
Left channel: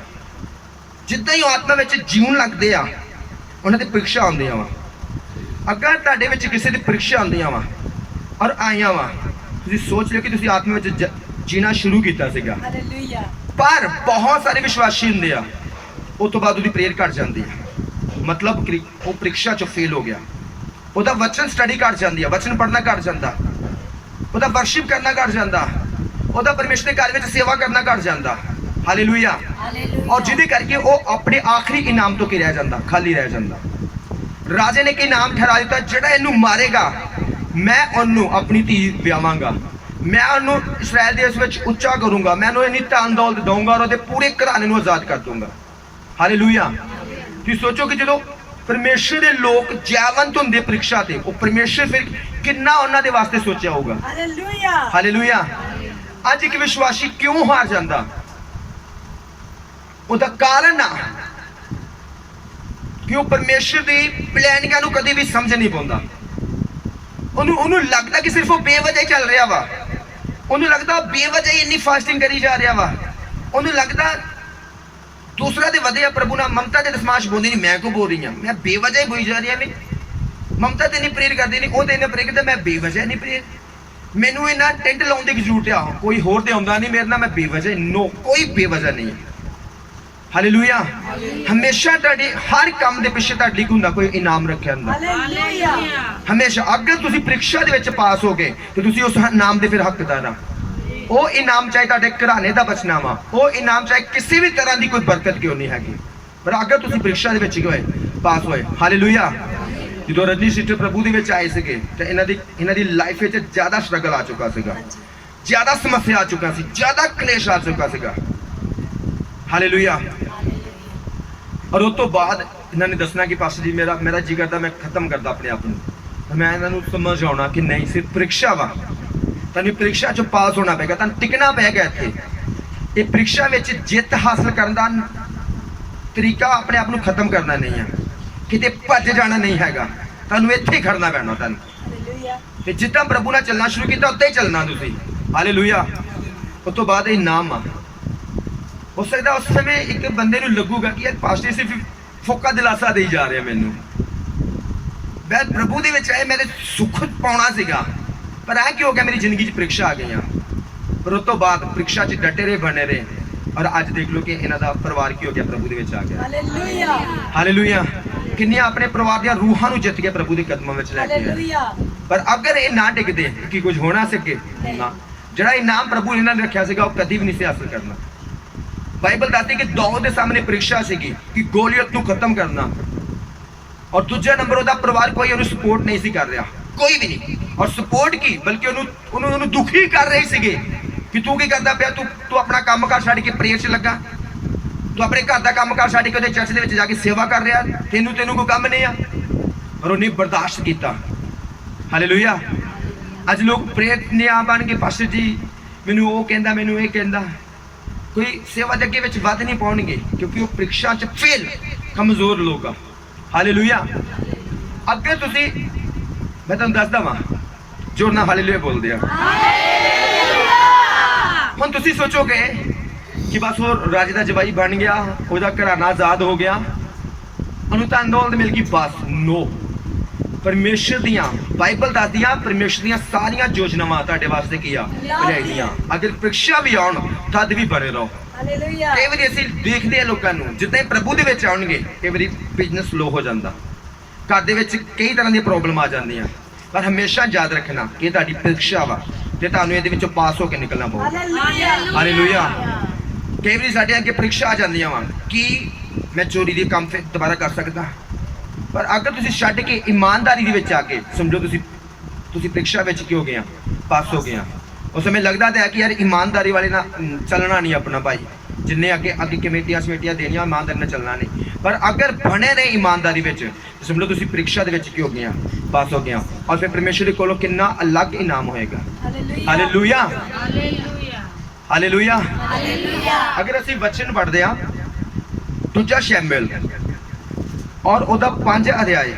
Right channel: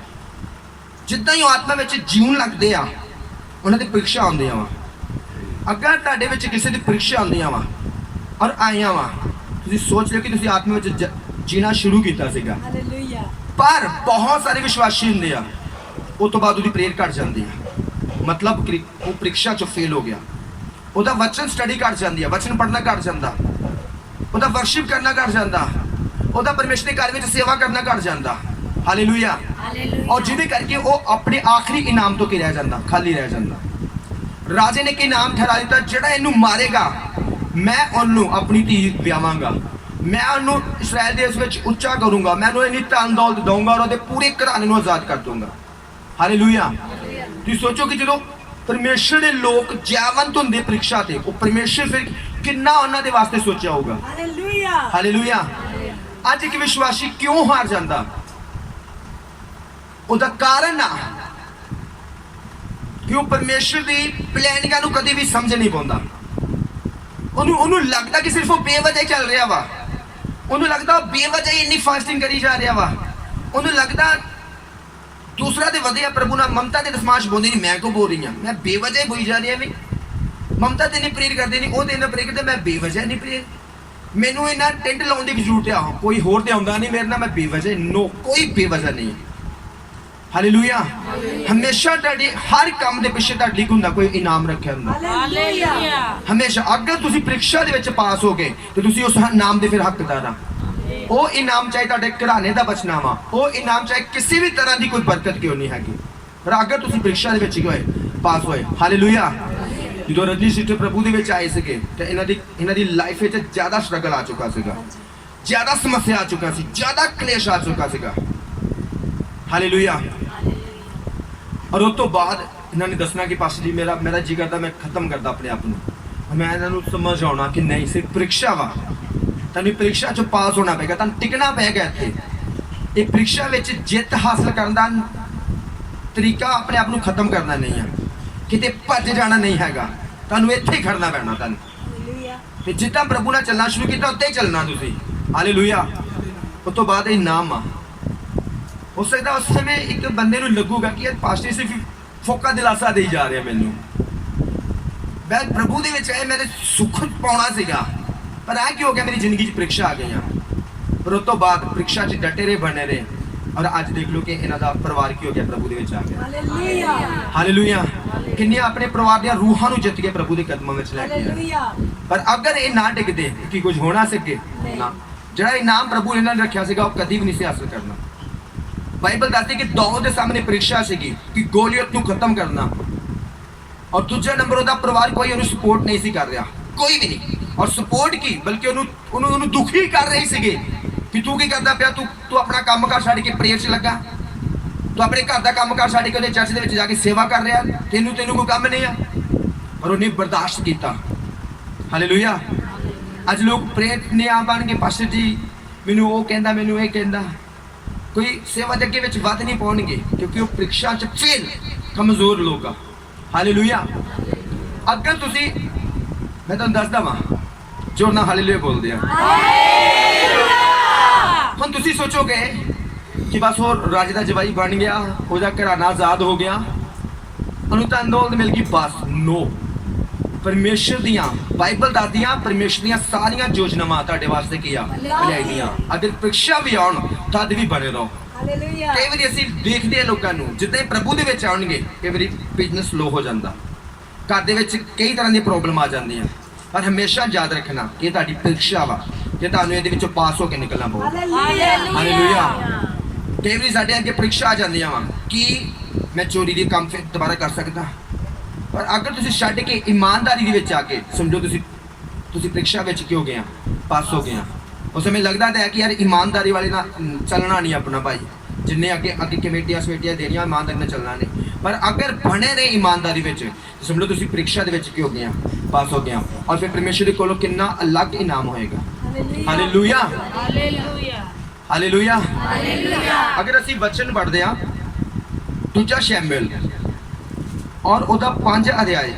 ਜਿੱਦਾਂ ਹੀ ਉਹ ਆਤਮਾ ਵਿੱਚ ਜੀਉਣ ਲੱਗਦੇ ਆ ਉਹਨਾਂ ਦੀ ਪ੍ਰੀਖਿਆ ਆਉਂਦੀਆਂ ਵਾ। ਅਗਰ ਤੁਹਾਡੇ ਵਿੱਚ ਕਿਸੇ ਦੀ ਪ੍ਰੀਖਿਆ ਆਉਂਦੀਆਂ ਵਾ ਔਰ ਆਈਆਂ ਵਾ, ਤੁਸੀਂ ਸੋਚ ਲਿਓ ਕਿ ਤੁਸੀਂ ਆਤਮਾ ਵਿੱਚ ਜੀਣਾ ਸ਼ੁਰੂ ਕੀਤਾ ਸੀਗਾ। ਹਾਲੇਲੂਇਆ। ਪਰ ਬਹੁਤ ਸਾਰੇ ਵਿਸ਼ਵਾਸੀ ਹੁੰਦੇ ਆ ਉਸ ਤੋਂ ਬਾਅਦ ਉਹਦੀ ਪ੍ਰੇਅਰ ਘਟ ਜਾਂਦੀ ਆ, ਮਤਲਬ ਕਿ ਉਹ ਪ੍ਰੀਖਿਆ ਚੋਂ ਫੇਲ ਹੋ ਗਿਆ। ਉਹਦਾ ਵਚਨ ਸਟੱਡੀ ਘਟ ਜਾਂਦੀ ਆ, ਵਚਨ ਪੜ੍ਹਨਾ ਘਟ ਜਾਂਦਾ, ਉਹਦਾ ਵਰਸ਼ਿਪ ਕਰਨਾ ਘਟ ਜਾਂਦਾ, ਉਹਦਾ ਪਰਮੇਸ਼ਰ ਦੇ ਘਰ ਵਿੱਚ ਸੇਵਾ ਕਰਨਾ ਘਟ ਜਾਂਦਾ। ਹਾਲੇਲੂਇਆ। ਔਰ ਜਿਹਦੇ ਕਰਕੇ ਉਹ ਆਪਣੇ ਆਖਰੀ ਇਨਾਮ ਤੋਂ ਕੀ ਰਹਿ ਜਾਂਦਾ, ਖਾਲੀ ਰਹਿ ਜਾਂਦਾ। ਰਾਜੇ ਨੇ ਕਿ ਇਨਾਮ ਠਹਿਰਾ ਦਿੱਤਾ, ਜਿਹੜਾ ਇਹਨੂੰ ਮਾਰੇਗਾ ਮੈਂ ਉਹਨੂੰ ਆਪਣੀ ਧੀ ਵਿਆਵਾਂਗਾ, ਮੈਂ ਉਹਨੂੰ ਇਸਰਾਇਲ ਦੇਸ਼ ਵਿੱਚ ਉੱਚਾ ਕਰੂੰਗਾ, ਮੈਂ ਉਹਨੂੰ ਇੰਨੀ ਧਨ ਦੌਲਤ ਦਊਂਗਾ ਔਰ ਉਹਦੇ ਪੂਰੇ ਘਰਾਣੇ ਨੂੰ ਆਜ਼ਾਦ ਕਰ ਦੂੰਗਾ। ਹਾਲੇਲੂਇਆ। ਤੁਸੀਂ ਸੋਚੋ ਕਿ ਜਦੋਂ ਪਰਮੇਸ਼ਰ ਦੇ ਲੋਕ ਜੈਵੰਤ ਹੁੰਦੇ ਪ੍ਰੀਖਿਆ ਤੇ, ਉਹ ਪਰਮੇਸ਼ਰ ਫਿਰ ਕਿੰਨਾ ਉਹਨਾਂ ਦੇ ਵਾਸਤੇ ਸੋਚਿਆ ਹੋਊਗਾ। ਹਾਲੇਲੂਇਆ। ਹਾਲੇਲੂਇਆ। ਅੱਜ ਇੱਕ ਵਿਸ਼ਵਾਸੀ ਕਿਉਂ ਹਾਰ ਜਾਂਦਾ, ਉਹਦਾ ਕਾਰਨ ਆ ਕਿ ਉਹ ਪਰਮੇਸ਼ਰ ਦੀ ਪਲੈਨਿੰਗਾਂ ਨੂੰ ਕਦੇ ਵੀ ਸਮਝ ਨਹੀਂ ਪਾਉਂਦਾ। ਉਹਨੂੰ ਲੱਗਦਾ ਕਿ ਸਿਰਫ ਉਹ ਬੇਵਜ੍ਹਾ ਹੀ ਚੱਲ ਰਿਹਾ ਵਾ, ਉਹਨੂੰ ਲੱਗਦਾ ਉਹ ਬੇਵਜ੍ਹਾ ਹੀ ਇੰਨੀ ਫਾਸਟਿੰਗ ਕਰੀ ਜਾ ਰਿਹਾ ਵਾ, ਉਹਨੂੰ ਲੱਗਦਾ ਦੂਸਰਾ ਦੇ ਵਧਿਆ ਪ੍ਰਭੂ ਨਾਲ ਮਮਤਾ ਦੇ ਦਸਮਾਸ਼ ਬੋਲਦੀ ਨਹੀਂ, ਮੈਂ ਕਿਉਂ ਬੋਲ ਰਹੀ ਹਾਂ, ਮੈਂ ਬੇਵਜ੍ਹਾ ਹੀ ਬੋਈ ਜਾ ਰਹੀ ਹਾਂ। ਵੀ ਮਮਤਾ ਤੇ ਨਹੀਂ ਪ੍ਰੇਰ ਕਰਦੀ, ਨਹੀਂ ਉਹ ਤੇ ਇਹਨਾਂ ਪ੍ਰੇਰ ਕਰਦਾ, ਮੈਂ ਬੇਵਜ੍ਹਾ ਨਹੀਂ ਪ੍ਰੇਰ, ਮੈਨੂੰ ਇਹਨਾਂ ਟੈਂਟ ਲਾਉਣ ਦੀ ਜ਼ਰੂਰਤ ਆ, ਕੋਈ ਹੋਰ ਤੇ ਆਉਂਦਾ ਨਹੀਂ ਮੇਰੇ ਨਾਲ, ਮੈਂ ਬੇਵਜ੍ਹਾ ਨੋ, ਕੋਈ ਬੇਵਜ੍ਹਾ ਨਹੀਂ। ਹਾਲੇਲੂਇਆ। ਹਮੇਸ਼ਾ ਤੁਹਾਡੇ ਹਰ ਕੰਮ ਦੇ ਪਿੱਛੇ ਤੁਹਾਡੇ ਲਈ ਹੁੰਦਾ ਕੋਈ ਇਨਾਮ ਰੱਖਿਆ ਹੁੰਦਾ। ਹਾਲੇਲੂਇਆ। ਹਮੇਸ਼ਾ ਅਗਰ ਤੁਸੀਂ ਪ੍ਰੀਖਿਆ ਦੇ ਵਿੱਚ ਪਾਸ ਹੋ ਗਏ ਤੇ ਤੁਸੀਂ ਉਸ ਇਨਾਮ ਦੇ ਫਿਰ ਹੱਕਦਾਰ ਆ। ਉਹ ਇਨਾਮ ਚਾਹੇ ਤੁਹਾਡੇ ਘਰਾਣੇ ਦਾ ਬਚਣਾ ਵਾ, ਉਹ ਇਨਾਮ ਚਾਹੇ ਕਿਸੇ ਵੀ ਤਰ੍ਹਾਂ ਦੀ ਕੋਈ ਬਰਕਤ ਕਿਉਂ ਨਹੀਂ ਹੈਗੀ, ਪਰ ਅਗਰ ਤੁਸੀਂ ਪ੍ਰੀਖਿਆ ਦੇ ਵਿੱਚ ਗਏ, ਪਾਸ ਹੋਏ। ਹਾਲੇਲੂਇਆ। ਜਦੋਂ ਰਜਨੀ ਸਿਸਟਰ ਪ੍ਰਭੂ ਦੇ ਵਿੱਚ ਆਏ ਸੀਗੇ ਤੇ ਇਹਨਾਂ ਦੀ ਲਾਈਫ ਵਿੱਚ ਜ਼ਿਆਦਾ ਸਟਰਗਲ ਆ ਚੁੱਕਾ ਸੀਗਾ, ਜ਼ਿਆਦਾ ਸਮੱਸਿਆ ਆ ਚੁੱਕਾ ਸੀ, ਜ਼ਿਆਦਾ ਕਲੇਸ਼ ਆ ਚੁੱਕਾ ਸੀਗਾ। ਹਾਲੇਲੂਇਆ। ਔਰ ਉਸ ਤੋਂ ਬਾਅਦ ਇਹਨਾਂ ਨੇ ਦੱਸਣਾ ਕਿ ਪਾਸਟਰ ਜੀ ਮੇਰਾ ਜੀ ਕਰਦਾ ਮੈਂ ਖਤਮ ਕਰਦਾ ਆਪਣੇ ਆਪ ਨੂੰ। ਮੈਂ ਇਹਨਾਂ ਨੂੰ ਸਮਝ ਆਉਣਾ ਕਿ ਨਹੀਂ, ਸਿਰਫ ਪ੍ਰੀਖਿਆ ਵਾ, ਤੁਹਾਨੂੰ ਪ੍ਰੀਖਿਆ ਚੋਂ ਪਾਸ ਹੋਣਾ ਪਏਗਾ, ਤੁਹਾਨੂੰ ਟਿਕਣਾ ਪਏਗਾ ਇੱਥੇ। ਇਹ ਪ੍ਰੀਖਿਆ ਵਿੱਚ ਜਿੱਤ ਹਾਸਲ ਕਰਨ ਦਾ ਤਰੀਕਾ ਆਪਣੇ ਆਪ ਨੂੰ ਖਤਮ ਕਰਨਾ ਨਹੀਂ ਆ, ਕਿਤੇ ਭੱਜ ਜਾਣਾ ਨਹੀਂ ਹੈਗਾ, ਤੁਹਾਨੂੰ ਇੱਥੇ ਹੀ ਖੜਨਾ ਪੈਣਾ ਤੁਹਾਨੂੰ। ਹਾਲੇਲੂਇਆ। ਤੇ ਜਿੱਦਾਂ ਪ੍ਰਭੂ ਨਾਲ ਚੱਲਣਾ ਸ਼ੁਰੂ ਕੀਤਾ ਉੱਦਾਂ ਹੀ ਚੱਲਣਾ ਤੁਸੀਂ। ਹਾਲੇਲੂਇਆ। ਉਸ ਤੋਂ ਬਾਅਦ ਇਹ ਨਾਮ ਆ, ਹੋ ਸਕਦਾ ਉਸ ਸਮੇਂ ਇੱਕ ਬੰਦੇ ਨੂੰ ਲੱਗੂਗਾ ਕਿ ਯਾਰ ਪਾਸਟਰ ਸਿਰਫ ਫੋਕਾ ਦਿਲਾਸਾ ਦੇਈ ਜਾ ਰਿਹਾ ਮੈਨੂੰ, ਮੈਂ ਪ੍ਰਭੂ ਦੇ ਵਿੱਚ ਆਏ ਮੇਰੇ ਸੁੱਖ ਪਾਉਣਾ ਸੀਗਾ, ਪਰ ਆ ਕੀ ਹੋ ਗਿਆ, ਮੇਰੀ ਜ਼ਿੰਦਗੀ 'ਚ ਪ੍ਰੀਖਿਆ ਆ ਗਈਆਂ। ਪਰ ਉਸ ਤੋਂ ਬਾਅਦ ਪ੍ਰੀਖਿਆ 'ਚ ਡਟੇ ਰਹੇ, ਬਣੇ ਰਹੇ, ਔਰ ਅੱਜ ਦੇਖ ਲਓ ਕਿ ਇਹਨਾਂ ਦਾ ਪਰਿਵਾਰ ਕੀ ਹੋ ਗਿਆ, ਪ੍ਰਭੂ ਦੇ ਵਿੱਚ ਆ ਗਿਆ। ਹਾਲੇਲੂਇਆ। ਹਾਲੇਲੂਇਆ। ਕਿੰਨੀਆਂ ਆਪਣੇ ਪਰਿਵਾਰ ਦੀਆਂ ਰੂਹਾਂ ਨੂੰ ਜਿੱਤ ਕੇ ਪ੍ਰਭੂ ਦੇ ਕਦਮਾਂ ਵਿੱਚ ਲੈ ਕੇ ਆਏ। ਹਾਲੇਲੂਇਆ। ਪਰ ਅਗਰ ਇਹ ਨਾ ਟਿਕਦੇ ਕਿ ਕੁਝ ਹੋਣਾ ਸੀ ਅੱਗੇ ਨਾ, ਜਿਹੜਾ ਇਨਾਮ ਪ੍ਰਭੂ ਇਹਨਾਂ ਨੇ ਰੱਖਿਆ ਸੀਗਾ ਉਹ ਕਦੀ ਵੀ ਨਹੀਂ ਸੀ ਹਾਸਲ ਕਰਨਾ। ਬਾਈਬਲ ਦੱਸਦੀ ਕਿ ਦਾਊਦ ਦੇ ਸਾਹਮਣੇ ਪ੍ਰੀਖਿਆ ਸੀਗੀ ਕਿ ਗੋਲੀਅਤ ਨੂੰ ਖਤਮ ਕਰਨਾ, ਔਰ ਦੂਜਾ ਨੰਬਰ ਉਹਦਾ ਪਰਿਵਾਰ ਕੋਈ ਉਹਨੂੰ ਸਪੋਰਟ ਨਹੀਂ ਸੀ ਕਰ ਰਿਹਾ, ਕੋਈ ਵੀ ਨਹੀਂ। ਔਰ ਸਪੋਰਟ ਕੀ, ਬਲਕਿ ਉਹਨੂੰ ਦੁਖੀ ਕਰ ਰਹੇ ਸੀਗੇ ਕਿ ਤੂੰ ਕੀ ਕਰਦਾ ਪਿਆ, ਤੂੰ ਆਪਣਾ ਕੰਮ ਕਾਰ ਛੱਡ ਕੇ ਪ੍ਰੇਅਰ 'ਚ ਲੱਗਾ, ਤੂੰ ਆਪਣੇ ਘਰ ਦਾ ਕੰਮ ਕਾਰ ਛੱਡ ਕੇ ਉਹਦੇ ਚਰਚ ਦੇ ਵਿੱਚ ਜਾ ਕੇ ਸੇਵਾ ਕਰ ਰਿਹਾ, ਤੈਨੂੰ ਕੋਈ ਕੰਮ ਨਹੀਂ ਆ। ਔਰ ਉਹਨੇ ਬਰਦਾਸ਼ਤ ਕੀਤਾ। ਹਾਲੇਲੂਇਆ। ਅੱਜ ਲੋਕ ਪ੍ਰੇਅਰ ਨੇ ਆ ਬਣ ਕੇ ਪਾਸਟਰ ਜੀ ਮੈਨੂੰ ਉਹ ਕਹਿੰਦਾ, ਮੈਨੂੰ ਇਹ ਕਹਿੰਦਾ, ਕੋਈ ਸੇਵਾ ਦੇ ਅੱਗੇ ਵਿੱਚ ਵੱਧ ਨਹੀਂ ਪਾਉਣਗੇ ਕਿਉਂਕਿ ਉਹ ਪ੍ਰੀਖਿਆ 'ਚ ਫੇਲ, ਕਮਜ਼ੋਰ ਲੋਕ ਆ। ਹਾਲੇਲੂਇਆ। ਅੱਗੇ ਤੁਸੀਂ, ਮੈਂ ਤੁਹਾਨੂੰ ਦੱਸਦਾ ਵਾਂ, ਜੋਰ ਨਾਲ ਹਾਲੇਲੂਇਆ ਬੋਲਦੇ ਆ। ਹੁਣ ਤੁਸੀਂ ਸੋਚੋਗੇ ਕਿ ਬਸ ਉਹ ਰਾਜੇ ਦਾ ਜਵਾਈ ਬਣ ਗਿਆ, ਉਹਦਾ ਘਰਾਣਾ ਆਜ਼ਾਦ ਹੋ ਗਿਆ, ਉਹਨੂੰ ਧਨ ਦੌਲਤ ਮਿਲ ਗਈ, ਬਸ ਨੋ। ਪਰਮੇਸ਼ਰ ਦੀਆਂ, ਬਾਈਬਲ ਦੱਸਦੀਆਂ ਪਰਮੇਸ਼ਰ ਦੀਆਂ ਸਾਰੀਆਂ ਯੋਜਨਾਵਾਂ ਤੁਹਾਡੇ ਵਾਸਤੇ ਕੀ ਆ, ਬਣਾਈਆਂ। ਅਗਰ ਪ੍ਰੀਖਿਆ ਵੀ ਆਉਣ ਤਦ ਵੀ ਬਣੇ ਰਹੋ। ਹਾਲੇਲੂਇਆ। ਕਈ ਵਾਰੀ ਅਸੀਂ ਦੇਖਦੇ ਹਾਂ ਲੋਕਾਂ ਨੂੰ ਜਿੱਦਾਂ ਹੀ ਪ੍ਰਭੂ ਦੇ ਵਿੱਚ ਆਉਣਗੇ ਕਈ ਵਾਰੀ ਬਿਜ਼ਨਸ ਸਲੋ ਹੋ ਜਾਂਦਾ, ਘਰ ਦੇ ਵਿੱਚ ਕਈ ਤਰ੍ਹਾਂ ਦੀਆਂ ਪ੍ਰੋਬਲਮ ਆ ਜਾਂਦੀਆਂ, ਪਰ ਹਮੇਸ਼ਾ ਯਾਦ ਰੱਖਣਾ ਕਿ ਇਹ ਤੁਹਾਡੀ ਪ੍ਰੀਖਿਆ ਵਾ ਤੇ ਤੁਹਾਨੂੰ ਇਹਦੇ ਵਿੱਚੋਂ ਪਾਸ ਹੋ ਕੇ ਨਿਕਲਣਾ ਪਊਗਾ। ਹਾਲੇਲੂਇਆ। ਕਈ ਵਾਰੀ ਸਾਡੇ ਅੱਗੇ ਪ੍ਰੀਖਿਆ ਆ ਜਾਂਦੀਆਂ ਵਾ ਕਿ ਮੈਂ ਚੋਰੀ ਦੇ ਕੰਮ ਫਿਰ ਦੁਬਾਰਾ ਕਰ ਸਕਦਾ, ਪਰ ਅਗਰ ਤੁਸੀਂ ਛੱਡ ਕੇ ਇਮਾਨਦਾਰੀ ਦੇ ਵਿੱਚ ਆ ਕੇ ਸਮਝੋ ਤੁਸੀਂ ਪ੍ਰੀਖਿਆ ਵਿੱਚ ਕੀ ਹੋ ਗਏ, ਪਾਸ ਹੋ ਗਏ। ਉਸ ਸਮੇਂ ਲੱਗਦਾ ਤਾਂ ਹੈ ਕਿ ਯਾਰ ਇਮਾਨਦਾਰੀ ਵਾਲੇ ਨਾਲ ਚੱਲਣਾ ਨਹੀਂ ਆਪਣਾ ਭਾਈ, ਜਿੰਨੇ ਅੱਗੇ ਕਮੇਟੀਆਂ ਦੇਣੀਆਂ ਇਮਾਨਦਾਰੀ ਨਾਲ ਚੱਲਣਾ ਨਹੀਂ, ਪਰ ਅਗਰ ਬਣੇ ਨੇ ਇਮਾਨਦਾਰੀ ਵਿੱਚ ਸਮਝੋ ਤੁਸੀਂ ਪ੍ਰੀਖਿਆ ਦੇ ਵਿੱਚ ਕੀ ਹੋ ਗਏ, ਪਾਸ ਹੋ ਗਏ। ਔਰ ਫਿਰ ਪਰਮੇਸ਼ਰ ਦੇ ਕੋਲੋਂ ਕਿੰਨਾ ਅਲੱਗ ਇਨਾਮ ਹੋਏਗਾ। ਹਾਲੇਲੂਇਆ ਹਾਲੇਲੂਇਆ ਹਾਲੇਲੂਇਆ ਹਾਲੇਲੂਇਆ ਅਗਰ ਅਸੀਂ ਵਚਨ ਪੜ੍ਹਦੇ ਹਾਂ ਦੂਜਾ ਸ਼ੈਮੂਏਲ ਔਰ ਉਹਦਾ 5 ਅਧਿਆਏ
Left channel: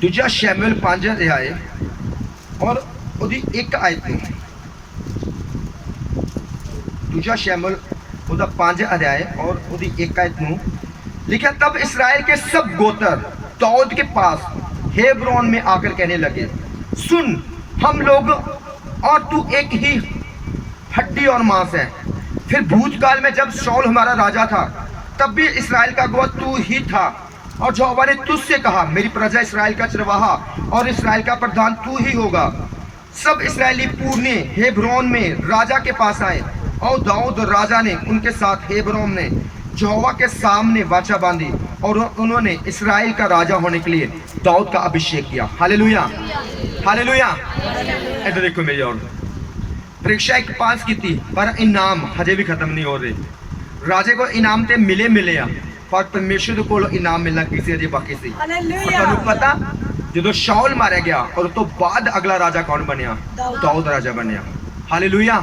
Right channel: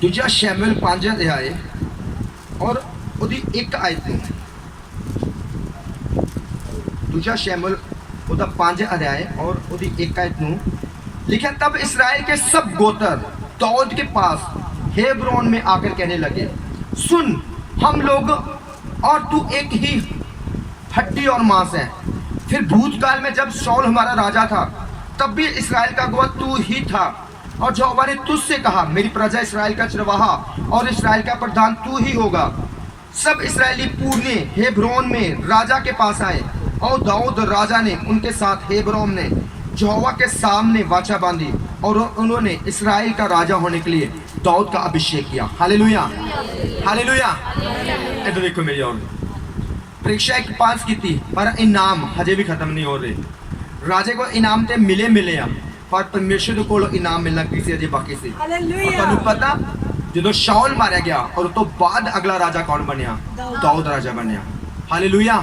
ਦੂਜਾ ਸ਼ੈਮੂਏਲ 5 ਅਧਿਆਏ ਔਰ ਉਹਦੀ ਇੱਕ ਆਇਤ ਨੂੰ ਦੂਜਾ शमूएल ਉਹਦਾ 5 अध्याय और ਉਹਦੀ एक आयत ਨੂੰ लिखा तब इस्राएल के सब गोत्र दाऊद के पास हेब्रोन में आकर कहने लगे सुन हम लोग और तू एक ही हड्डी और मांस है फिर भूतकाल में जब शाऊल हमारा राजा था तब भी इस्राएल का अगुआ तू ही था और यहोवा ने तुझसे कहा मेरी प्रजा इस्राएल का चरवाहा और इस्राएल का प्रधान तू ही होगा सब इस्राएली पुरने हेब्रोन में राजा के पास आए और दाऊद राजा ने उनके साथ हेब्रोन में यहोवा के सामने वाचा बांधी और उन्होंने इस्राएल का राजा होने के लिए दाऊद का अभिषेक किया हालेलुया हालेलुया इधर देखो मेरी और परीक्षा एक पास की थी पर इनाम हजे भी खत्म नहीं हो रहे राजे को इनाम ते मिले आ पर परमेश्वर को इनाम मिलना किसी अजे बाकी सी और ਤੁਹਾਨੂੰ ਪਤਾ ਜਦੋਂ ਸ਼ਾऊल ਮਾਰਿਆ ਗਿਆ ਔਰ ਉਸ ਤੋਂ ਬਾਅਦ ਅਗਲਾ ਰਾਜਾ ਕੌਣ ਬਣਿਆ ਦਾਊਦ ਰਾਜਾ ਬਣਿਆ ਹਾਲੇਲੂਇਆ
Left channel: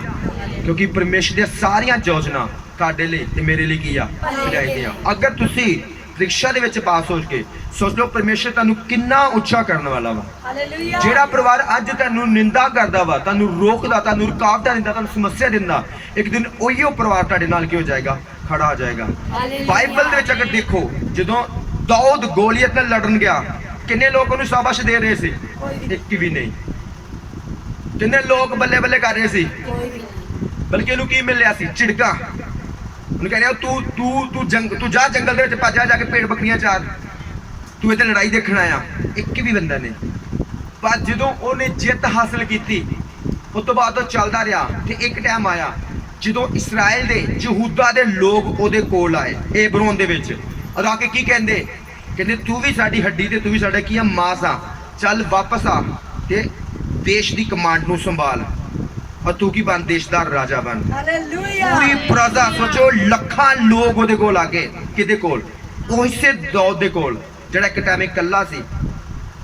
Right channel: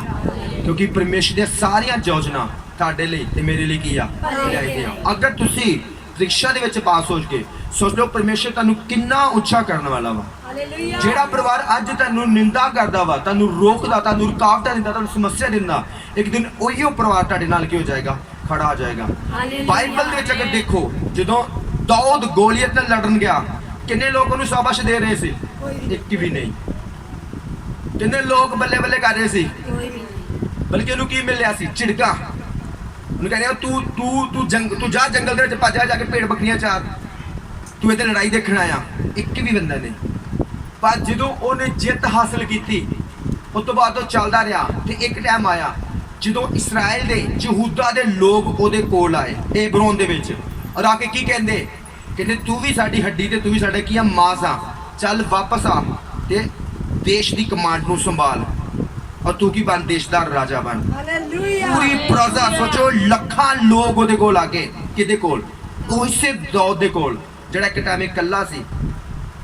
ਕਿਉਂਕਿ ਪਰਮੇਸ਼ਰ ਦੀਆਂ ਸਾਰੀਆਂ ਯੋਜਨਾ ਤੁਹਾਡੇ ਲਈ ਤੇ ਮੇਰੇ ਲਈ ਕੀ ਆ ਲਿਆਈਆਂ ਅਗਰ ਤੁਸੀਂ ਪ੍ਰੀਖਿਆ ਦੇ ਵਿੱਚ ਪਾਸ ਹੋ ਕੇ ਸੋਚ ਲਓ ਪਰਮੇਸ਼ਰ ਤੁਹਾਨੂੰ ਕਿੰਨਾ ਉੱਚਾ ਕਰਨ ਵਾਲਾ ਵਾ ਜਿਹੜਾ ਪਰਿਵਾਰ ਅੱਜ ਤੁਹਾਨੂੰ ਨਿੰਦਾ ਕਰਦਾ ਵਾ ਤੁਹਾਨੂੰ ਰੋਕਦਾ ਤੁਹਾਨੂੰ ਰੁਕਾਵਟਾਂ ਦਿੰਦਾ ਤੁਹਾਨੂੰ ਸਮੱਸਿਆ ਦਿੰਦਾ ਇੱਕ ਦਿਨ ਉਹੀਓ ਪਰਿਵਾਰ ਤੁਹਾਡੇ ਨਾਲ ਕੀ ਹੋ ਜਾਏਗਾ ਖੜਾ ਹੋ ਜਾਏਗਾ ਬਾਈਬਲ ਦੇ ਵਿੱਚ ਅਗਰ ਦੇਖੋ ਜਦੋਂ ਦਾਊਦ ਗੋਲੀਅਤ ਨਾਲ ਲੜਨ ਗਿਆ ਕਿੰਨੇ ਲੋਕ ਉਹਨੂੰ ਸ਼ਾਬਾਸ਼ ਦੇ ਰਹੇ ਸੀ ਇੱਕ ਵੀ ਨਹੀਂ ਕਿੰਨੇ ਲੋਕ ਬੱਲੇ ਬੱਲੇ ਕਰ ਰਹੇ ਸੀ ਬਲਕਿ ਉਹਨੂੰ ਕੀ ਮਿਲਿਆ ਸੀ ਝਿੜਕਾਂ ਉਹਨੂੰ ਕਹਿ ਰਿਹਾ ਤੂੰ ਜਾ ਜੰਗਲ ਦੇ ਵਿੱਚ ਭੱਜ ਜਾ ਕੇ ਭੇਡ ਬੱਕਰੀਆਂ ਚਾਰ ਤੂੰ ਇੱਥੇ ਲੜਾਈ ਦੇਖਣ ਆਇਆ ਇੱਕ ਵੀ ਬੰਦਾ ਨਹੀਂ ਪਰ ਜਦੋਂ ਉਹਨੇ ਜਿੱਤ ਹਾਸਲ ਕੀਤੀ ਉਸ ਤੋਂ ਬਾਅਦ ਉਹ ਚੱਲਦਾ ਰਿਹਾ ਤੇ ਇੱਕ ਟਾਈਮ ਆਇਆ ਜਦੋਂ ਇਸਰਾਇਲ ਦੇ ਯਹੂਦਾ ਦੇ ਲੋਕ ਉਹਦੇ ਕੋਲ ਆਏ ਹੈਬਰੋਨ ਦੇ ਵਿੱਚ ਔਰ ਆ ਕੇ ਕੀ ਕਹਿੰਦੇ ਤੂੰ ਵੀ ਸਾਡੀ ਹੱਡੀ ਤੇ ਤੂੰ ਵੀ ਸਾਡਾ ਕੀ ਆ ਮਾਸ ਆ ਚੱਲ ਵਾਪਸ ਆ ਤੇ ਦੇਸ਼ ਦੀ ਕਮਾਂਡ ਨੂੰ ਸੰਭਾਲ और तू की बन देश दा राजा बन पूरी प्रजा सोचो ਲੱਖਾਂ ਲੋਕ ਉਹਦੇ ਕੋਲ ਆ ਗਏ ਕਿਹਦੇ ਕੋਲ ਉਸੇ ਦਾਊਦ ਦੇ ਕੋਲ ਜਿਹੜਾ ਇੱਕ ਟਾਈਮ ਇਕੱਲਾ ਸੀ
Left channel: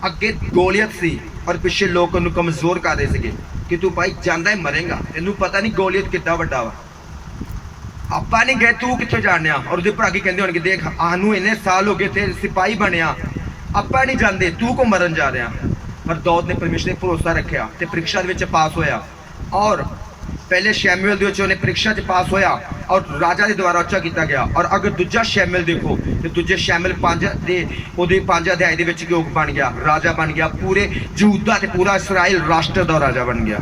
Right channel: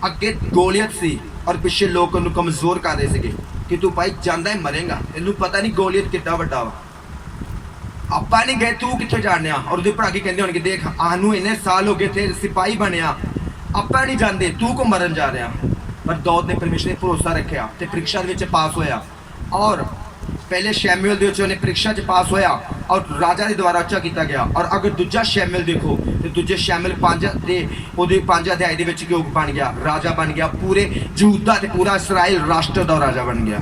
ਅੱਗੇ ਗੋਲੀਅਤ ਸੀ ਔਰ ਪਿੱਛੇ ਲੋਕ ਉਹਨੂੰ ਕਮਜ਼ੋਰ ਕਰ ਰਹੇ ਸੀਗੇ ਕਿ ਤੂੰ ਭਾਈ ਜਾਂਦਾ ਹੀ ਮਰੇਗਾ ਤੈਨੂੰ ਪਤਾ ਨਹੀਂ ਗੋਲੀਅਤ ਕਿੱਡਾ ਵੱਡਾ ਵਾ ਆਪਾਂ ਨਹੀਂ ਗਏ ਤੂੰ ਕਿੱਥੇ ਜਾਣਿਆ ਔਰ ਉਹਦੇ ਭਰਾ ਕੀ ਕਹਿੰਦੇ ਹੋਣਗੇ ਦੇਖ ਆਨੂੰ ਇੰਨੇ ਸਾਲ ਹੋ ਗਏ ਤੇ ਸਿਪਾਹੀ ਬਣਿਆ ਆਪਾਂ ਨਹੀਂ ਜਾਂਦੇ ਤੂੰ ਕੋ ਮਰਨ ਜਾ ਰਿਹਾ ਪਰ ਦਾਊਦ ਨੇ ਪਰਮੇਸ਼ਰ ਤੇ ਭਰੋਸਾ ਰੱਖਿਆ ਤੇ ਪ੍ਰੀਖਿਆ ਦੇ ਵਿੱਚ ਪਾਸ ਹੋਇਆ और पहले शैमुएल ਦੇ ਵਿੱਚ ਉਹਨੇ ਪ੍ਰੀਖਿਆ 'ਚ ਪਾਸ ਹੋਇਆ ਔਰ ਰਾਜਾ ਦੇ ਦੁਆਰਾ ਉੱਚਾ ਕੀਤਾ ਗਿਆ ਔਰ ਅਗਰ ਦੂਜਾ ਸ਼ੈਮੂਏਲ ਦੇਖੋ ਤੇ ਦੂਜੇ ਸ਼ੈਮੂਏਲ 5 ਦੇ ਉਹਦੇ 5 ਅਧਿਆਇ ਦੇ ਵਿੱਚ ਕੀ ਬਣ ਗਿਆ ਰਾਜਾ ਬਣ ਗਿਆ ਪੂਰੇ ਯਹੂਦਾ ਤੇ ਪੂਰਾ ਇਸਰਾਇਲ ਰਾਸ਼ਟਰ ਦਾ ਰਾਜਾ ਬਣ ਗਿਆ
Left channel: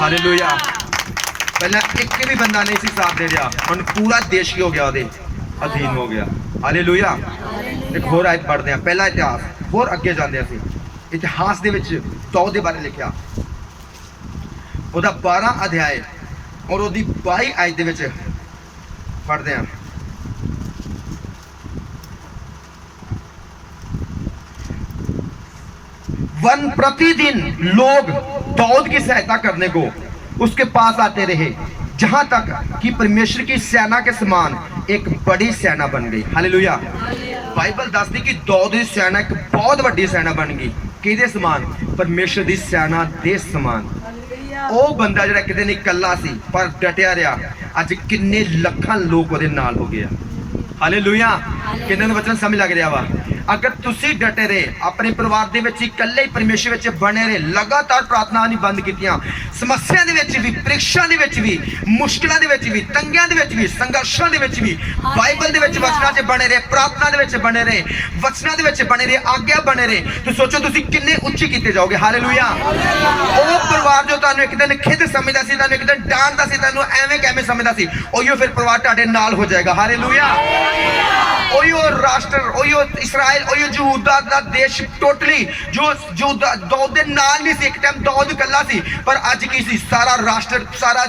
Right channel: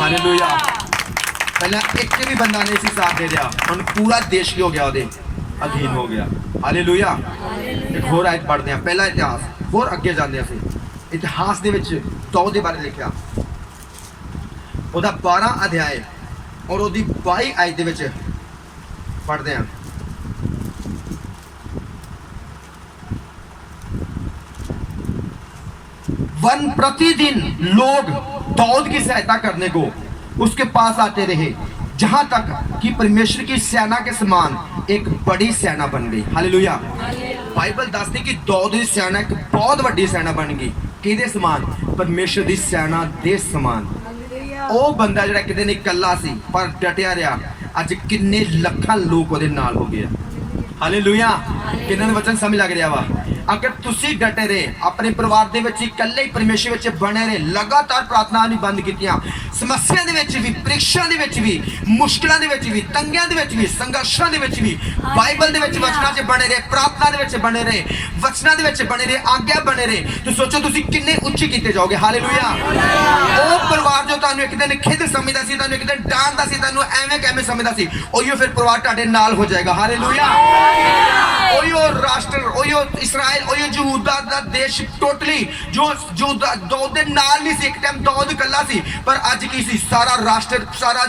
ਹਾਲੇਲੂਇਆ ਪਹਿਲਾਂ ਇੱਕ ਵੀ ਬੰਦਾ ਨਹੀਂ ਸੀ ਸਾਥ ਦੇ ਰਿਹਾ ਹੁਣ ਪੂਰਾ ਦੇਸ਼ ਕੀ ਹੋ ਗਿਆ ਉਹਦੇ ਅਧੀਨ ਹੋ ਗਿਆ ਹਾਲੇਲੂਇਆ ਇੱਕ ਹੋਰ ਆਇਤ ਪੜ੍ਹਦੇ ਆ ਪਹਿਲਾ ਇਤਿਹਾਸ ਹੋਰ ਅੱਗੇ ਜਾਂਦੇ ਅਸੀਂ ਇਤਿਹਾਸ ਦੇ ਵਿੱਚ ਦਾਊਦ ਦੇ ਬਾਰੇ ਲਿਖਿਆ ਉਹਦਾ 12 ਅਧਿਆਇ ਔਰ ਉਹਦੀ 22 ਆਇਤ ਦੇ ਵਿੱਚ ਪੜ੍ਹਦੇ ਹਾਂ वन प्रतिदिन लोग दाऊद की सहायता करने को उसके पास आते रहे जहां तक कि परमेश्वर की सेना के समान एक बड़ी सेना बन गई हालेलुया बाइबल दसदी कि दाऊद की सेना एक बहुत बड़ी सेना बन गई किहदे समान परमेश्वर की सेना दे समान ਉਹ ਬੰਦਾ ਜਿਹੜਾ ਕਿਤੇ ਨਹੀਂ ਇਕੱਲਾ ਸੀ ਪਰ ਡਟਿਆ ਰਿਹਾ ਅੱਜ ਕਿੰਨੇ ਲੱਖਾਂ ਲੋਕ ਉਹਦੇ ਨਾਲ ਹੋ ਗਏ ਹਾਲੇਲੂਇਆ ਕਿੰਨਾਂ ਨੂੰ ਵਚਨ ਸਮਝ ਲੱਗ ਰਿਹਾ ਵਾ ਅਗਰ ਤੁਸੀਂ ਡਟੇ ਰਹੇ ਆਪਣੇ ਪਰਿਵਾਰ ਦੇ ਵਿੱਚ ਇਕੱਲੇ ਹੀ ਪਰਮੇਸ਼ਰ ਵਿੱਚ ਬਣੇ ਰਹੇ ਲਗਾਤਾਰ ਪ੍ਰਾਰਥਨਾ ਨਹੀਂ ਬੰਦ ਕੀਤੀਆਂ ਸਮੱਸਿਆ ਦੇ ਵਿੱਚ ਵੀ ਪ੍ਰੀਖਿਆ ਦੇ ਵਿੱਚ ਵੀ ਮੁਸ਼ਕਿਲਾਂ ਦੇ ਵਿੱਚ ਵੀ ਤੰਗੀਆਂ ਦੇ ਵਿੱਚ ਵੀ ਸੰਘਰਸ਼ਾਂ ਦੇ ਵਿੱਚ ਵੀ ਬਾਈਬਲ ਦੇ ਵਿੱਚ ਵਚਨਾਂ 'ਚ ਬਣੇ ਰਹੇ ਪ੍ਰਾਰਥਨਾ ਦੇ ਵਿੱਚ ਬਣੇ ਰਹੇ ਵਚਨਾਂ ਦੇ ਵਿੱਚ ਬਣੇ ਰਹੇ ਆਗਿਆ ਬਣੇ ਰਹੇ ਤੁਸੀਂ ਸੋਚੋ ਤੁਸੀਂ ਕਿੰਨੇ ਉੱਚੇ ਕੀਤੇ ਜਾਓਗੇ ਹਾਲੇਲੂਇਆ ਉਹ ਪਰਿਵਾਰ ਜੋ ਤੁਹਾਨੂੰ ਇੱਕ ਦਿਨ ਖਿੱਦ ਸਮਝਦਾ ਸੀ ਤੁਹਾਨੂੰ ਇੱਕ ਦਿਨ ਡਾਂਟਦਾ ਸੀ ਤੁਹਾਨੂੰ ਐਵੇਂ ਕਿਵੇਂ ਸਮਝਦਾ ਸੀ ਉਹੀਓ ਫਿਰ ਪਰਿਵਾਰ ਤੁਹਾਡੇ ਨਾਲ ਹੋ ਜਾਏਗਾ ਹਾਲੇਲੂਇਆ ਉਹੀਓ ਰਾਸ਼ਟਰ ਉਹੀਓ ਇਸਰਾਇਲ ਉਹੀਓ ਯਹੂਦਾ ਦਾ ਦੇਸ਼ ਟੋਟਲੀ ਜੋ ਦਾਊਦ ਦੇ ਨਾਲ ਨਹੀਂ ਸੀ ਇੱਕ ਟਾਈਮ ਦਾਊਦ ਇਕੱਲਾ ਸੀ ਪਰ ਅੱਜ ਕੀ ਸੀ ਸਾਰਾ ਰਾਸ਼ਟਰ ਸਾਰਾ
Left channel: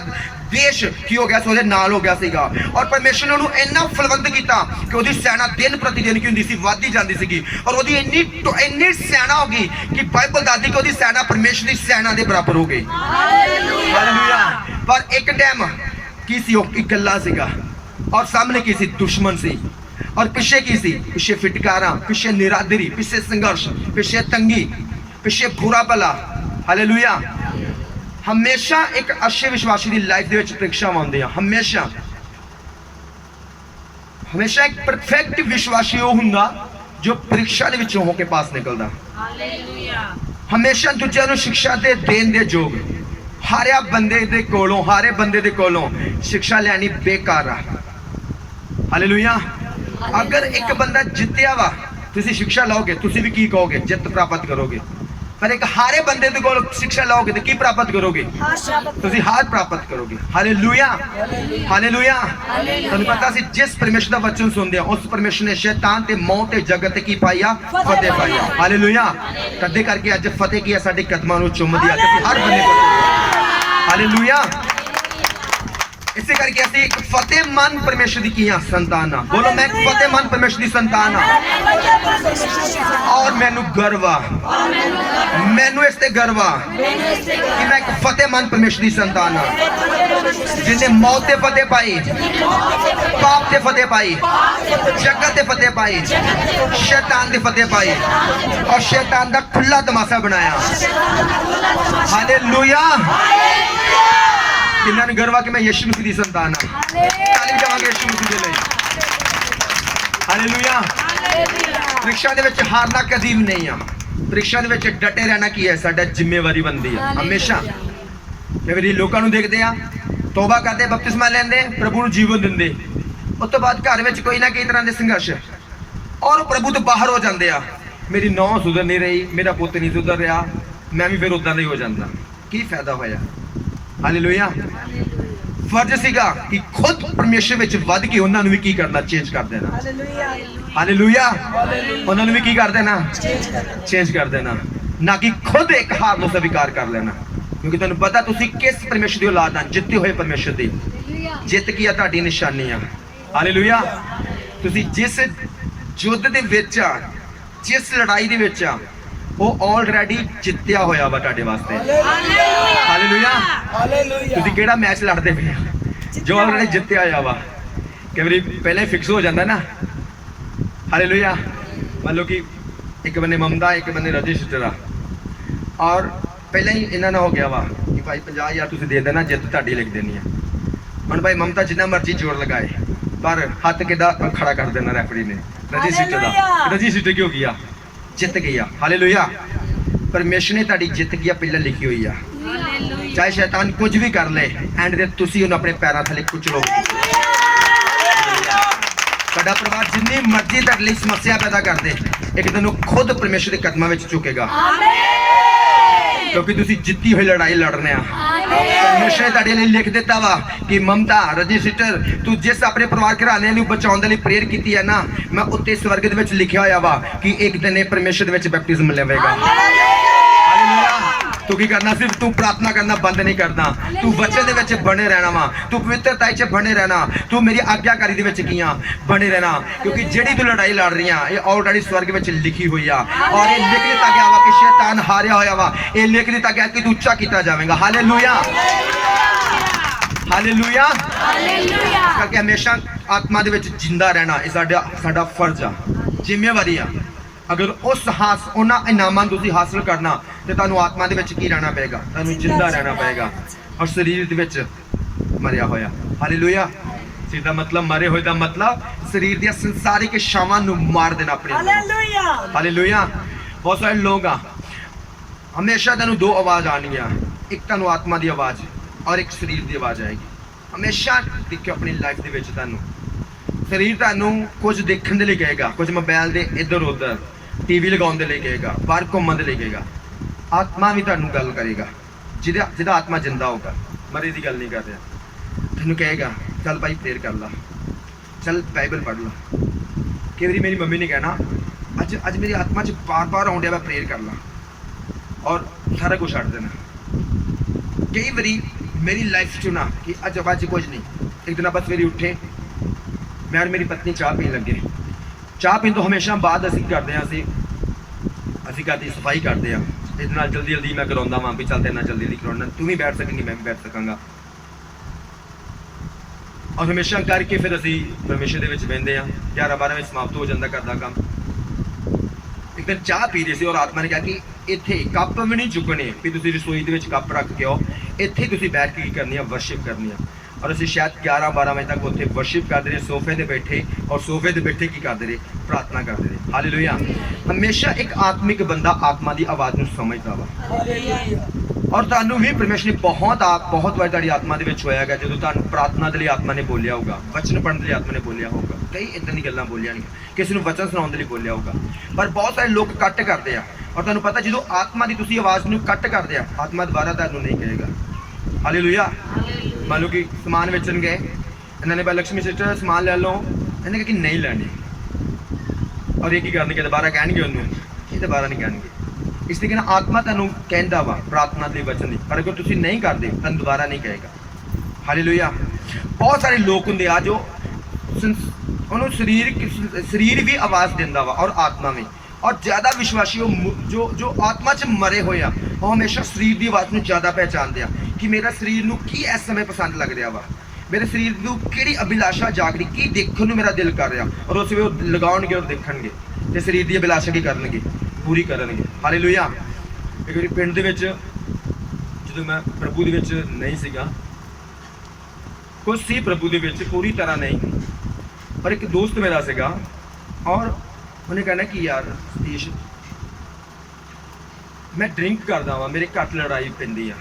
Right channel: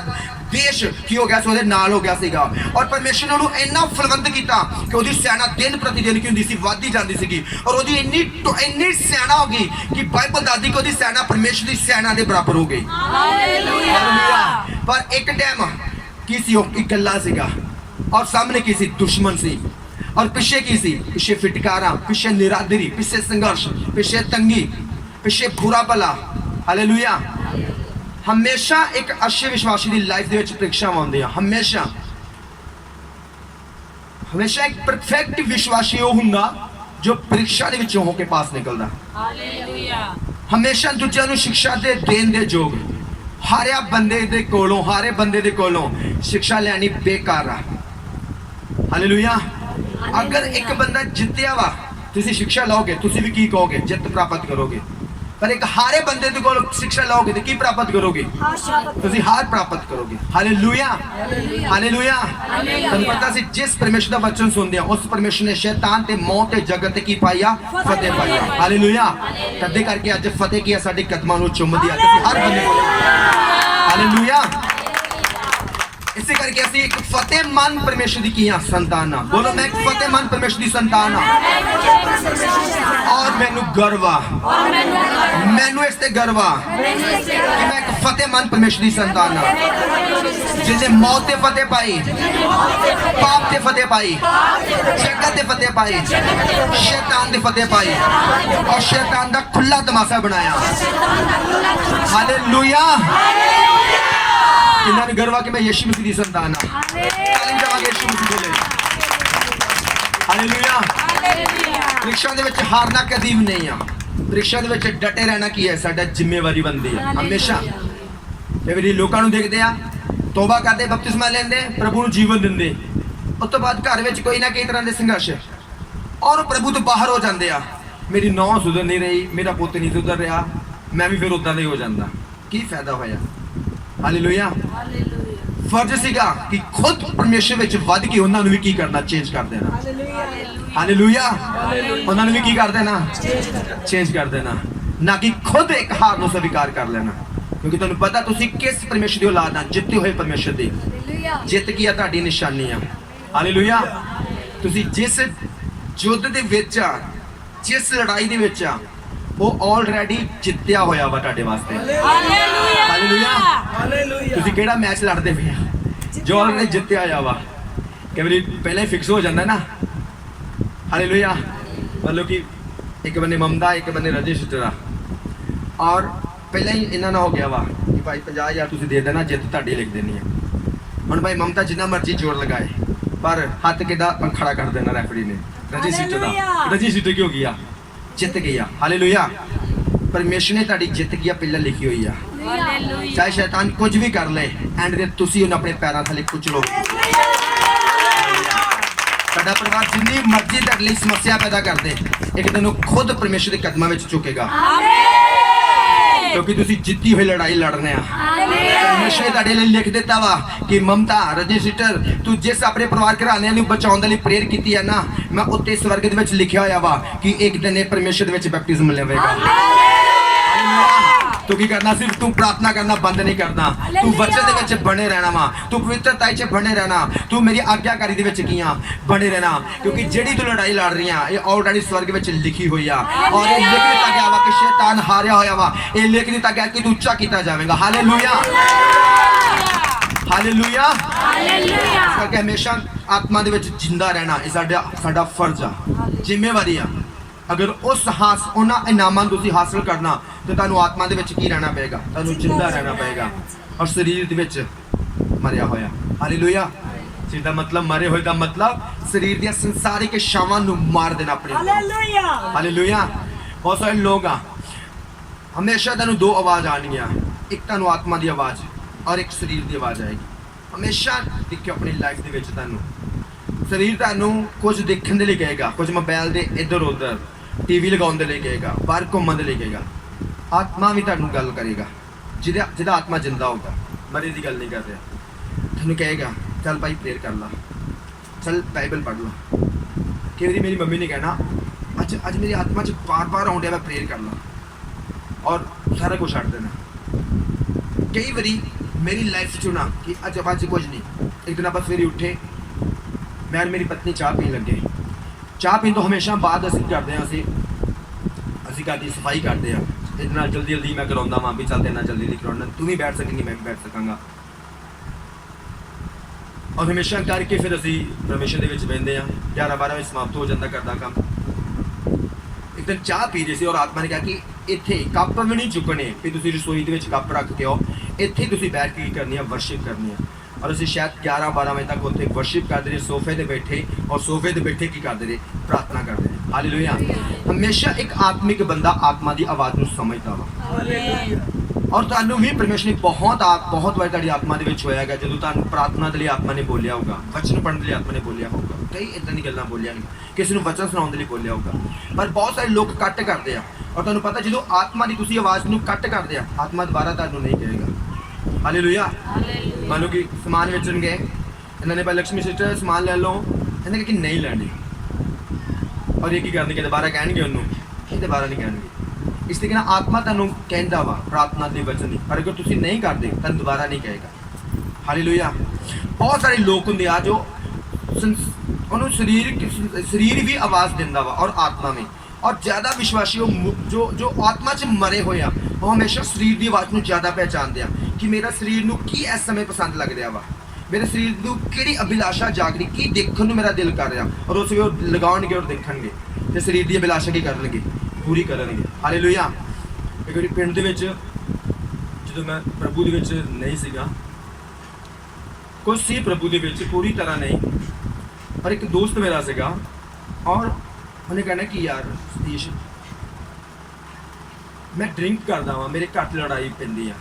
ਦੇਸ਼ ਕੀ ਹੋ ਗਿਆ ਸੀ ਉਹਦੇ ਨਾਲ ਹੋ ਗਿਆ ਸੀਗਾ ਔਰ ਪਰਮੇਸ਼ਰ ਨੇ ਉਹਨੂੰ ਇੰਨਾ ਫਲਵੰਤ ਕੀਤਾ ਕਿ ਉਹਦੀ ਸੈਨਾ ਦਿਨ ਪ੍ਰਤੀ ਦਿਨ ਕੀ ਹੁੰਦੀ ਸੀ ਵੱਧਦੀ ਜਾਂਦੀ ਸੀਗੀ ਔਰ ਉਹਦੀ ਇੰਨੀ ਸੈਨਾ ਹੋ ਗਈ ਕਿ ਬਾਈਬਲ ਦੱਸਦੀ ਕਿ ਉਹਦੀ ਸੈਨਾ ਪਰਮੇਸ਼ਰ ਦੀ ਸੈਨਾ ਦੇ ਬਰਾਬਰ ਹੋ ਗਈ ਹਾਲੇਲੂਇਆ ਪਰ ਇੱਕ ਟਾਈਮ ਕੀ ਸੀ ਉਹ ਇਕੱਲਾ ਸੀਗਾ ਔਰ ਸਾਹਮਣੇ ਕੀ ਸੀ ਦੁਸ਼ਮਣ ਸੀ और पीछे की सी पीछे फिटकारा पीछे निरादरी पीछे संघर्ष पीछे तंगी पीछे बुरा भला हालेलुया ਹਮੇਸ਼ਾ ਇੱਕ ਅੱਛੇ ਵਿਸ਼ਵਾਸੀ ਦੀ ਲਾਈਫ ਦੇ ਵਿੱਚ ਪ੍ਰੀਖਿਆਵਾਂ ਆਉਂਦੀਆਂ ਹਮੇਸ਼ਾ ਇੱਕ ਪਰਫੈਕਟ ਵਿਸ਼ਵਾਸੀ ਉਹ ਹੁੰਦਾ ਜੋ ਪ੍ਰੀਖਿਆ ਦੇ ਵਿੱਚੋਂ ਹੋ ਕੇ ਪਾਸ ਨਿਕਲਦਾ ਹਾਲੇਲੂਇਆ ਹਮੇਸ਼ਾ ਦੂਜਿਆਂ ਨੂੰ ਸਿੱਖਿਆ ਦੇ ਦੇਣ ਦੇ ਯੋਗ ਹਾਰੇ ਬੰਦੇ ਦੇ ਕੋਲੋਂ ਸਿੱਖਿਆ ਲੈਣੀ ਬੇਕਾਰ ਆ ਹਾਲੇਲੂਇਆ ਅਗਰ ਇੱਕ ਬੰਦਾ ਜਿੱਤਿਆ ਵਾ ਤੁਸੀਂ ਸਿੱਖਿਆ ਲਓਗੇ ਤੁਸੀਂ ਵੀ ਕੀ ਕਹੋਗੇ ਜਿੱਤ ਪ੍ਰਾਪਤ ਕਰੋਗੇ ਪਰ ਇੱਕ ਹਾਰੇ ਬੰਦੇ ਦੇ ਕੋਲ ਸਿੱਖਿਆ ਲਓਗੇ ਤਾਂ ਕੀ ਪ੍ਰਾਪਤ ਕਰੋਗੇ ਤੁਸੀਂ ਹਾਰ ਪ੍ਰਾਪਤ ਕਰੋਗੇ ਹਾਲੇਲੂਇਆ ਹਾਲੇਲੂਇਆ ਤੁਹਾਨੂੰ ਪਤਾ ਸੀ ਜਿਸ ਪਰਮੇਸ਼ਰ ਦਾ ਵਚਨ ਸੁਣਦੇ ਆ ਉਸ ਪਰਮੇਸ਼ਰ ਨੇ ਸ਼ੈਤਾਨ ਤੇ ਮੌਤ ਤੇ ਜਗਤ ਤੇ ਕੀ ਪਾਇਆ ਫਤਿਹ ਪਾਈ ਹਾਲੇਲੂਇਆ ਤਦੇ ਕਰਕੇ ਅੱਜ ਫਤਿਹ ਕੀ ਹੈ ਸਾਡੇ ਕਦਮਾਂ ਨੂੰ ਚੁੰਮਦੀ ਆ ਤੁਸੀਂ ਹਰ ਬੰਦੇ ਕੋਲ ਹਾਲੇਲੂਇਆ ਇਸੇ ਕਰਕੇ ਅਸੀਂ ਇੱਕ ਫਤਿਹਮੰਦ ਪਰਮੇਸ਼ਰ ਦੀ ਕੀ ਆ ਸੰਤਾਨ ਆ ਬੋਲੋ ਮੈਂ ਇੱਕ ਫਤਿਹਮੰਦ ਪਰਮੇਸ਼ਰ ਦੀ ਸੰਤਾਨ ਆ ਔਰ ਮੈਨੂੰ ਗਰਵ ਆ ਮੈਨੂੰ ਇਸ ਤੇ ਗਰਵ ਆ ਕਿ ਮੈਂ ਇੱਕ ਫਤਿਹਮੰਦ ਪਰਮੇਸ਼ਰ ਦੀ ਸੰਤਾਨ ਆ ਜਿਹਨੇ ਮੌਤ ਤੇ ਫਤਿਹ ਪਾਈ ਪਾਪ ਤੇ ਫਤਿਹ ਪਾਈ ਜਗਤ ਤੇ ਫਤਿਹ ਪਾਈ ਸ਼ੈਤਾਨ ਦੀ ਫਤਿਹ ਪਾਈ ਔਰ ਸ਼ੈਤਾਨ ਦਾ ਖੁੱਲਾ ਤਮਾਸ਼ਾ ਬਣਾਇਆ ਹਾਲੇਲੂਇਆ ਕਿੰਨਾ ਨੂੰ ਗਰਵ ਆ ਕਿ ਮੈਂ ਯਿਸੂ ਮਸੀਹ ਦੀ ਸੰਤਾਨ ਆ ਤਾਲੀ ਦੇਵਾਂਗੇ ਯਿਸੂ ਮਸੀਹ ਦੇ ਲਈ ਹਾਲੇਲੂਇਆ ਪ੍ਰੀਖਿਆ ਦੇ ਵਿੱਚ ਹਾਰਨਾ ਕਦੀ ਵੀ ਨਹੀਂ ਆ ਪ੍ਰੀਖਿਆ ਦੇ ਵਿੱਚ ਡਟੇ ਰਹਿਣਾ ਕੀ ਹੈ ਸਾਡਾ ਜ਼ਿੰਮੇਵਾਰੀ ਬਣਦੀ ਆ ਹਮੇਸ਼ਾ ਜੇ ਵੀ ਲੋਕਾਂ ਨੂੰ ਦੇਖਦੇ ਆ ਤੋਬਾ ਕਰਦੇ ਬਪਤਿਸਮਾ ਲੈਂਦੇ ਪ੍ਰਭੂ ਨੂੰ ਜੀਵਨ ਦਿੰਦੇ ਉਸ ਤੋਂ ਬਾਅਦ ਘਰ ਵਿੱਚ ਕੋਈ ਨਾ ਕੋਈ ਤਰ੍ਹਾਂ ਦੇ ਸੰਘਰਸ਼ ਔਰ ਪ੍ਰਭੂ ਤੋਂ ਬਾਹਰ ਹੋ ਜਾਂਦੇ ਆ ਮੇਰੀ ਨੌਂ ਸੁਧਰ ਨਹੀਂ ਰਹੀ ਮੇਰਾ ਪੁੱਤ ਨਹੀਂ ਸੁਧਰ ਰਿਹਾ ਮੈਂ ਵੀ ਫਿਰ ਉਦਾਂ ਦਾ ਹੀ ਹੋ ਜਾਂਦਾ ਕੀ ਫਾਇਦਾ ਹੋਇਆ ਹਾਲੇਲੂਇਆ ਫਰਜ਼ ਸੀਗਾ ਕਿ ਖੁਦ ਪਰਮੇਸ਼ਰ ਵਿੱਚ ਵੱਧ ਕੇ ਉਹਨਾਂ ਨੂੰ ਵੀ ਕੀ ਕਰਨਾ ਚੇਂਜ ਕਰ ਦੇਣਾ ਹਾਲੇਲੂਇਆ ਉਹਨਾਂ ਨੂੰ ਵੀ ਕੀ ਕਰ ਦੇਣਾ ਚੇਂਜ ਕਰ ਦੇਣਾ ਨਾ ਕਿ ਖੁਦ ਇੱਕ ਹਾਰ ਨੂੰ ਸਵੀਕਾਰ ਕਰ ਲੈਣਾ ਕਿਉਂਕਿ ਤੁਹਾਨੂੰ ਪਤਾ ਤੁਸੀਂ ਕਿਸ ਪਰਮੇਸ਼ਰ ਦੀ ਔਲਾਦ ਆ ਜਿੱਤੇ ਹੋਏ ਪਰਮੇਸ਼ਰ ਦੀ ਜਿੱਤ ਕੀ ਆ ਤੁਹਾਡੀ ਨਿਸ਼ਾਨੀ ਆ ਹਾਲੇਲੂਇਆ ਤੁਸੀਂ ਜਿਸ ਯੁੱਧ ਦੇ ਵਿੱਚ ਆ ਜਿਸ ਲੜਾਈ ਦੇ ਵਿੱਚ ਆ ਉਹ ਆਲਰੇਡੀ ਜਿੱਤਿਆ ਹੋਇਆ ਵਾ ਤੁਹਾਡੇ ਵਾਸਤੇ ਹਾਲੇਲੂਇਆ ਤੁਸੀਂ ਕਿਹੜਾ ਮੈਚ ਲੜਦੇ ਪਏ ਜੋ ਆਲਰੇਡੀ ਜਿੱਤਿਆ ਹੋਇਆ ਵਾ ਕਈ ਵਾਰੀ ਪਹਿਲੇ ਫਿਕਸ ਹੋ ਜਾਂਦਾ ਨਾ ਹਾਲੇਲੂਇਆ ਮਤਲਬ ਕਿ ਇੱਕ ਬੰਨੇ ਮਮਤਾ ਇੱਕ ਬੰਨੇ ਰਜਿਸਟਰ ਆ ਔਰ ਪਹਿਲਾਂ ਹੀ ਇਹਨਾਂ ਨਾਲ ਹੋ ਗਿਆ ਵਾ ਕਿ ਭਾਈ 50,000 ਤੁਸੀਂ ਦੇ ਦੇਣਾ ਜਿੱਤ ਤੁਹਾਡੀ ਲਿਖ ਦੇਣੀ ਆ ਹੁਣ ਭਾਈ ਮਮਤਾ ਜਿੰਨਾ ਮਰਜ਼ੀ ਜ਼ੋਰ ਲਗਾਏ ਪਰ ਹੱਥ ਕਿੱਦਾਂ ਖੜਾ ਕਰ ਦੇਣਾ ਰੈਫਰੀ ਨੇ ਰਜਿਸਟਰ ਕਿਉਂ ਗਿਆ ਜਿੱਤ ਗਿਆ ਹਾਲੇਲੂਇਆ ਪਰਮੇਸ਼ਰ ਨੇ ਤੁਹਾਡੀ ਜਿੱਤ ਗਿਆ ਪਹਿਲਾਂ ਲਿਖੀ ਹੋਈ ਆ ਚਾਹੇ ਸ਼ੈਤਾਨ ਕੁਝ ਵੀ ਕਰ ਲੇ ਐਂਡ ਦੇ ਤੁਸੀਂ ਉਹਨੂੰ ਆਪਣੇ ਪੈਰਾਂ ਥੱਲੇ ਕੁਚਲੋ ਤੁਹਾਡਾ ਪਰਿਵਾਰ ਜਿੰਨੀ ਮਰਜ਼ੀ ਤੁਹਾਡੇ ਲਈ ਸਮੱਸਿਆ ਪੈਦਾ ਕਰਦੇ ਇੱਕ ਦਿਨ ਉਹ ਖੁਦ ਪਰਮੇਸ਼ਰ ਦੇ ਕਦਮਾਂ ਵਿੱਚ ਝੁਕੇਗਾ ਕਿਉਂਕਿ ਤੁਸੀਂ ਜਿੱਤੀ ਹੋਈ ਲੜਾਈ ਲੜਨੇ ਆ ਪਰਮੇਸ਼ਰ ਨੇ ਤੁਹਾਡੇ ਲਈ ਲਿਖ ਦਿੱਤਾ ਵਾ ਕਿ ਮਮਤਾ ਰਜਿਸਟਰ ਤੂੰ ਜਿਸ ਆਪਣੇ ਪਰਿਵਾਰ ਘਰਾਣੇ ਨੂੰ ਬਚਾਉਣ ਦੇ ਲਈ ਪ੍ਰੇਅਰ ਕੀਤੀ ਹੈ ਨਾ ਮੈਂ ਉੱਤੇ ਸਵਰਗ ਦੇ ਵਿੱਚ ਲਿਖਿਆ ਹੋਇਆ ਵਾ ਕਿ ਇੱਕ ਦਿਨ ਇਹ ਪਰਮੇਸ਼ਰ ਦੇ ਵਿੱਚ ਬੈਪਟਿਜ਼ਮ ਲਵੇਗਾ ਤੂੰ ਕੀ ਕਰਨਾ ਸਿਰਫ ਤੂੰ ਪ੍ਰਾਰਥਨਾ ਕਰਨਾ ਬੰਦ ਨਹੀਂ ਕਰਦਾ ਤੂੰ ਵਚਨ ਦੇ ਵਿੱਚ ਬਣੇ ਰਹਿਣਾ ਵਾ ਤੂੰ ਪਵਿੱਤਰਤਾ 'ਚ ਬਣੇ ਰਹਿਣਾ ਤੂੰ ਮੇਰੀ ਆਗਿਆਕਾਰੀ ਦੇ ਵਿੱਚ ਕੀਆਂ ਬਣੇ ਰਹਿਣਾ ਕਿਉਂਕਿ ਜਿਹੜੀ ਤੂੰ ਲੜਾਈ ਲੜ ਰਹੀ ਆ ਇਹ ਆਲਰੇਡੀ ਸਵਰਗ ਵਿੱਚ ਲਿਖੀ ਹੋਈ ਆ ਔਰ ਇਹ ਲਿਖ ਦਿੱਤਾ ਗਿਆ ਵਾ ਕਿ ਸ਼ੈਤਾਨ ਹਾਰਿਆ ਹੋਇਆ ਵਾ ਇਹ ਲਿਖ ਦਿੱਤਾ ਗਿਆ ਕਿ ਤੂੰ ਉੱਚਾ ਕੀਤਾ ਜਾਵੇਗਾ ਹਾਲੇਲੂਇਆ ਹਾਲੇਲੂਇਆ ਇਸ ਕਰਕੇ ਹਮੇਸ਼ਾ ਆਤਮਾ ਦੇ ਵਿੱਚ ਜਿੰਦਾ ਰਹਿਣਾ ਇਹ ਸਾਡਾ ਫਰਜ਼ ਆ ਜ਼ਿੰਮੇਵਾਰੀ ਆ ਅਗਰ ਉਸ ਉਹਨਾਂ ਇਨਾਮਾਂ ਨੂੰ ਤੁਸੀਂ ਹਾਸਲ ਕਰਨਾ ਤੇ ਤੁਹਾਨੂੰ ਆਤਮਾ ਦੇ ਵਿੱਚ ਕੀ ਰਹਿਣਾ ਪਏਗਾ ਤੁਹਾਨੂੰ ਜਿੰਦਾ ਰਹਿਣਾ ਪਏਗਾ ਔਰ ਸਰੀਰ ਦੇ ਵਿੱਚ ਮਰਿਆ ਹੋਇਆ ਹਾਲੇਲੂਇਆ ਜਿਹਦਾ ਮਤਲਬ ਮਰੇ ਹੋਏ ਦਾ ਮਤਲਬ ਸਰੀਰ ਦੀਆਂ ਸੰਸਾਰਿਕ ਇਛਾਵਾਂ ਨੂੰ ਮਾਰ ਦੇਣਾ ਆਪਣੇ ਹਾਲੇਲੂਇਆ ਹਾਲੇਲੂਇਆ ਬਹੁਤ ਸਾਰੇ ਲੋਕ ਆ ਹਮੇਸ਼ਾ ਤੁਹਾਨੂੰ ਦੋ ਆਵਾਜ਼ ਆਉਣਗੀਆਂ ਇੱਕ ਤੁਹਾਨੂੰ ਆਤਮਾ ਦੀ ਆਵਾਜ਼ ਔਰ ਇੱਕ ਸਰੀਰ ਦੀ ਆਵਾਜ਼ ਆਏਗੀ ਹਮੇਸ਼ਾ ਦੇਖਿਓ ਆਪਣੀ ਲਾਈਫ ਦੇ ਵਿੱਚ ਤੁਹਾਨੂੰ ਸਰੀਰ ਤੁਹਾਨੂੰ ਕੁਝ ਦੇਖਣ ਦੇ ਲਈ ਕਹੇਗਾ ਕੁਝ ਮੋਬਾਈਲ ਦੇ ਇੱਧਰ ਉੱਧਰ ਟੀਵੀ ਲਗਾਉਣ ਦੇ ਲਈ ਕਹੇਗਾ ਬਾਹਰ ਘੁੰਮਣ ਦੇ ਲਈ ਕਹੇਗਾ ਆਤਮਾ ਵੀ ਤੁਹਾਨੂੰ ਗੱਲ ਕਰੇਗਾ ਜਿਹਦਾ ਆਤਮਾ ਜਿੰਦਾ ਹੋਗਾ ਮਰੇ ਦੀ ਗੱਲ ਨਹੀਂ ਕਰ ਰਿਹਾ ਤੁਹਾਨੂੰ ਕਹੇਗਾ ਚੱਲ ਭਾਈ ਪ੍ਰੇਅਰ ਕਰ ਲਾ ਚੱਲ ਬਾਈਬਲ ਪੜ੍ਹ ਲਾ ਕਈ ਵਾਰੀ ਮੇਰੀ ਮੰਮੀ ਨੇ ਕਹਿਣਾ ਅੱਜ ਮੇਰੀ ਆਤਮਾ 'ਚ ਬਾਰ-ਬਾਰ ਆਉਂਦਾ ਮੈਂ ਪ੍ਰੇਅਰ ਕਰ ਲਾ ਔਰ ਸਾਰਾ ਕੁਝ ਛੱਡ ਦੇਣਾ ਕਈ ਵਾਰੀ ਮੇਰੀ ਲਾਈਫ 'ਚ ਨਾ ਕਿ ਅੱਜ ਕੁਝ ਨਹੀਂ ਇੱਕ ਦਿਨ ਆਪਾਂ ਸਵੇਰੇ ਉੱਠੇ ਮੈਂ ਮੇਰੀ ਪਤਨੀ ਚਾਹ ਪੀਣ ਲੱਗੇ ਚਾਹ ਪੀਣ ਤੋਂ ਹਮੇਸ਼ਾ ਬਾਅਦ ਅਸੀਂ ਕਰਦੇ ਹਾਂ ਅਸੀਂ ਘਰ ਦੀ ਸਫਾਈ ਕਰਦੇ ਹਾਂ ਇਹਦੇ ਨਾਲ ਜਲਦੀ ਮੈਂ ਕਰਾਉਂਦਾ ਵਾਂ ਵੀ ਚੱਲ ਤੇ ਨਾਲ ਜਲਦੀ ਕਰਾਉਣਾ ਤੂੰ ਵੀ ਬੈਠ ਸਕੇਂਗੀ ਮੈਂ ਵੀ ਬੈਠ ਸਕਾਂਗਾ ਔਰ ਹਮੇਸ਼ਾ ਕਰਕੇ ਫਿਰ ਅਸੀਂ ਪਰਮੇਸ਼ਰ ਦੇ ਵਿੱਚ ਬਹਿੰਦੇ ਹਾਂ 11-12 ਵਜੇ ਸਮਾਪਤ ਹੋ ਜਾਂਦਾ ਘਰ ਦਾ ਕੰਮ ਇੱਕ ਦਿਨ ਚਾਹ ਪੀ ਰਹੇ ਸੀ ਔਰ ਆਤਮਾ ਨੇ ਕਿਹਾ ਕਿ ਇੱਥੇ ਕੱਪ ਵੀ ਨਹੀਂ ਚੁੱਕਣੇ ਵੀ ਤੁਸੀਂ ਰਸੋਈ ਦੇ ਵਿੱਚ ਕੱਪ ਰੱਖ ਕੇ ਆਓ ਇੱਥੇ ਹੀ ਤੁਸੀਂ ਬੈਠ ਕੇ ਕੀ ਕਰਨੀ ਹੈ, ਵਰਸ਼ਿਪ ਕਰਨੀ ਹੈ। ਔਰ ਅਸੀਂ ਸ਼ਾਇਦ 11-12 ਵਜੇ ਤੱਕ ਉੱਥੇ ਵਰਸ਼ਿਪ ਕਰਦੇ ਰਹੇ ਸੋਫੇ ਤੇ ਬੈਠੇ, ਔਰ ਸੋਫੇ ਤੇ ਬੈਠੇ ਕੀ ਕਰਦੇ ਰਹੇ, ਪ੍ਰਾਰਥਨਾ ਕਰਦੇ ਰਹੇ। ਹਾਲੇਲੂਇਆ। ਹਮੇਸ਼ਾ ਇੱਕ ਆਤਮਿਕ ਬੰਦਾ ਆਤਮਾ ਦੀ ਆਵਾਜ਼ ਨੂੰ ਸਮਝਦਾ ਵਾ। ਔਰ ਤੁਹਾਨੂੰ ਵੀ ਪਰਮੇਸ਼ਰ ਨੇ ਬਹੁਤ ਵਾਰ ਤੁਹਾਡੀ ਆਤਮਾ ਦੇ ਵਿੱਚ ਹੋਇਆ ਹੈਗਾ, ਜਦੋਂ ਤੁਹਾਨੂੰ ਪ੍ਰਾਰਥਨਾ ਦੇ ਲਈ ਆਤਮਾ ਨੇ ਬੋਲਿਆ ਹੋਊਗਾ, ਵਚਨ ਪੜ੍ਹਨ ਦੇ ਲਈ ਆਤਮਾ ਨੇ ਬੋਲਿਆ ਹੋਊਗਾ, ਕਈ ਇਦਾਂ ਦੀ ਗੱਲਾਂ ਬੋਲੀਆਂ ਨਹੀਂ, ਕਿਸੇ ਨੂੰ ਵਚਨ ਸੁਣਾਉਣ ਦੇ ਲਈ ਬੋਲਿਆ ਹੋਊਗਾ। ਪਰ ਬਹੁਤ ਸਾਰੇ ਲੋਕ ਕੱਟ ਕਰਦੇ ਆ, ਔਰ ਤੁਹਾਨੂੰ ਪਤਾ ਜਦੋਂ ਆਤਮਾ ਦੀ ਤੁਸੀਂ ਆਵਾਜ਼ ਨੂੰ ਕੱਟ ਕਰਦੇ ਆ, ਆਤਮਾ ਦੁਬਾਰਾ ਤੁਹਾਨੂੰ ਨਹੀਂ ਕਹੇਗਾ। ਹਾਲੇਲੂਇਆ। ਮੰਨ ਲਓ ਕਿ ਸਮਾਨ ਵੇਚਣ ਗਏ, ਇਹਨਾਂ ਨੇ ਲక్ష్ਮੀ ਸਿਸਟਰ ਸਮਾਨ ਲੈ ਲਓ, ਇਹਨੇ ਕਿਹਾ ਕਿ ਨਹੀਂ ਲੈਣੇ, ਔਰ ਇਹ ਕੀ ਕਰਨਗੇ, ਦੁਬਾਰਾ ਕਹਿਣਗੇ ਉਹਨੂੰ, ਇਹ ਦੁਬਾਰਾ ਨਹੀਂ ਕਹਿਣਗੇ। ਇਸ ਤਰੀਕੇ ਨਾਲ ਆਤਮਾ ਤੁਹਾਨੂੰ ਕਹਿੰਦਾ ਵਾ ਪ੍ਰਾਰਥਨਾ ਦੇ ਵਚਨ ਦੀ, ਪਰ ਅਗਰ ਤੁਸੀਂ ਨਹੀਂ ਕਰਦੇ ਤੁਹਾਨੂੰ ਦੁਬਾਰਾ ਨਹੀਂ ਕਹੇਗਾ। ਹਾਲੇਲੂਇਆ। ਬਹੁਤ ਸਾਰੇ ਲੋਕ ਹੁੰਦੇ ਆ ਜੋ ਉਹਨੂੰ ਸਰੀਰ ਵੀ ਆਵਾਜ਼ ਦਿੰਦਾ ਵਾ ਔਰ ਆਤਮਾ ਵੀ। ਔਰ ਜ਼ਿਆਦਾ ਵਿਸ਼ਵਾਸੀ ਜੋ ਆਤਮਾ 'ਚ ਮਰੇ ਹੋਏ ਆ, ਉਹ ਹਮੇਸ਼ਾ ਸਰੀਰ ਦੀ ਆਵਾਜ਼ ਨੂੰ ਜ਼ਿਆਦਾ ਪਹਿਚਾਨਦੇ ਆ ਕਿ ਮੇਰਾ ਸਰੀਰ ਨੂੰ ਕੀ ਇਸ ਸਮੇਂ ਪਸੰਦ ਲੱਗ ਰਿਹਾ ਵਾ, ਮੇਰੇ ਸਰੀਰ ਨੂੰ ਕਿਹੜੀ ਅਭਿਲਾਸ਼ਾ ਜਾਗ ਰਹੀ, ਕੀ ਦੇਖਣ ਨੂੰ ਮੇਰਾ ਦਿਲ ਕਰ ਰਿਹਾ, ਔਰ ਉਸ ਵੇ ਉਹ ਲਗਾਉਣਗੇ ਔਰ ਦੇਖਣਗੇ ਤੇ ਸਰੀਰ ਦੀ ਅਭਿਲਾਸ਼ਾ ਕੀ ਕਰਨਗੇ, ਪੂਰੀ ਕਰਨਗੇ। ਹਾਲੇਲੂਇਆ। ਇੱਕ ਵਾਰੀ ਪਿੰਡ ਦੇ ਵਿੱਚ ਜਦੋਂ ਮੈਂ ਪ੍ਰਭੂ ਦੇ ਵਿੱਚ ਨਹੀਂ ਸੀਗਾ, ਕੁਝ ਸੀ ਪ੍ਰਭੂ ਦੇ ਵਿੱਚ, ਪੂਰੀ ਤਰ੍ਹਾਂ ਨਹੀਂ, ਪਰ ਇੱਕ ਦੋਸਤ ਮੇਰਾ ਸੀਗਾ, ਔਰ ਉਹਨੇ ਕਹਿਣਾ ਕਿ ਯਾਰ ਸਤੀਸ਼, ਮੈਂ ਡਰਿੰਕ ਕਰਦਾ ਵਾਂ, ਮੇਰੇ ਘਰ 'ਚ ਲੜਾਈ ਪੈਂਦੀ ਆ,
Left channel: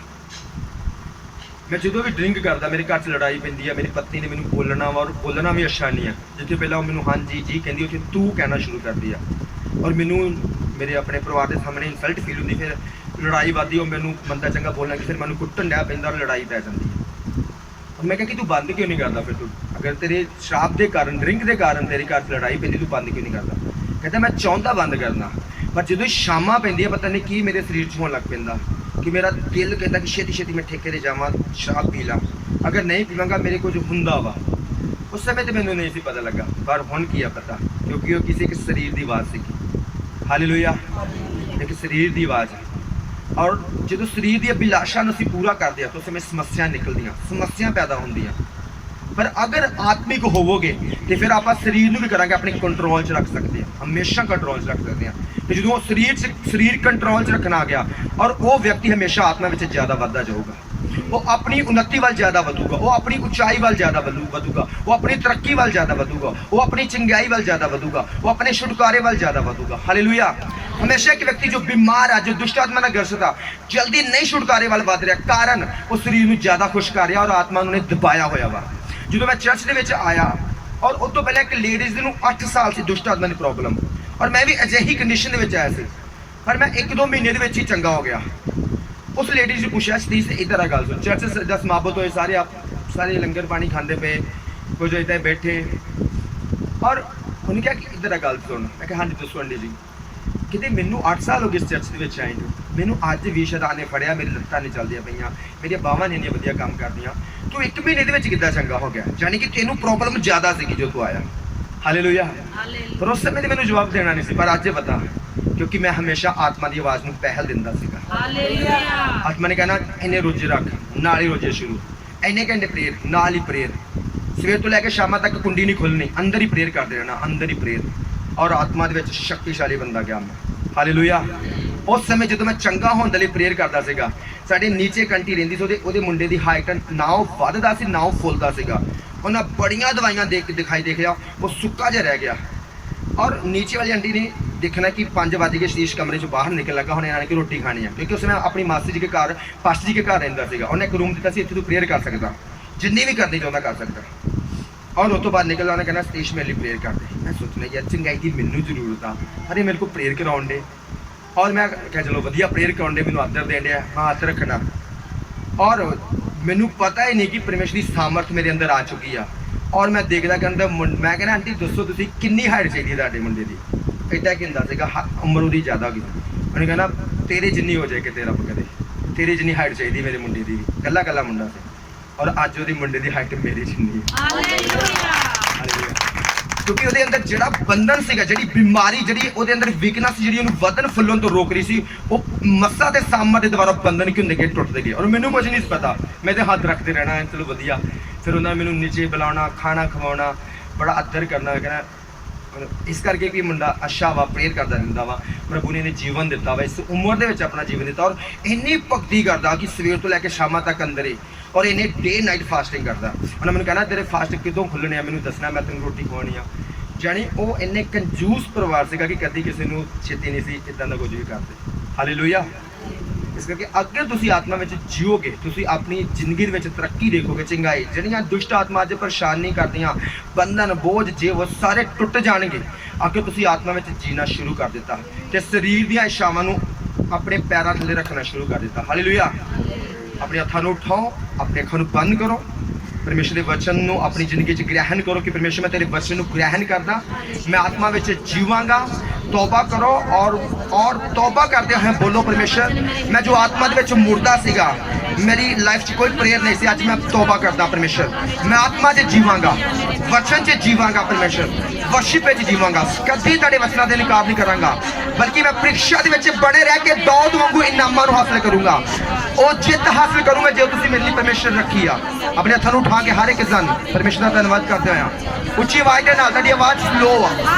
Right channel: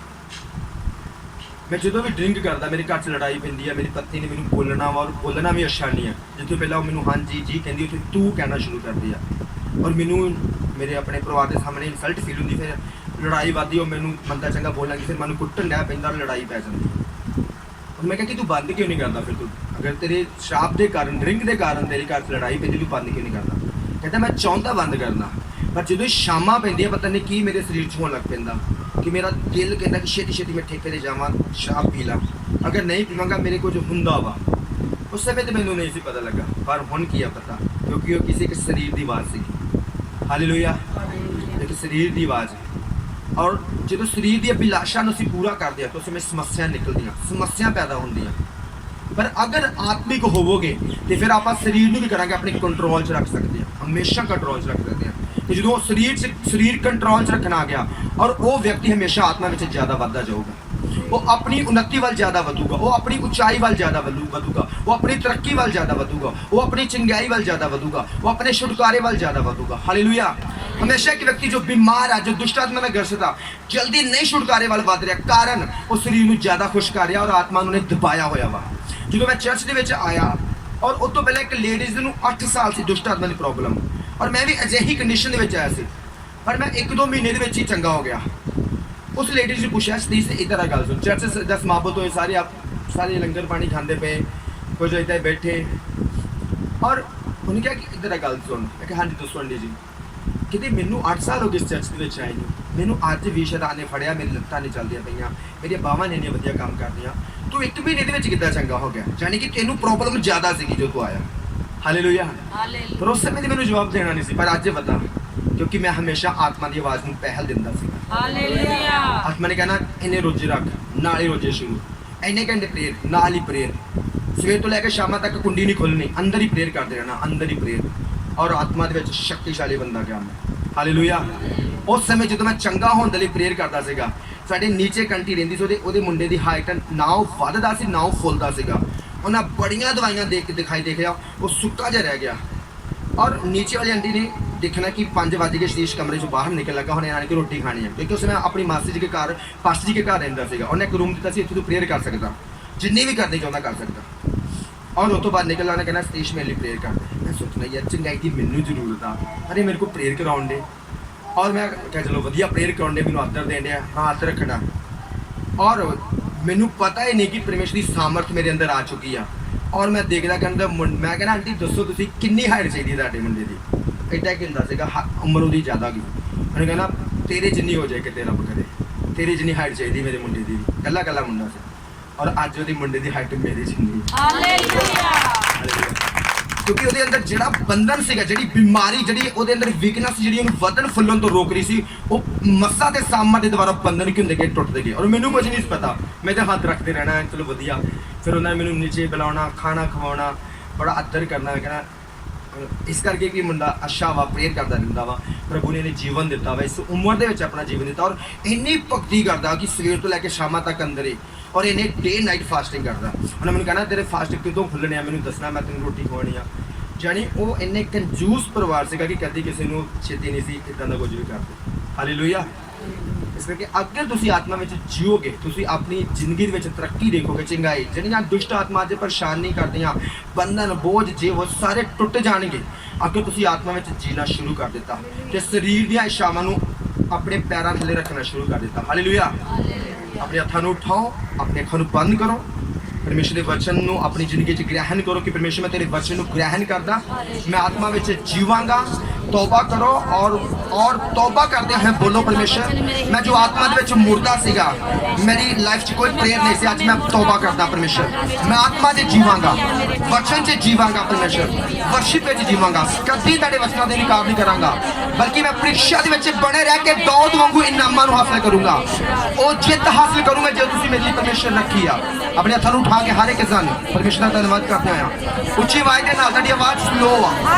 ਮੈਂ ਜਦੋਂ ਵੀ ਡਰਿੰਕ ਕਰਦਾ ਮੇਰੇ ਘਰ 'ਚ ਲੜਾਈ ਪੈਂਦੀ ਆ, ਮੇਰੀ ਪਤਨੀ ਨੇ ਮੈਨੂੰ ਬੋਲਣਾ ਵਾ, ਔਰ ਬੋਲਣਾ ਵੀ ਅੱਛਾ ਨਹੀਂ ਆ, ਜਿੱਥੇ ਪਹਿਲਾਂ ਉਹ ਮੈਨੂੰ ਹਾਂਜੀ ਜੀ ਕਹਿੰਦੀ, ਉੱਥੇ ਤੂੰ ਕਹਿਣਾ ਸ਼ੁਰੂ ਕਰਦੀ ਆ, ਔਰ ਮੈਨੂੰ ਮੇਰੇ ਆਪਣੇ ਪਰਿਵਾਰ ਦੇ ਸਾਹਮਣੇ ਇਨਸਲਟ ਫੀਲ ਹੁੰਦੀ, ਫਿਰ ਲੜਾਈ ਵੱਧਦੀ, ਉਹ ਮੈਨੂੰ ਬੰਦਾ ਚੰਗਾ ਬੋਲਣਾ ਕਿ ਫਿਰ ਮੈਨੂੰ ਕੁੱਟਣ ਡਿਆ ਪੈਂਦਾ, ਔਰ ਲੜਾਈ ਪੈ ਜਾਂਦੀ। ਔਰ ਮੈਂ ਕਿਹਾ ਕਿ ਤੂੰ ਬੰਦ ਕਿਉਂ ਨਹੀਂ ਕਰਦਾ, ਫਿਰ ਤੂੰ ਅਗਰ ਤੇਰੇ ਸ਼ਰਾਬ ਦੇ ਕਾਰਨ, ਡਰਿੰਕ ਦੇ ਕਾਰਨ ਤੇਰੇ ਘਰ 'ਚ ਲੜਾਈ ਪੈਂਦੀ, ਤੂੰ ਬੰਦ ਕਿਉਂ ਨਹੀਂ ਕਰਦਾ? ਕਹਿੰਦਾ ਮੈਂ ਚਾਹੁੰਦਾ ਬੰਦ ਕਰਨਾ, ਪਰ ਜਦੋਂ ਸ਼ਾਮਾਂ ਪੈਂਦੀਆਂ ਪਤਾ ਨਹੀਂ ਕੀ ਮੇਰੇ ਸਰੀਰ 'ਚ ਹੋਣ ਲੱਗ ਪੈਂਦਾ ਕਿ ਮੇਰਾ ਦਿਲ ਕਹਿੰਦਾ ਕਿ ਛੇਤੀ ਛੇਤੀ ਮੈਂ ਠੇਕੇ 'ਤੇ ਜਾਵਾਂ, ਸ਼ਰਾਬ ਪੀ ਲਾਂ, ਅਗਰ ਨਹੀਂ ਪੀਵਾਂਗਾ ਮੇਰੇ ਕੁਝ ਹੁੰਦਾ ਵਾ। ਉਸ ਸਮੇਂ ਤੇ ਮੈਨੂੰ ਨਹੀਂ ਸੀ ਪਤਾ ਲੱਗਾ, ਪਰ ਹੁਣ ਕੀ ਆ ਪਤਾ, ਕਿਉਂਕਿ ਉਹ ਕਿਸੇ ਇੱਕ ਸਰੀਰ ਦੀ ਆਵਾਜ਼ ਸੀਗੀ। ਹਾਲੇਲੂਇਆ। ਇੱਕ ਸਰੀਰ ਦੀ ਆਵਾਜ਼। ਔਰ ਜਦੋਂ ਸਰੀਰ ਦੀ ਅਭਿਲਾਸ਼ਾ ਨੂੰ ਅਸੀਂ ਪੂਰਾ ਕਰਦੇ ਆ ਤਾਂ ਉਸ ਸਮੇਂ ਸਮੱਸਿਆ ਨਿਕਲਦੀਆਂ, ਸਮੱਸਿਆ ਪੈਦਾ ਹੁੰਦੀਆਂ। ਪਰ ਅਗਰ ਆਤਮਿਕ ਹੋਵੋਗੇ ਤੇ ਫਿਰ ਆਪਾਂ ਸਰੀਰ ਨੂੰ ਵੀ ਕਰਾਂਗੇ ਆਪਣੇ ਕੰਟਰੋਲ 'ਚ ਰੱਖ ਸਕਦੇ ਹਾਂ, ਹਮੇਸ਼ਾ ਕੰਟਰੋਲ 'ਚ ਰੱਖ ਸਕਦੇ ਹਾਂ। ਤੇ ਜਦੋਂ ਸਰੀਰ ਕੰਟਰੋਲ 'ਚ ਰੱਖਣਾ ਆ ਗਿਆ, ਔਰ ਉਹ ਵਿਅਕਤੀ ਹਮੇਸ਼ਾ ਆਤਮਾ ਵਿੱਚ ਜ਼ਿਆਦਾ ਵੱਧਦਾ ਜਾਊਗਾ, ਉਹ ਆਪਣੀ ਉન્નਤੀ ਵੱਲ ਜ਼ਿਆਦਾ ਵਧੂਗਾ, ਉਹ ਆਪਣੀ ਉਚਾਈ ਵੱਲ ਜ਼ਿਆਦਾ ਵਧੂਗਾ, ਉਹ ਆਪਣੀ ਤਰੱਕੀ ਵੱਲ ਜ਼ਿਆਦਾ ਵਧੂਗਾ, ਉਹ ਆਪਣੀ ਚੰਗਿਆਈ ਵੱਲ ਜ਼ਿਆਦਾ ਵਧੂਗਾ, ਉਹ ਆਪਣੇ ਛੁਟਕਾਰੇ ਵੱਲ ਜ਼ਿਆਦਾ ਵਧੂਗਾ। ਹਾਲੇਲੂਇਆ। ਹਮੇਸ਼ਾ ਇੱਕ ਵਿਅਕਤੀ ਜੋ ਬਿਮਾਰ ਆ, ਜੋ ਦੁਸ਼ਟ ਆਤਮਾ ਨਾਲ ਗ੍ਰਸਤ ਆ, ਜਲਦੀ ਨਹੀਂ ਛੁਟਕਾਰੇ ਵੱਲ ਵੱਧ ਰਿਹਾ, ਕਾਰਨ ਉਹ ਸਰੀਰ ਨੂੰ ਜ਼ਿਆਦਾ ਖੁਸ਼ ਕਰ ਰਿਹਾ ਔਰ ਆਤਮਾ ਨੂੰ ਨੇ ਦਬਾਇਆ ਹੋਇਆ ਵਾ। ਜਦੋਂ ਮੈਂ ਚਰਚ ਦੇ ਵਿੱਚ ਆਇਆ, ਔਰ ਉਸ ਤੋਂ ਪਹਿਲਾਂ ਇੱਕ ਲੇਡੀਜ਼ ਨੂੰ 8 ਸਾਲ ਸੀ ਦੁਸ਼ਟ ਆਤਮਾ ਦੀ ਪ੍ਰੋਬਲਮ, ਔਰ ਮੈਂ ਵੀ ਅਜਿਹੀ ਕੰਡੀਸ਼ਨ ਦੇ ਵਿੱਚ ਆਇਆ ਸੀ, ਪਰ ਮੈਂ 1-2 ਮਹੀਨੇ ਦੇ ਵਿੱਚ ਹੀ ਚੰਗਾ ਹੋ ਗਿਆ। ਉਸ ਲੇਡੀਜ਼ ਨੂੰ ਪੁੱਛਿਆ, ਸਤੀਸ਼ ਇੱਦਾਂ ਦਾ ਗੱਲ ਸੁਣ, ਚਰਚ ਦਾ ਸਮਾਪਤ ਹੋਏ, ਸਾਰੇ ਲੰਗਰ ਪਾਣੀ ਖਾਂਦੇ ਪਏ, ਕੁਝ ਇੱਦਾਂ ਬੈਠੇ, ਔਰ ਉਹਨੇ ਕਿਹਾ ਕਿ ਇੱਦਾਂ ਦਾ ਗੱਲ ਸੁਣ। ਮੈਂ ਕਿਹਾ ਹਾਂਜੀ ਦੱਸੋ ਆਂਟੀ ਜੀ। ਕਿਤੇ ਮੈਨੂੰ 8 ਸਾਲ ਹੋ ਗਏ ਇਸ ਚਰਚ ਦੇ ਵਿੱਚ ਆਏ ਨੂੰ, ਮੈਨੂੰ ਅੱਜ ਵੀ ਸ਼ੈਤਾਨ ਨੇ ਫੜਿਆ, ਮੇਰੀ ਲੱਤਾਂ ਨਹੀਂ ਚੱਲਦੀਆਂ ਪਈਆਂ, ਮੇਰੀਆਂ ਬਾਹਾਂ ਨੇ ਇੰਨੀਆਂ ਵਧੀਆ ਕੰਮ ਕਰਦੀਆਂ, ਤੂੰ 1 ਮਹੀਨੇ ਦੇ ਵਿੱਚ ਕਿੱਦਾਂ ਚੰਗਾ ਹੋ ਗਿਆ? ਯਾਨੀ ਕਿ ਤੈਨੂੰ ਪ੍ਰੋਬਲਮ ਜ਼ਿਆਦਾ ਸੀਗੀ ਜੋ ਤੂੰ ਆਇਆ। ਹਾਲੇਲੂਇਆ। ਪਰ ਉਸ ਸਮੇਂ ਤੇ ਮੈਨੂੰ ਜਵਾਬ ਦੇਣਾ ਨਹੀਂ ਸੀ, ਪਰ ਅੱਜ ਪਤਾ, ਕਿਉਂਕਿ ਮੈਂ ਹਮੇਸ਼ਾ ਆਤਮਾ ਦੀ ਆਵਾਜ਼ ਨੂੰ ਪਹਿਲ ਦਿੰਦਾ ਸੀਗਾ। ਹਾਲੇਲੂਇਆ। ਆਤਮਾ ਨੇ ਕਹਿਣਾ ਇੰਨੇ ਰੋਜ਼ੇ ਰੱਖ, ਨਾਲ ਹੀ ਰੋਜ਼ੇ ਸ਼ੁਰੂ, ਇੰਨੇ ਘੰਟੇ ਪ੍ਰੇਅਰ, ਨਾਲ ਹੀ ਪ੍ਰੇਅਰ, ਸਵੇਰ ਤੋਂ ਲੈ ਕੇ ਸ਼ਾਮਾਂ ਤੱਕ ਕੁੰਡੀ ਨਹੀਂ ਖੁੱਲਣੀ, ਅੰਦਰ ਹੀ ਪ੍ਰੇਅਰ ਕਰਦੇ ਰਹਿਣਾ, ਅੰਦਰ ਹੀ ਪ੍ਰੇਅਰ। ਔਰ ਆਤਮਾ ਦੇ ਵਿੱਚ ਸ਼ਕਤੀਸ਼ਾਲੀ ਬੰਦਾ ਗਿਆ ਮੈਂ। ਹਾਲੇਲੂਇਆ। ਉਸ ਸਮੇਂ ਜਦੋਂ ਮੈਂ ਚੰਗਾ ਹੋਣ ਦੇ ਲਈ ਪ੍ਰੇਅਰ ਕਰਦਾ ਸੀਗਾ, ਸਾਡੇ ਨੀਚੇ ਕੰਟੀ ਰਹਿੰਦੀ ਸੀ, ਉਹਦੇ ਮੁੰਡੇ ਦੀ ਹਾਈਟ ਨਾ ਉਹ ਵੱਧਦਾ ਸੀ ਨਾ ਉਹ ਫੁੱਲਦਾ ਸੀਗਾ, ਉਹਨਾਂ ਬੜੀਆਂ ਦਵਾਈਆਂ ਦਿਖਾਈ ਦੇਖਿਆ, ਉਹ ਸੁੱਕਾ ਜਿਹਾ ਰਹਿ ਗਿਆ। ਔਰ ਨੀਚੇ ਵਾਲੀ ਆਂਟੀ ਨੇ ਦੇਖਣਾ ਕਿ 5 ਵਜ ਗਏ, ਸਤੀਸ਼ ਕਮਰੇ 'ਚੋਂ ਬਾਹਰ ਨਿਕਲ ਲੱਗਾ, ਹੁਣ ਇਹਨਾਂ ਨੇ ਕਿ ਰੋਟੀ ਖਾਣੀ ਹੈ, ਕਿਉਂਕਿ ਉਸ ਮੈਂ ਆਪਣੀ ਮਾਸੀ ਜੀ ਦੇ ਘਰ, ਪਾਸਟਰ ਜੀ ਦੇ ਘਰ ਰਹਿੰਦਾ ਸੀਗਾ, ਉਹਨੇ ਇੱਕ ਰੂਮ ਦਿੱਤਾ ਸੀ, ਇੱਥੇ ਤੂੰ ਪ੍ਰੇਅਰ ਕਰ ਸਕਦਾ, ਜਿੰਨੀ ਵੀ ਕਰਨੀ ਚਾਹੁੰਦਾ ਕਰ ਸਕਦਾ। ਔਰ ਉਸ ਤੋਂ ਬਾਅਦ ਨਿਕਲਦਾ, ਉਹਨੇ ਕਹਿਣਾ ਸਤੀਸ਼ ਮੇਰੇ ਲਈ ਪ੍ਰੇਅਰ ਕਰਦੇ। ਮੈਂ ਸੋਚਣਾ ਯਾਰ ਚੰਗਾਈ ਦੀ ਮੈਨੂੰ ਜ਼ਰੂਰਤ ਆ, ਅਰੇ ਮੇਰੇ ਕੋਲ ਪ੍ਰੇਅਰ ਕਰਾਉਣ ਦੇ, ਔਰ ਮੈਂ ਕਿਹਾ ਚਲੋ ਵਧੀਆ ਪ੍ਰੇਅਰ ਕਰਾਉਣ ਦੇ, ਮੈਨੂੰ ਆਦਰ ਦੇਣ ਡਿਆ, ਹਾਂ ਹੱਥ ਰੱਖਣਾ। ਔਰ ਮੈਨੂੰ ਪਤਾ ਹੀ ਨਹੀਂ ਕਿ ਪਰਮੇਸ਼ਰ ਦੀ ਸਾਮਰਥ ਮੇਰੇ ਅੰਦਰ ਆ ਚੁੱਕੀ ਆ। ਔਰ ਮੈਂ ਦੇਖਦਾ ਕਹਿੰਦਾ, ਮੈਂ ਕਹਿੰਦਾ ਆਂਟੀ ਦੱਸੋ ਤੁਸੀਂ ਕਿੰਨੀ ਹਾਈਟ ਚਾਹੀਦੀ ਤੁਹਾਡੇ ਮੁੰਡੇ ਦੀ? ਇੱਦਾਂ ਕੀ ਹੁੰਦਾ ਸੀਗਾ, ਉਮਰ ਉਹਦੀ ਜ਼ਿਆਦਾ ਹੋ ਗਈ। ਉਹਨੇ ਕਹਿੰਦਾ ਤੇਰੇ ਜਿੰਨੀ ਹੋ ਜਾਏ ਕਿਤੇ ਰੱਬ ਕਰੇ, ਤੇਰੇ ਜਿੰਨੀ ਹਾਈਟ ਚਾਹੀਦੀ ਮੇਰੇ ਮੁੰਡੇ ਦੀ। ਕੱਲਾ ਮੁੰਡਾ ਸੀ, ਔਰ ਅੱਜ ਉਹਦੇ ਮੁੰਡੇ ਦੀ ਹਾਈਟ ਮੇਰੇ ਜਿੰਨੀ। ਹਾਲੇਲੂਇਆ। ਕਿਉਂਕਿ ਉਹਦੇ ਅੰਦਰ ਜਿਹੜਾ ਬੰਧਨ ਸੀਗਾ, ਜਿਹੜੀ ਬਿਮਾਰੀ, ਜਿਹੜੀ ਉਹਦੇ ਅੰਦਰ ਵੀਕਨੈਸ, ਜਿਹੜੀ ਉਹਨੂੰ ਵਧਣ ਫੁੱਲਣ ਤੋਂ ਰੋਕ ਰਹੀ ਸੀ, ਉਹ ਮੱਸਾ ਤੇ ਸਾਮਾ ਦੇ ਦੁਆਰਾ ਬੰਧਨ ਕੀ ਹੁੰਦੇ ਗਏ, ਟੁੱਟਦੇ ਗਏ। ਔਰ ਮੈਨੂੰ ਕੁਝ ਨਹੀਂ ਪਤਾ, ਮੈਂ ਤਾਂ ਹੱਥ ਰੱਖਦੇ ਰਹਿਣਾ, ਚਲੋ ਵਧੀਆ। ਫਿਰ ਉਹਨਾਂ ਨੇ ਮੈਨੂੰ ਨੀਚੇ ਬੁਲਾਉਣਾ, ਖਾਣਾ ਖਵਾਉਣਾ, ਬੜਾ ਆਦਰ ਕਰਨਾ, ਕਹਿਣਾ ਇਸ ਕਰਕੇ ਵੀ ਮੁੰਡਾ ਅੱਛਾ ਵਾ, ਪ੍ਰੇਅਰ ਕਰਦਾ ਰਹਿੰਦਾ ਵਾ। ਪ੍ਰਭੂ ਨੇ ਇਹਨੇ ਜੀਵਨ ਦਿੱਤਾ ਵਾ, ਇਸ ਉਮਰ ਦੇ ਵਿੱਚ ਆਪਣਾ ਜੀਵਨ ਦਿੱਤਾ, ਔਰ ਇੰਨੀ ਭਗਤੀ ਕਰਦਾ ਕਿ ਸਵੇਰ ਤੋਂ ਲੈ ਕੇ ਸ਼ਾਮਾਂ ਤੱਕ ਅੰਦਰ ਹੀ, ਔਰ ਇਹਨੇ ਡੇ ਨਾਈਟ ਫਾਸਟਿੰਗ ਕਰਦਾ। ਉਹਨੇ ਮੈਨੂੰ ਕਹਿਣਾ ਤੇਰੇ ਫਾਸਟ ਕਿਦੋਂ ਖੁੱਲਣੇ ਆ, ਮੈਨੂੰ ਦੱਸਣਾ, ਮੈਂ ਤੈਨੂੰ ਰੋਟੀ ਖਵਾਉਣੀ ਆ। ਜਾਣੀ ਉਹ ਇੰਨੇ ਕੰਜੂਸ ਪਰਿਵਾਰ ਸੀਗਾ ਕਿ ਕਦੀ ਕਿਸੇ ਨੂੰ ਛੇਤੀ ਨਹੀਂ ਸੀ ਇਦਾਂ ਦਾ ਕੁਝ ਵੀ ਕਰਦੇ। ਹਾਲੇਲੂਇਆ। ਇਸ ਕਰਕੇ ਅੱਗੇ ਤੁਸੀਂ ਆਤਮਾ ਵਿੱਚ ਜੀਓਗੇ, ਤੁਸੀਂ ਆਪਣੀ ਜ਼ਿੰਦਗੀ ਦੇ ਵਿੱਚ ਤਰੱਕੀ ਦੇਖੋਗੇ, ਚੰਗਾਈ। ਜਿਹੜੀਆਂ ਦੁਸ਼ਟ ਆਤਮਾ ਅੱਜ ਪਰੇਸ਼ਾਨ ਨਹੀਂ ਕਰਦੀਆਂ, ਬੰਧਨ ਬੋਝ ਜੇ ਉਹ ਸਾਰੇ ਟੁੱਟ ਜਾਣਗੇ। ਅੱਗੇ ਤੁਸੀਂ ਆਤਮਾ ਵਿੱਚ ਜੀਣਾ ਸ਼ੁਰੂ ਕਰ ਦਿੱਤਾ ਤੇ ਸਰੀਰ ਦੀਆਂ ਇਛਾਵਾਂ ਨੂੰ ਆਪਣੇ ਪੈਰਾਂ ਥੱਲੇ ਰੱਖਣਾ ਸ਼ੁਰੂ ਕਰ ਦਿੱਤਾ। ਹਾਲੇਲੂਇਆ। ਆਪਣੇ ਹੱਥਾਂ ਨੂੰ ਉਠਾਓ, ਆਪਣੇ ਅੱਖਾਂ ਨੂੰ ਬੰਦ ਕਰੋ, ਪਰਮੇਸ਼ਰ ਦੇ ਵਚਨ ਨੂੰ ਆਪਣੀ ਜ਼ਿੰਦਗੀ 'ਚ ਗ੍ਰਹਿਣ ਕਰੋ ਕਿ ਪਰਮੇਸ਼ਰ ਮੈਂ ਤੇਰੇ ਵਚਨ ਨੂੰ ਗ੍ਰਹਿਣ ਕਰਦਾ, ਮੈਂ ਆਤਮਾ ਵਿੱਚ ਜੀਵਾਂਗਾ। ਤੌਬਾ ਕਰੋ ਔਰ ਤੌਬਾ ਕਰਦੇ ਹੋਏ ਬੋਲੋ, ਪਰਮੇਸ਼ਰ ਮੈਂ ਜੋ ਆਤਮਾ ਦੇ ਵਿੱਚ ਮੁਰਦਾ ਸੀਗਾ, ਮੇਰੀ ਲਾਈਫ 'ਚ ਕੋਈ ਪ੍ਰੇਅਰ ਨਹੀਂ ਸੀ, ਅੱਜ ਮੈਂ ਤੌਬਾ ਕਰਦਾ ਪਰਮੇਸ਼ਰ, ਮੈਂ ਆਤਮਾ 'ਚ ਜੀਵਾਂਗਾ, ਵਚਨ 'ਚ ਜੀਵਾਂਗਾ ਪਰਮੇਸ਼ਰ, ਵਰਸ਼ਿਪ ਵਿੱਚ ਜੀਵਾਂਗਾ, ਕਦੀ ਤੁਹਾਡੇ ਵਚਨਾਂ ਦੇ ਇਨਕਾਰ ਨਹੀਂ ਕਰਾਂਗਾ, ਬਲਕਿ ਮੈਂ ਪ੍ਰੀਖਿਆ ਦੇ ਵਿੱਚ ਬਣੇ ਰਹਿ ਕੇ ਦਾਊਦ ਵਾਂਗੂ ਇਨਾਮਾਂ ਨੂੰ ਹਾਸਲ ਕਰੂੰਗਾ। ਉਹ ਜਿੱਤ ਹਾਸਲ ਕਰੂੰਗਾ ਜੋ ਤੁਸੀਂ ਮੇਰੇ ਲਈ ਪਰਮੇਸ਼ਰ ਰੱਖੀ ਆ। ਆਪਣੇ ਹੱਥਾਂ ਨੂੰ ਉਠਾ ਕੇ ਹਰ ਇੱਕ ਜਨ ਪਰਮੇਸ਼ਰ ਦਾ ਧੰਨਵਾਦ ਕਰਦਾ ਆ। ਉੱਚੀ ਆਵਾਜ਼ ਦੇ ਨਾਲ, ਤੁਹਾਡੀ ਆਵਾਜ਼ ਸਲੋ ਆ,